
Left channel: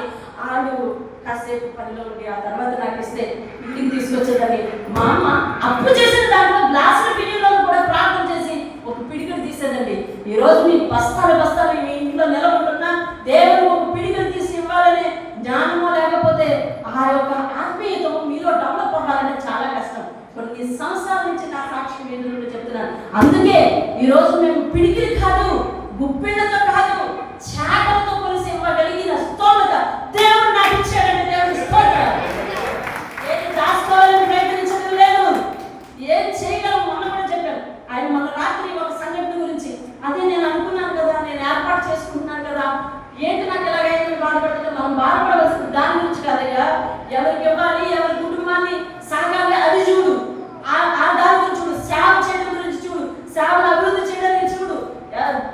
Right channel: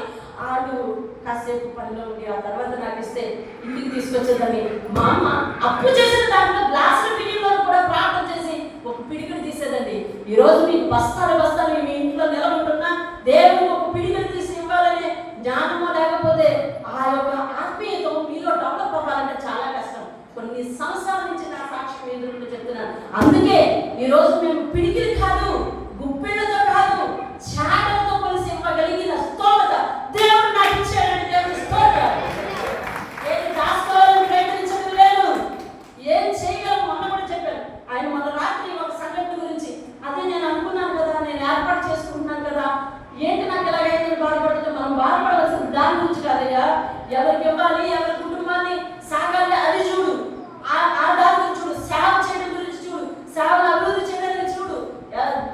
ఆడు కాసేపు పనిలో ఉండి ఆ తర్వాత నాకు ఇస్తే ఇంటికి తీసుకొచ్చేదని మా అమ్మ అప్పు చేసిన దాంట్లో గ్లాసుల బియ్యంలో కూడా ప్రార్థన చేసి ఒక పిడికలు తీసేదండి. ఈరోజు మీకు బస్తాలు మీ ఇంట్లో నిలబడుతున్నా దేవుడు ఒక పిడికలు తీసి ఇవ్వాలనే జ్ఞానమో లేకపోతే ఆ యొక్క ఆత్మీయత మీలో డెవలప్ అవ్వాలంటే చాలా కష్టం. కొన్ని సంవత్సరాల నుంచి నా సాక్ష్యం ఎదురు చెప్తున్నాను. అందుకే ఈరోజు మేము పిడికిలు కాదు, గుప్పిళ్ళతో కాదు, చాటలతో కలిసి ఇవ్వగలిగిన స్తోమత దేవుడు నాకు ఇచ్చాడని దేవుని స్తోత్రం. ఏం దాచుకోవాలని ప్రయత్నించడం లేదు, ఏం చేయగలం. మొన్న కూడా చెప్పాను. ఆయన మన రాత్రి ఒక సంఘటన గురించి, అదే నేను అనుకున్నాను కదా, నేను ఏర్పాటు చేసుకుంటున్నాను కదా, ఏంటి నాకు ఎలాగైతే బాధపడుతుంటే మనం బాధపడవలసిన దాని గురించి కాదయ్యా. ఎవరికి ఇవ్వాలి, ఎవరి కుటుంబాన్ని సాగాలి అది చూడు, ఆ దాని గురించి చూడు, సేవ చేయడం గురించి చూడు, సేవను అభివృద్ధి చేయడానికి చూడు,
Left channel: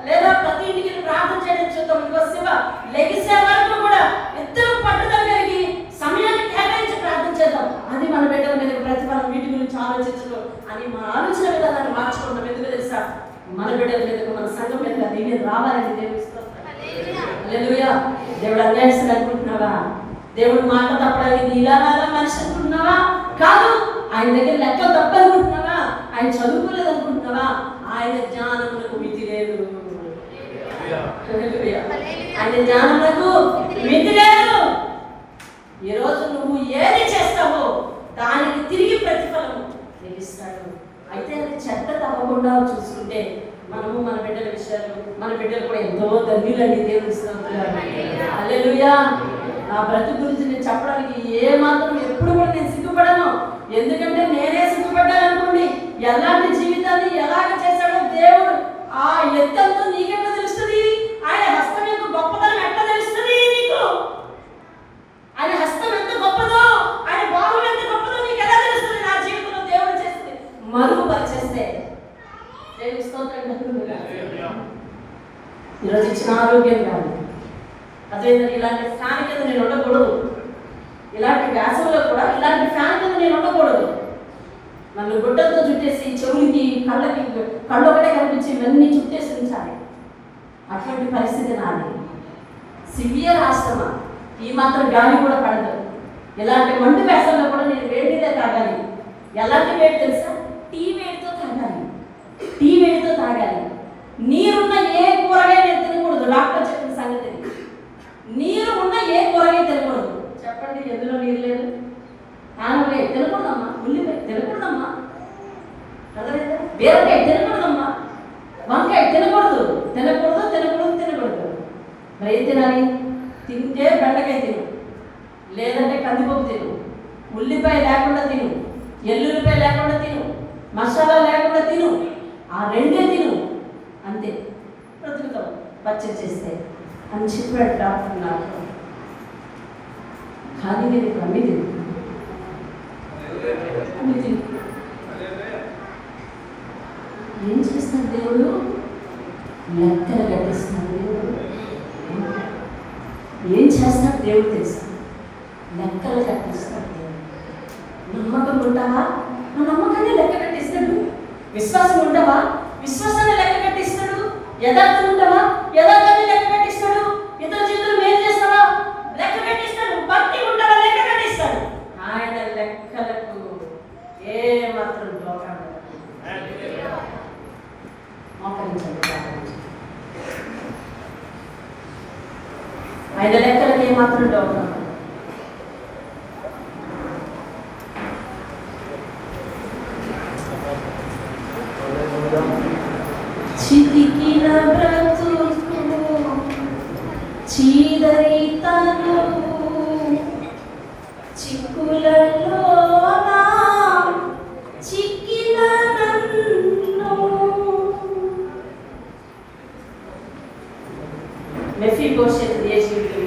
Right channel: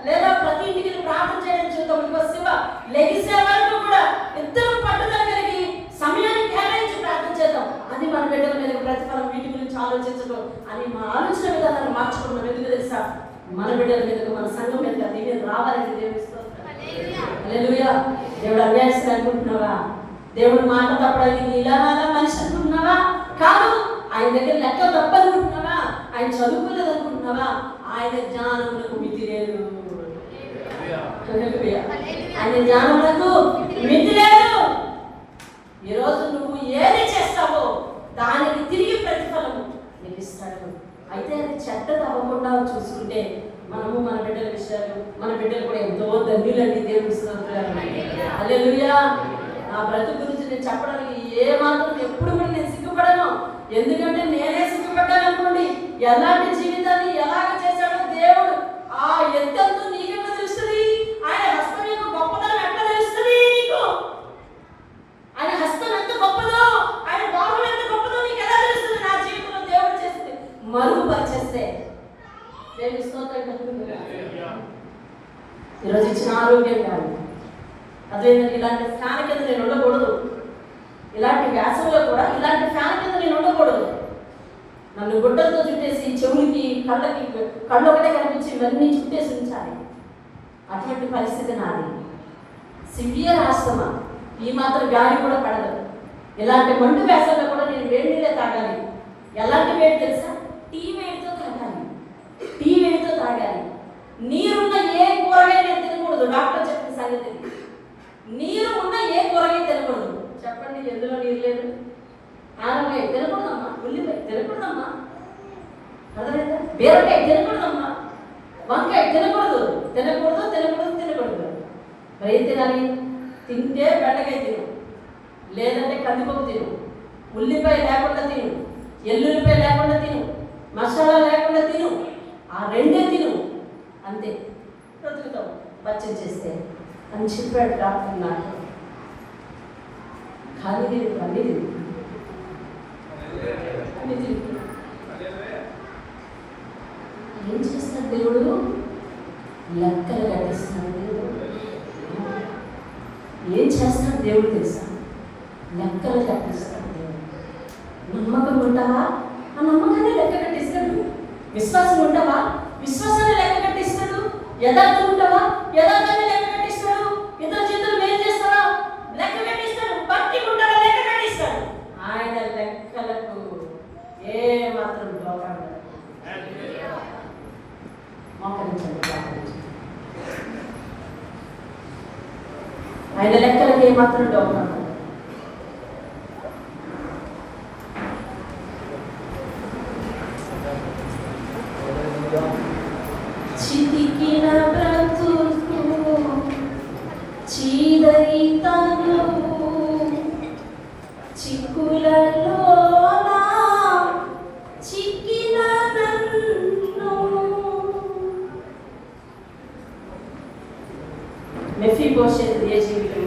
లేదా ప్రతి ఇంటికి ప్రార్థన చేయడానికి చూద్దాం. ఇంకో శివ లెగిసే వరకు కూడా ఇద్దరు పట్టుదల కలిగి సమయాన్ని కేటాయించి ప్రార్థన చేద్దాం. అది మన బిడ్డల మీద ప్రతిఫలం, వీటి గురించి ఆలోచించడం అని మన ఆలోచన విధానాన్ని మార్చుకుంటాం. ఎందుకు తెలుసా? మన బిడ్డల మీద, మన సంఘం మీద దీన్ని రావాలని దేవుడు ఇస్తాం. హల్లెలూయా. దేవుడు అన్యాయస్తులు అనుకుంటున్నావా? దేవుడు మాట తప్పడానికి ఇలా మనిషి అనుకుంటున్నావా? కాదు. ఆయన దగ్గర లెక్కలు తప్పనుకుంటున్నావా? ఆయన చదువుకోలేదు అనుకుంటున్నావా? ఆయన జ్ఞానములకు మితి లేదు. ఆయన జ్ఞానములకు మితి లేదు. ఈరోజు నువ్వు ఏది చేస్తావో దానికి తిరిగి ప్రతిఫలం ఇస్తాడు. అయితే అది చెడ్డ తప్పకుండా చూసుకుంటే మనము మన బిడ్డల విషయాలు, మన బిడ్డలు కూడా ఎంతో ధన్యులని దేవుని స్తోత్రం. హల్లెలూయా. నా బ్రతుకు గురించి నేను చెప్పడానికి ఏ మాత్రం ఎప్పుడు కూడా నేను సిగ్గుపడను. ఎందుకంటే నేనే సిగ్గుపడ్డాననుకోండి, ఎలాంటి జీవితాన్ని ఎలాగ చేశాడో దేవుడు ఆ ఎత్తంతో నీకెట్లా తెలుస్తుంది? ఆయన హస్తం యొక్క గొప్పదనం ఎట్లా తెలుస్తుంది నీకు? ఆయన హస్తం ఎంత గొప్పదో, ఆయన భావం ఎంత గొప్పదో నీకు ఎలా తెలుస్తుంది? నా జీవితంలో దేవుడు చేస్తే మరుగుపరిచేస్తే దేవుని స్తోత్రం. ఈరోజు ఇచ్చిన ఆరోగ్యం కాదు, అదేంటంటే ఇలాంటి ఫ్యాన్ కింద నేను ఉండకూడదు, ఇలాంటి వ్యాసంలో కూడా ఇలాంటి ఫ్యాన్ కింద నేను ఉండకూడదు. నన్ను గుడ్డలతో చుట్టేసి చెవులకి కళ్ళు ఒకటే కనిపించి ఇవన్నీ చుట్టేసి ఉంచాలి. అటువంటి పరిస్థితి నాది. సివియర్ ఆశ్రమ, ఈ మాత్రం గాలి కూడా పడదు. ఇలాంటి మండు వ్యాసంలో కూడా నేను వేడి నీళ్ళే తాగాలి. ఎలాంటి వేడి తెలుసా? టీ వేడితో తాగాలి. నీరున్న ఏ కూరగాయ నేను తినకూడదు. డాక్టర్ చెప్పిన సంగతి. నీరు ఉన్న ఏ కూరగాయ తినకూడదు. చెప్పండి, ఎందులో నీరు లేదు? ఆనపకాయ తినకూడదమ్మా, ఉల్లిపాయ తినకూడదమ్మా, అదలేదా? బీరకాయ తినకూడదమ్మా, వంకాయ తినకూడదు. మరి ఏం తినాలి? తింటే బెండకాయ తిను, లేదంటే కందిపప్పు తిను, ఉల్లిపాయ లేకుండా తిను, ఎల్లుల్లిపాయ లేకుండా తిను, మసాలా లేకుండా తిను, ఆ రెండే తిను, అంతే బ్రతుకుతాం. పచ్చడి చేస్తే అని చెప్పాడు డాక్టర్ నాకు. కానీ నేను ఇప్పుడు అన్నీ తింటున్నాను. ఏం చేస్తున్నాడు దేవుడు? లెక్కలు కట్టిస్తున్నాడు. ఏం చేస్తాడు దేవుడు తెలుసు? లెక్కలు కట్టిస్తాడు దేవుడు. నమ్మకం ఉంటావా? ఆ నమ్మకాన్ని లెక్క కట్టిస్తాడు. విశ్వాసం ఉంటావా? విశ్వాసాన్ని లెక్క కట్టిస్తాడు. యథార్థం ఉంటావా? యథార్థాన్ని లెక్క కట్టిస్తాడు. ఇతర జీవితం ఏం చేస్తావా? లెక్క కట్టిస్తాడు. భక్తి ఉంటాడా? లెక్క కట్టిస్తాడు. ఆయన లెక్కలకు ఏ మాత్రం లోపం ఆయన లెక్కలకు ఏ మాత్రం లోపం. చితికిన బ్రతుకు చీదరితను చిక్కులలో చిక్కిన నన్ను. మెఫీబోషెత్ ఏ జీవితం?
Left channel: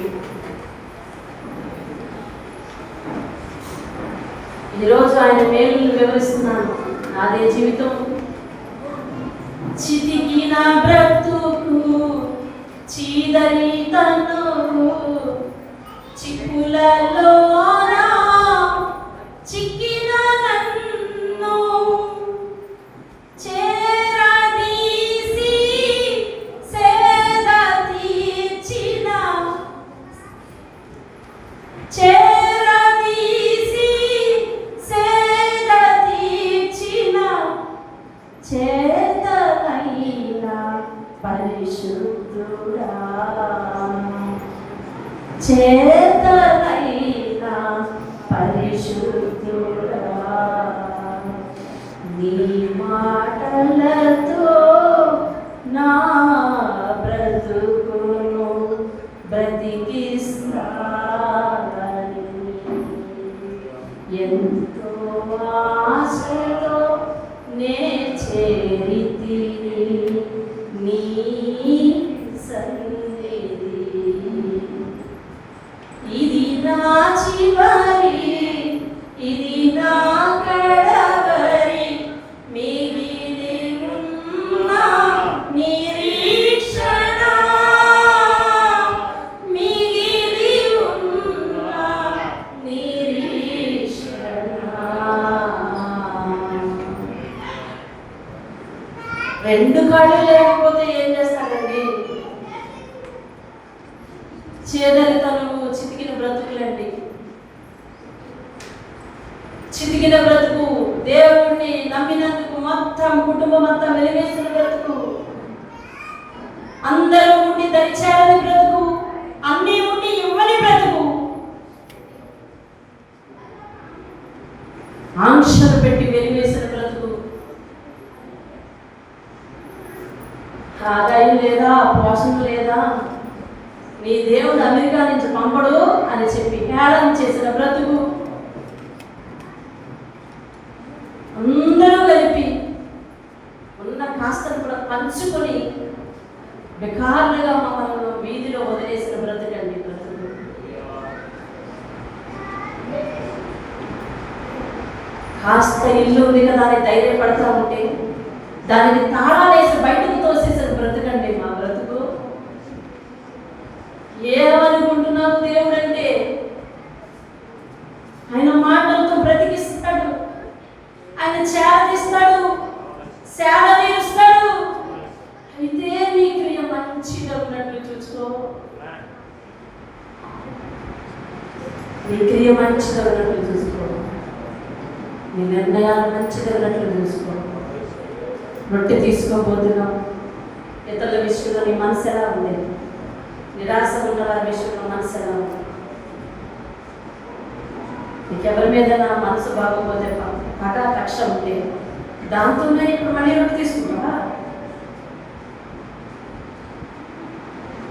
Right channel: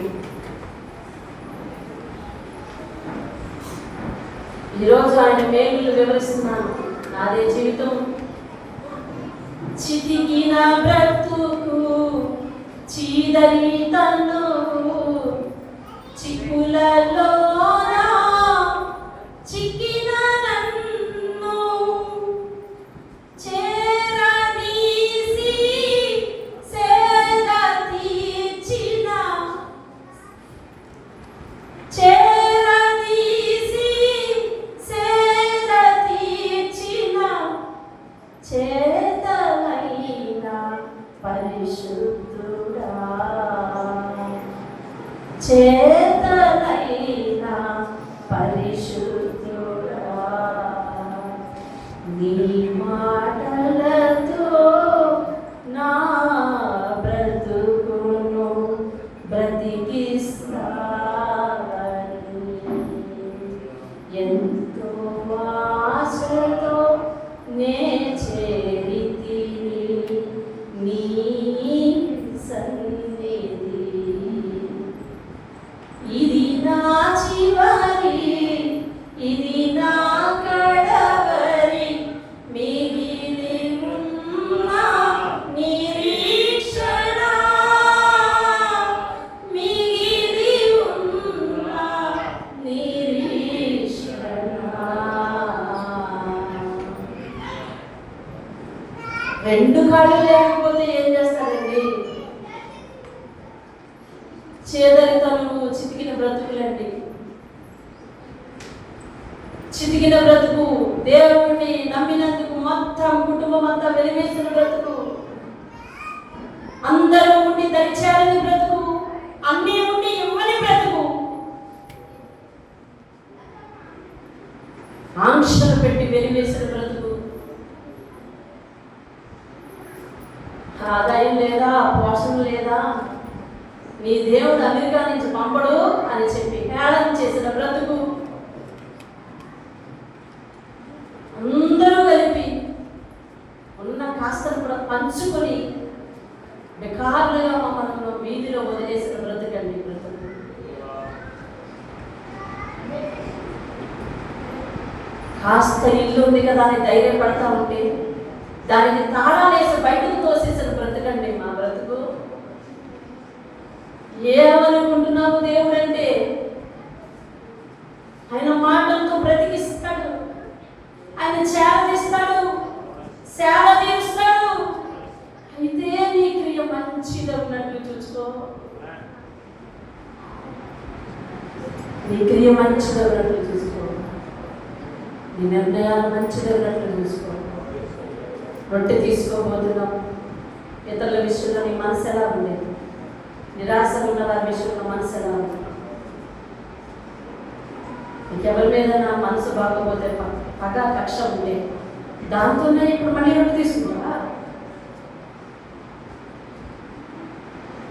ఈరోజు ఆయన మేలును వివరిస్తున్నాను. నాదే జీవితం. చితికిన బ్రతుకు చీదరితను చిక్కులలో చిక్కిన నన్ను చేరదీసి సేద తీర్చిన చేరదీసి సేద తీర్చిన చేతనైనా పరిశుద్ధుడా చేతనైనా పరిశుద్ధుడా నీ మాటలతో నా బ్రతుకును బ్రతికిస్తానని ఎంతో ఆశతో నే చేరితిని నీ సన్నిధి. ఇది నా చివరి, ఇది నా కడవరి మిగిలి ఉన్న నిరీక్షణ, మిగిలి ఉన్న నిరీక్షణ. రెండు కాళ్ళు లేకపోతే ఏం చేస్తారండి? చేదరితనము, చితికిన బ్రతుకులండి. చితికిన బ్రతుకు, దేవుణ్ణి నమ్మినందుకు మొత్తం కుటుంబం అంతా వెలివేసిన బ్రతుకు, అందరూ ఉండి దరిచేరని బ్రతుకు, అన్ని ఉండి ఇవ్వని బ్రతుకు, ఆంక్షలు పెట్టి వెలివేసిన బ్రతుకు, ఆదాయం లేదా, పోషణ లేదా, నీ దేవుడు అమెరికా నుంచి పంపడు అని చెప్పి హేళన చేసిన బ్రతుకు, అందరూ కలిపి ఉన్న కాస్తను కూడా పంచుకొని బెకార్లుగా మమ్మల్ని వీధిలో వదిలేసిన బ్రతుకండి బ్రతుకు. కాస్త ఇల్లు ఉంది కదా అని ధైర్యం పడతా ఉంటే దానికి తాళాలేసి బయటకు తోసేసిన బ్రతుకండి మా బ్రతుకు. ఏమనుకుంటున్నావు దేవుడు అంటే? ఆయన మాటలతో బ్రతికిస్తాడు, ఆయన చేరదీస్తాడు, సేవ తీరుస్తాడు. అయితే నీ క్రియ మంచిగా ఉన్నట్లు చూసుకో, నీ క్రియ మంచిగా ఉన్నట్లు చూసుకో, నీ నిర్ణయాలు మంచిగా ఉన్నట్లు చూసుకో. రొట్టె తీసుకోబోతున్నావు, ఇతరుల విషయంలో నీ మనసు ఎలా ఉండేది? నిరాశ ఉన్న వారి విషయంలో మనసు ఎలా ఉంది? నీకెవరి మీద నా మనసు బాగోపోతే పగ కక్ష ఉంటే దాంతోనే ఇప్పుడు మళ్ళీ రొట్టె తీసుకుంటావా?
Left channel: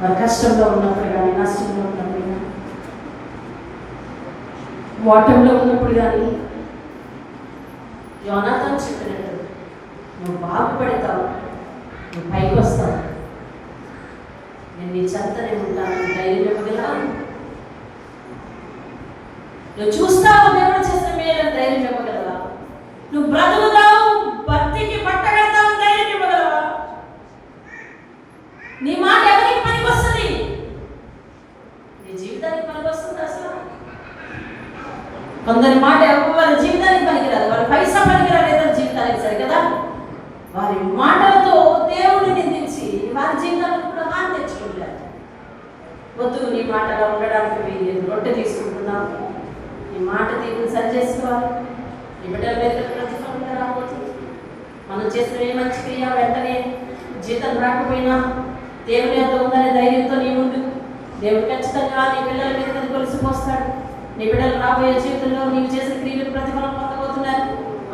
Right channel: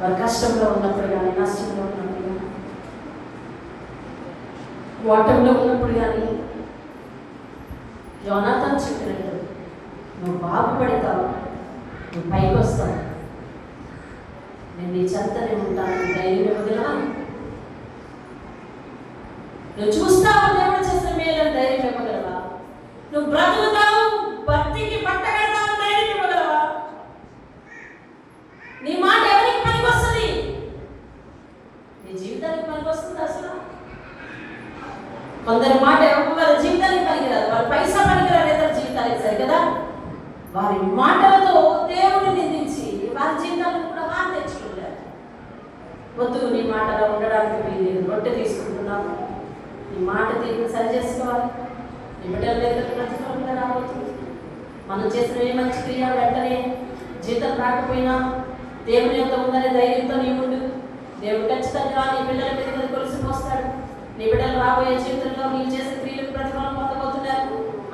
వారి కష్టంలో ఉన్నప్పుడు కానీ, నష్టంలో ఉన్నప్పుడు కానీ, ఓటంలో ఉన్నప్పుడు కానీ యోనాతాను చెప్పినట్టు నువ్వు బాగుపడతావు, నువ్వు పైకి వస్తావు, నేను నీ చెత్తనే ఉంటాను ధైర్యం ఇవ్వగలరా? నువ్వు చూస్తావు దేవుడు చేసిన మేలని ధైర్యం ఇవ్వగలరా? నువ్వు బ్రతుకుతావు, భక్తికి పట్టగడతావు ధైర్యం ఇవ్వగలరా? నీ మాట ఎవరికి పనికి వస్తుంది? నీ జీవితానికి పనికి వస్తుంది అసలు? కొందరి మాట ఎవరి జీవితానికి రొట్టె తీసుకుంటున్నాం. ఈ మాట తీరుని సరి చేసుకోవాలి. ఈ బిడ్డల దగ్గర ప్రతిఫలం రాబోతుంది. మనం చేసిన ఏ మంచి క్రియ వెంటనే జీతం రాకపోయినా దేవుని యొక్క ఉందనే ధైర్యంతో నీ ముందు దేవుడు ఖచ్చితంగా నీ పిల్లల మీద కొలిసిపోస్తాడు. నీ బిడ్డలు రాబోయే జీవితంలో నీవు చేసిన క్రియలకు ప్రతిఫలం పొందబోతున్నారు.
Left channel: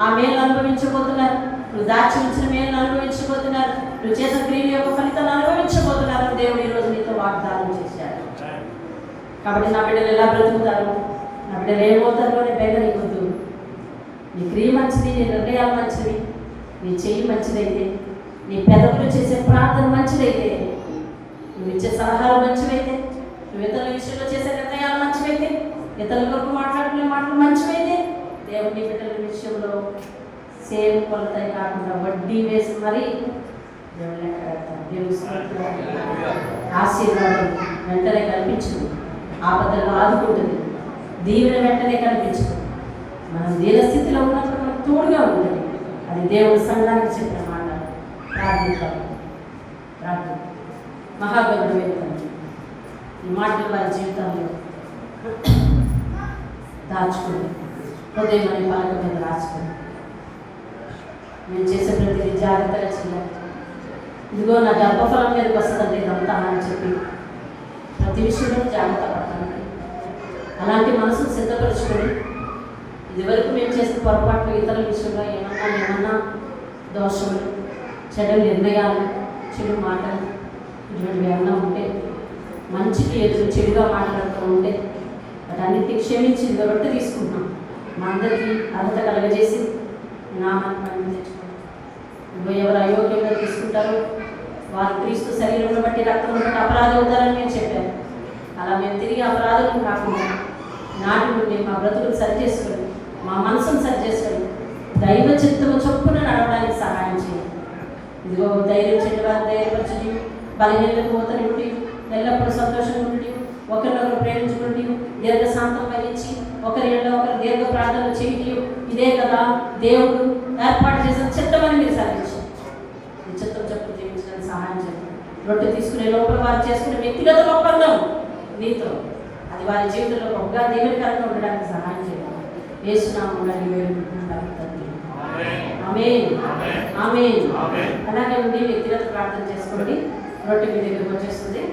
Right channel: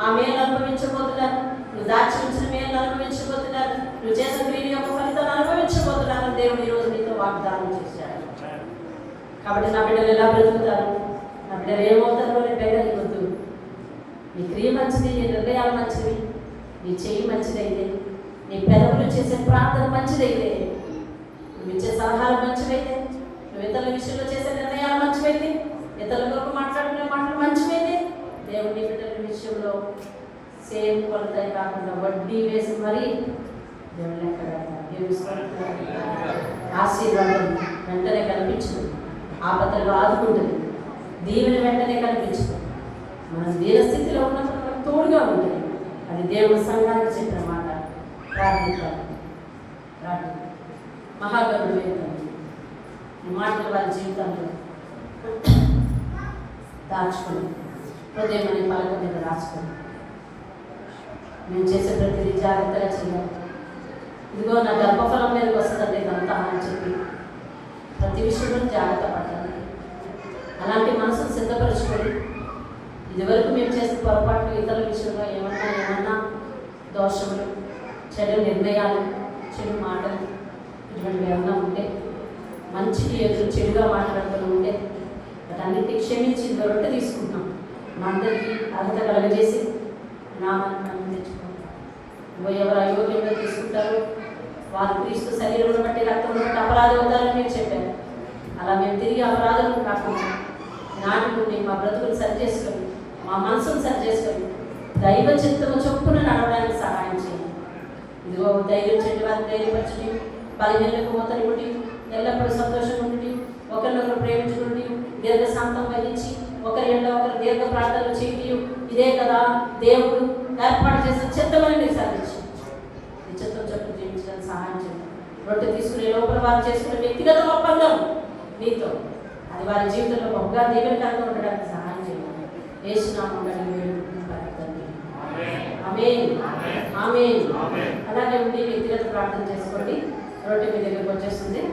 ఆ మేలు అనుభవించబోతున్నారు. నువ్వు దాచి ఉంచిన మేలు అనుభవించబోతున్నారు. నువ్వు చేసిన క్రియ యొక్క ఫలితాన్ని అనుభవించబోతున్నారు. దేవుడు ఈరోజు నీతో వాగ్దానం చేశాడు. కాబట్టి నా బిడ్డలు ఎలా బ్రతుకుతారు, నా బిడ్డలు ఏమవుతారు అనే బెంగ నీకొద్దు. నీ క్రియ మంచిది, నీ నిర్ణయాలు మంచిది, నీ చెయ్యి మంచిదైతే, నీ పెదవులు చేసే ప్రార్థన మంచిదైతే, నువ్వు ఇచ్చే సలహాలు మంచివైతే, నువ్వు ఇతరుల విషయంలో చేసే నిర్ణయాలు మంచివైతే, ఇతరుల కొరకు మాట్లాడుకునే మాటలు మంచివైతే, దేవుని బిడ్డల విషయంలో సేమ్ కొలతై కాకుండా వడ్డీ వేసి మరీ దేవుని ఆశీర్వాదం వెంటనే కనిపించు. ఆపదల్లో ఆదుకుంటుంది. దీవెన వెంటనే కనిపించు. మనం దీన స్థితిలో ఉన్నప్పుడు మనకు తోడుగా ఉంటుంది. అది దేవుని సంఘానికి చెప్పిన మాట. ప్రార్థిస్తాం. మహాగరుడు వేస్తాం. ఈ మాటలు వారి జీవితంలో దాచుకొని హృదయం అనే పలక మీద రాసుకొని నేను చేసే ప్రతి జాగ్రత్తగా చేయాలి. ఇదిగో నా గర్భఫలం మీదకి వస్తుంది ఇదంతా అని చెప్పి ప్రతి విషయంలో జాగ్రత్త పడతాను. అలాంటి మనసును సిద్ధపరచుకొని ఇదివరకు మేము చేసిన పొరపాట్లు ఇతరుల విషయంలో ఏమన్నా దోషములు, చెడు నిర్ణయాలు, చెడు మాటలు ఇటువంటివి ఏమన్నా ఉంటే, మంచికి ఎదురు చెడుగా మాట్లాడుతూ ఉంటే వాటన్నిటిని క్షమించి రొట్టె తీసుకుంటున్నాం. మా అందరికీ అర్హత కలగజేసి నామాన్ని మనం తెచ్చుకుంటాం. ఎవరు అయోగ్యంగా తీసుకుంటారో వారు క్రీస్తు శరీరంలో బట్టి రక్తంలో బట్టి అపరాధం అవుతారని మీరు చెప్పారు. అలా మేము తిరిగి అపరాధం కాకుండా నాటి నుండి మా బ్రతుకులు సరిచేసుకొని, మా మనసును సరిచేసుకొని దైవ చిత్తము చొప్పున నడవడానికి సహాయం చేయండి. ఇదిగో ధైర్యం చెట్టు వారిని ధైర్యపరచండి. బలహీనలకు పోతనివ్వండి. ఎల్లప్పుడూ సంతోషంగా ఉండి ఒకరినొకరు ప్రేమించుకుండి దీర్ఘశాంతం వహించి ఒకరి ఏళ్ళ ఒకరు దీర్ఘ ప్రార్థనలు చేయండి. ఇదే కదా దేవుడు ఏర్పాటు చేసిన చిత్తమని మీరు సాధించారు. ఈ చిత్తం చెప్పు జీవించడానికి సహాయం చేయండి. రొట్టె తీసుకునే లోపల వారు చేసుకునే వ్యక్తిగత ఒప్పందం నీతో, అది వారి జీవితంలో గొప్పగా దీవెనకరంగా ఉండడానికి సహాయం చేయండి. యేసునామములో వేడుకుంటున్నాను తండ్రి. ఆమేన్. ఆమేన్. అలాగే ఉండి వ్యక్తిగత ప్రార్థన చేసుకోండి. రొట్టె మీ దగ్గరకు వచ్చేస్తుంది.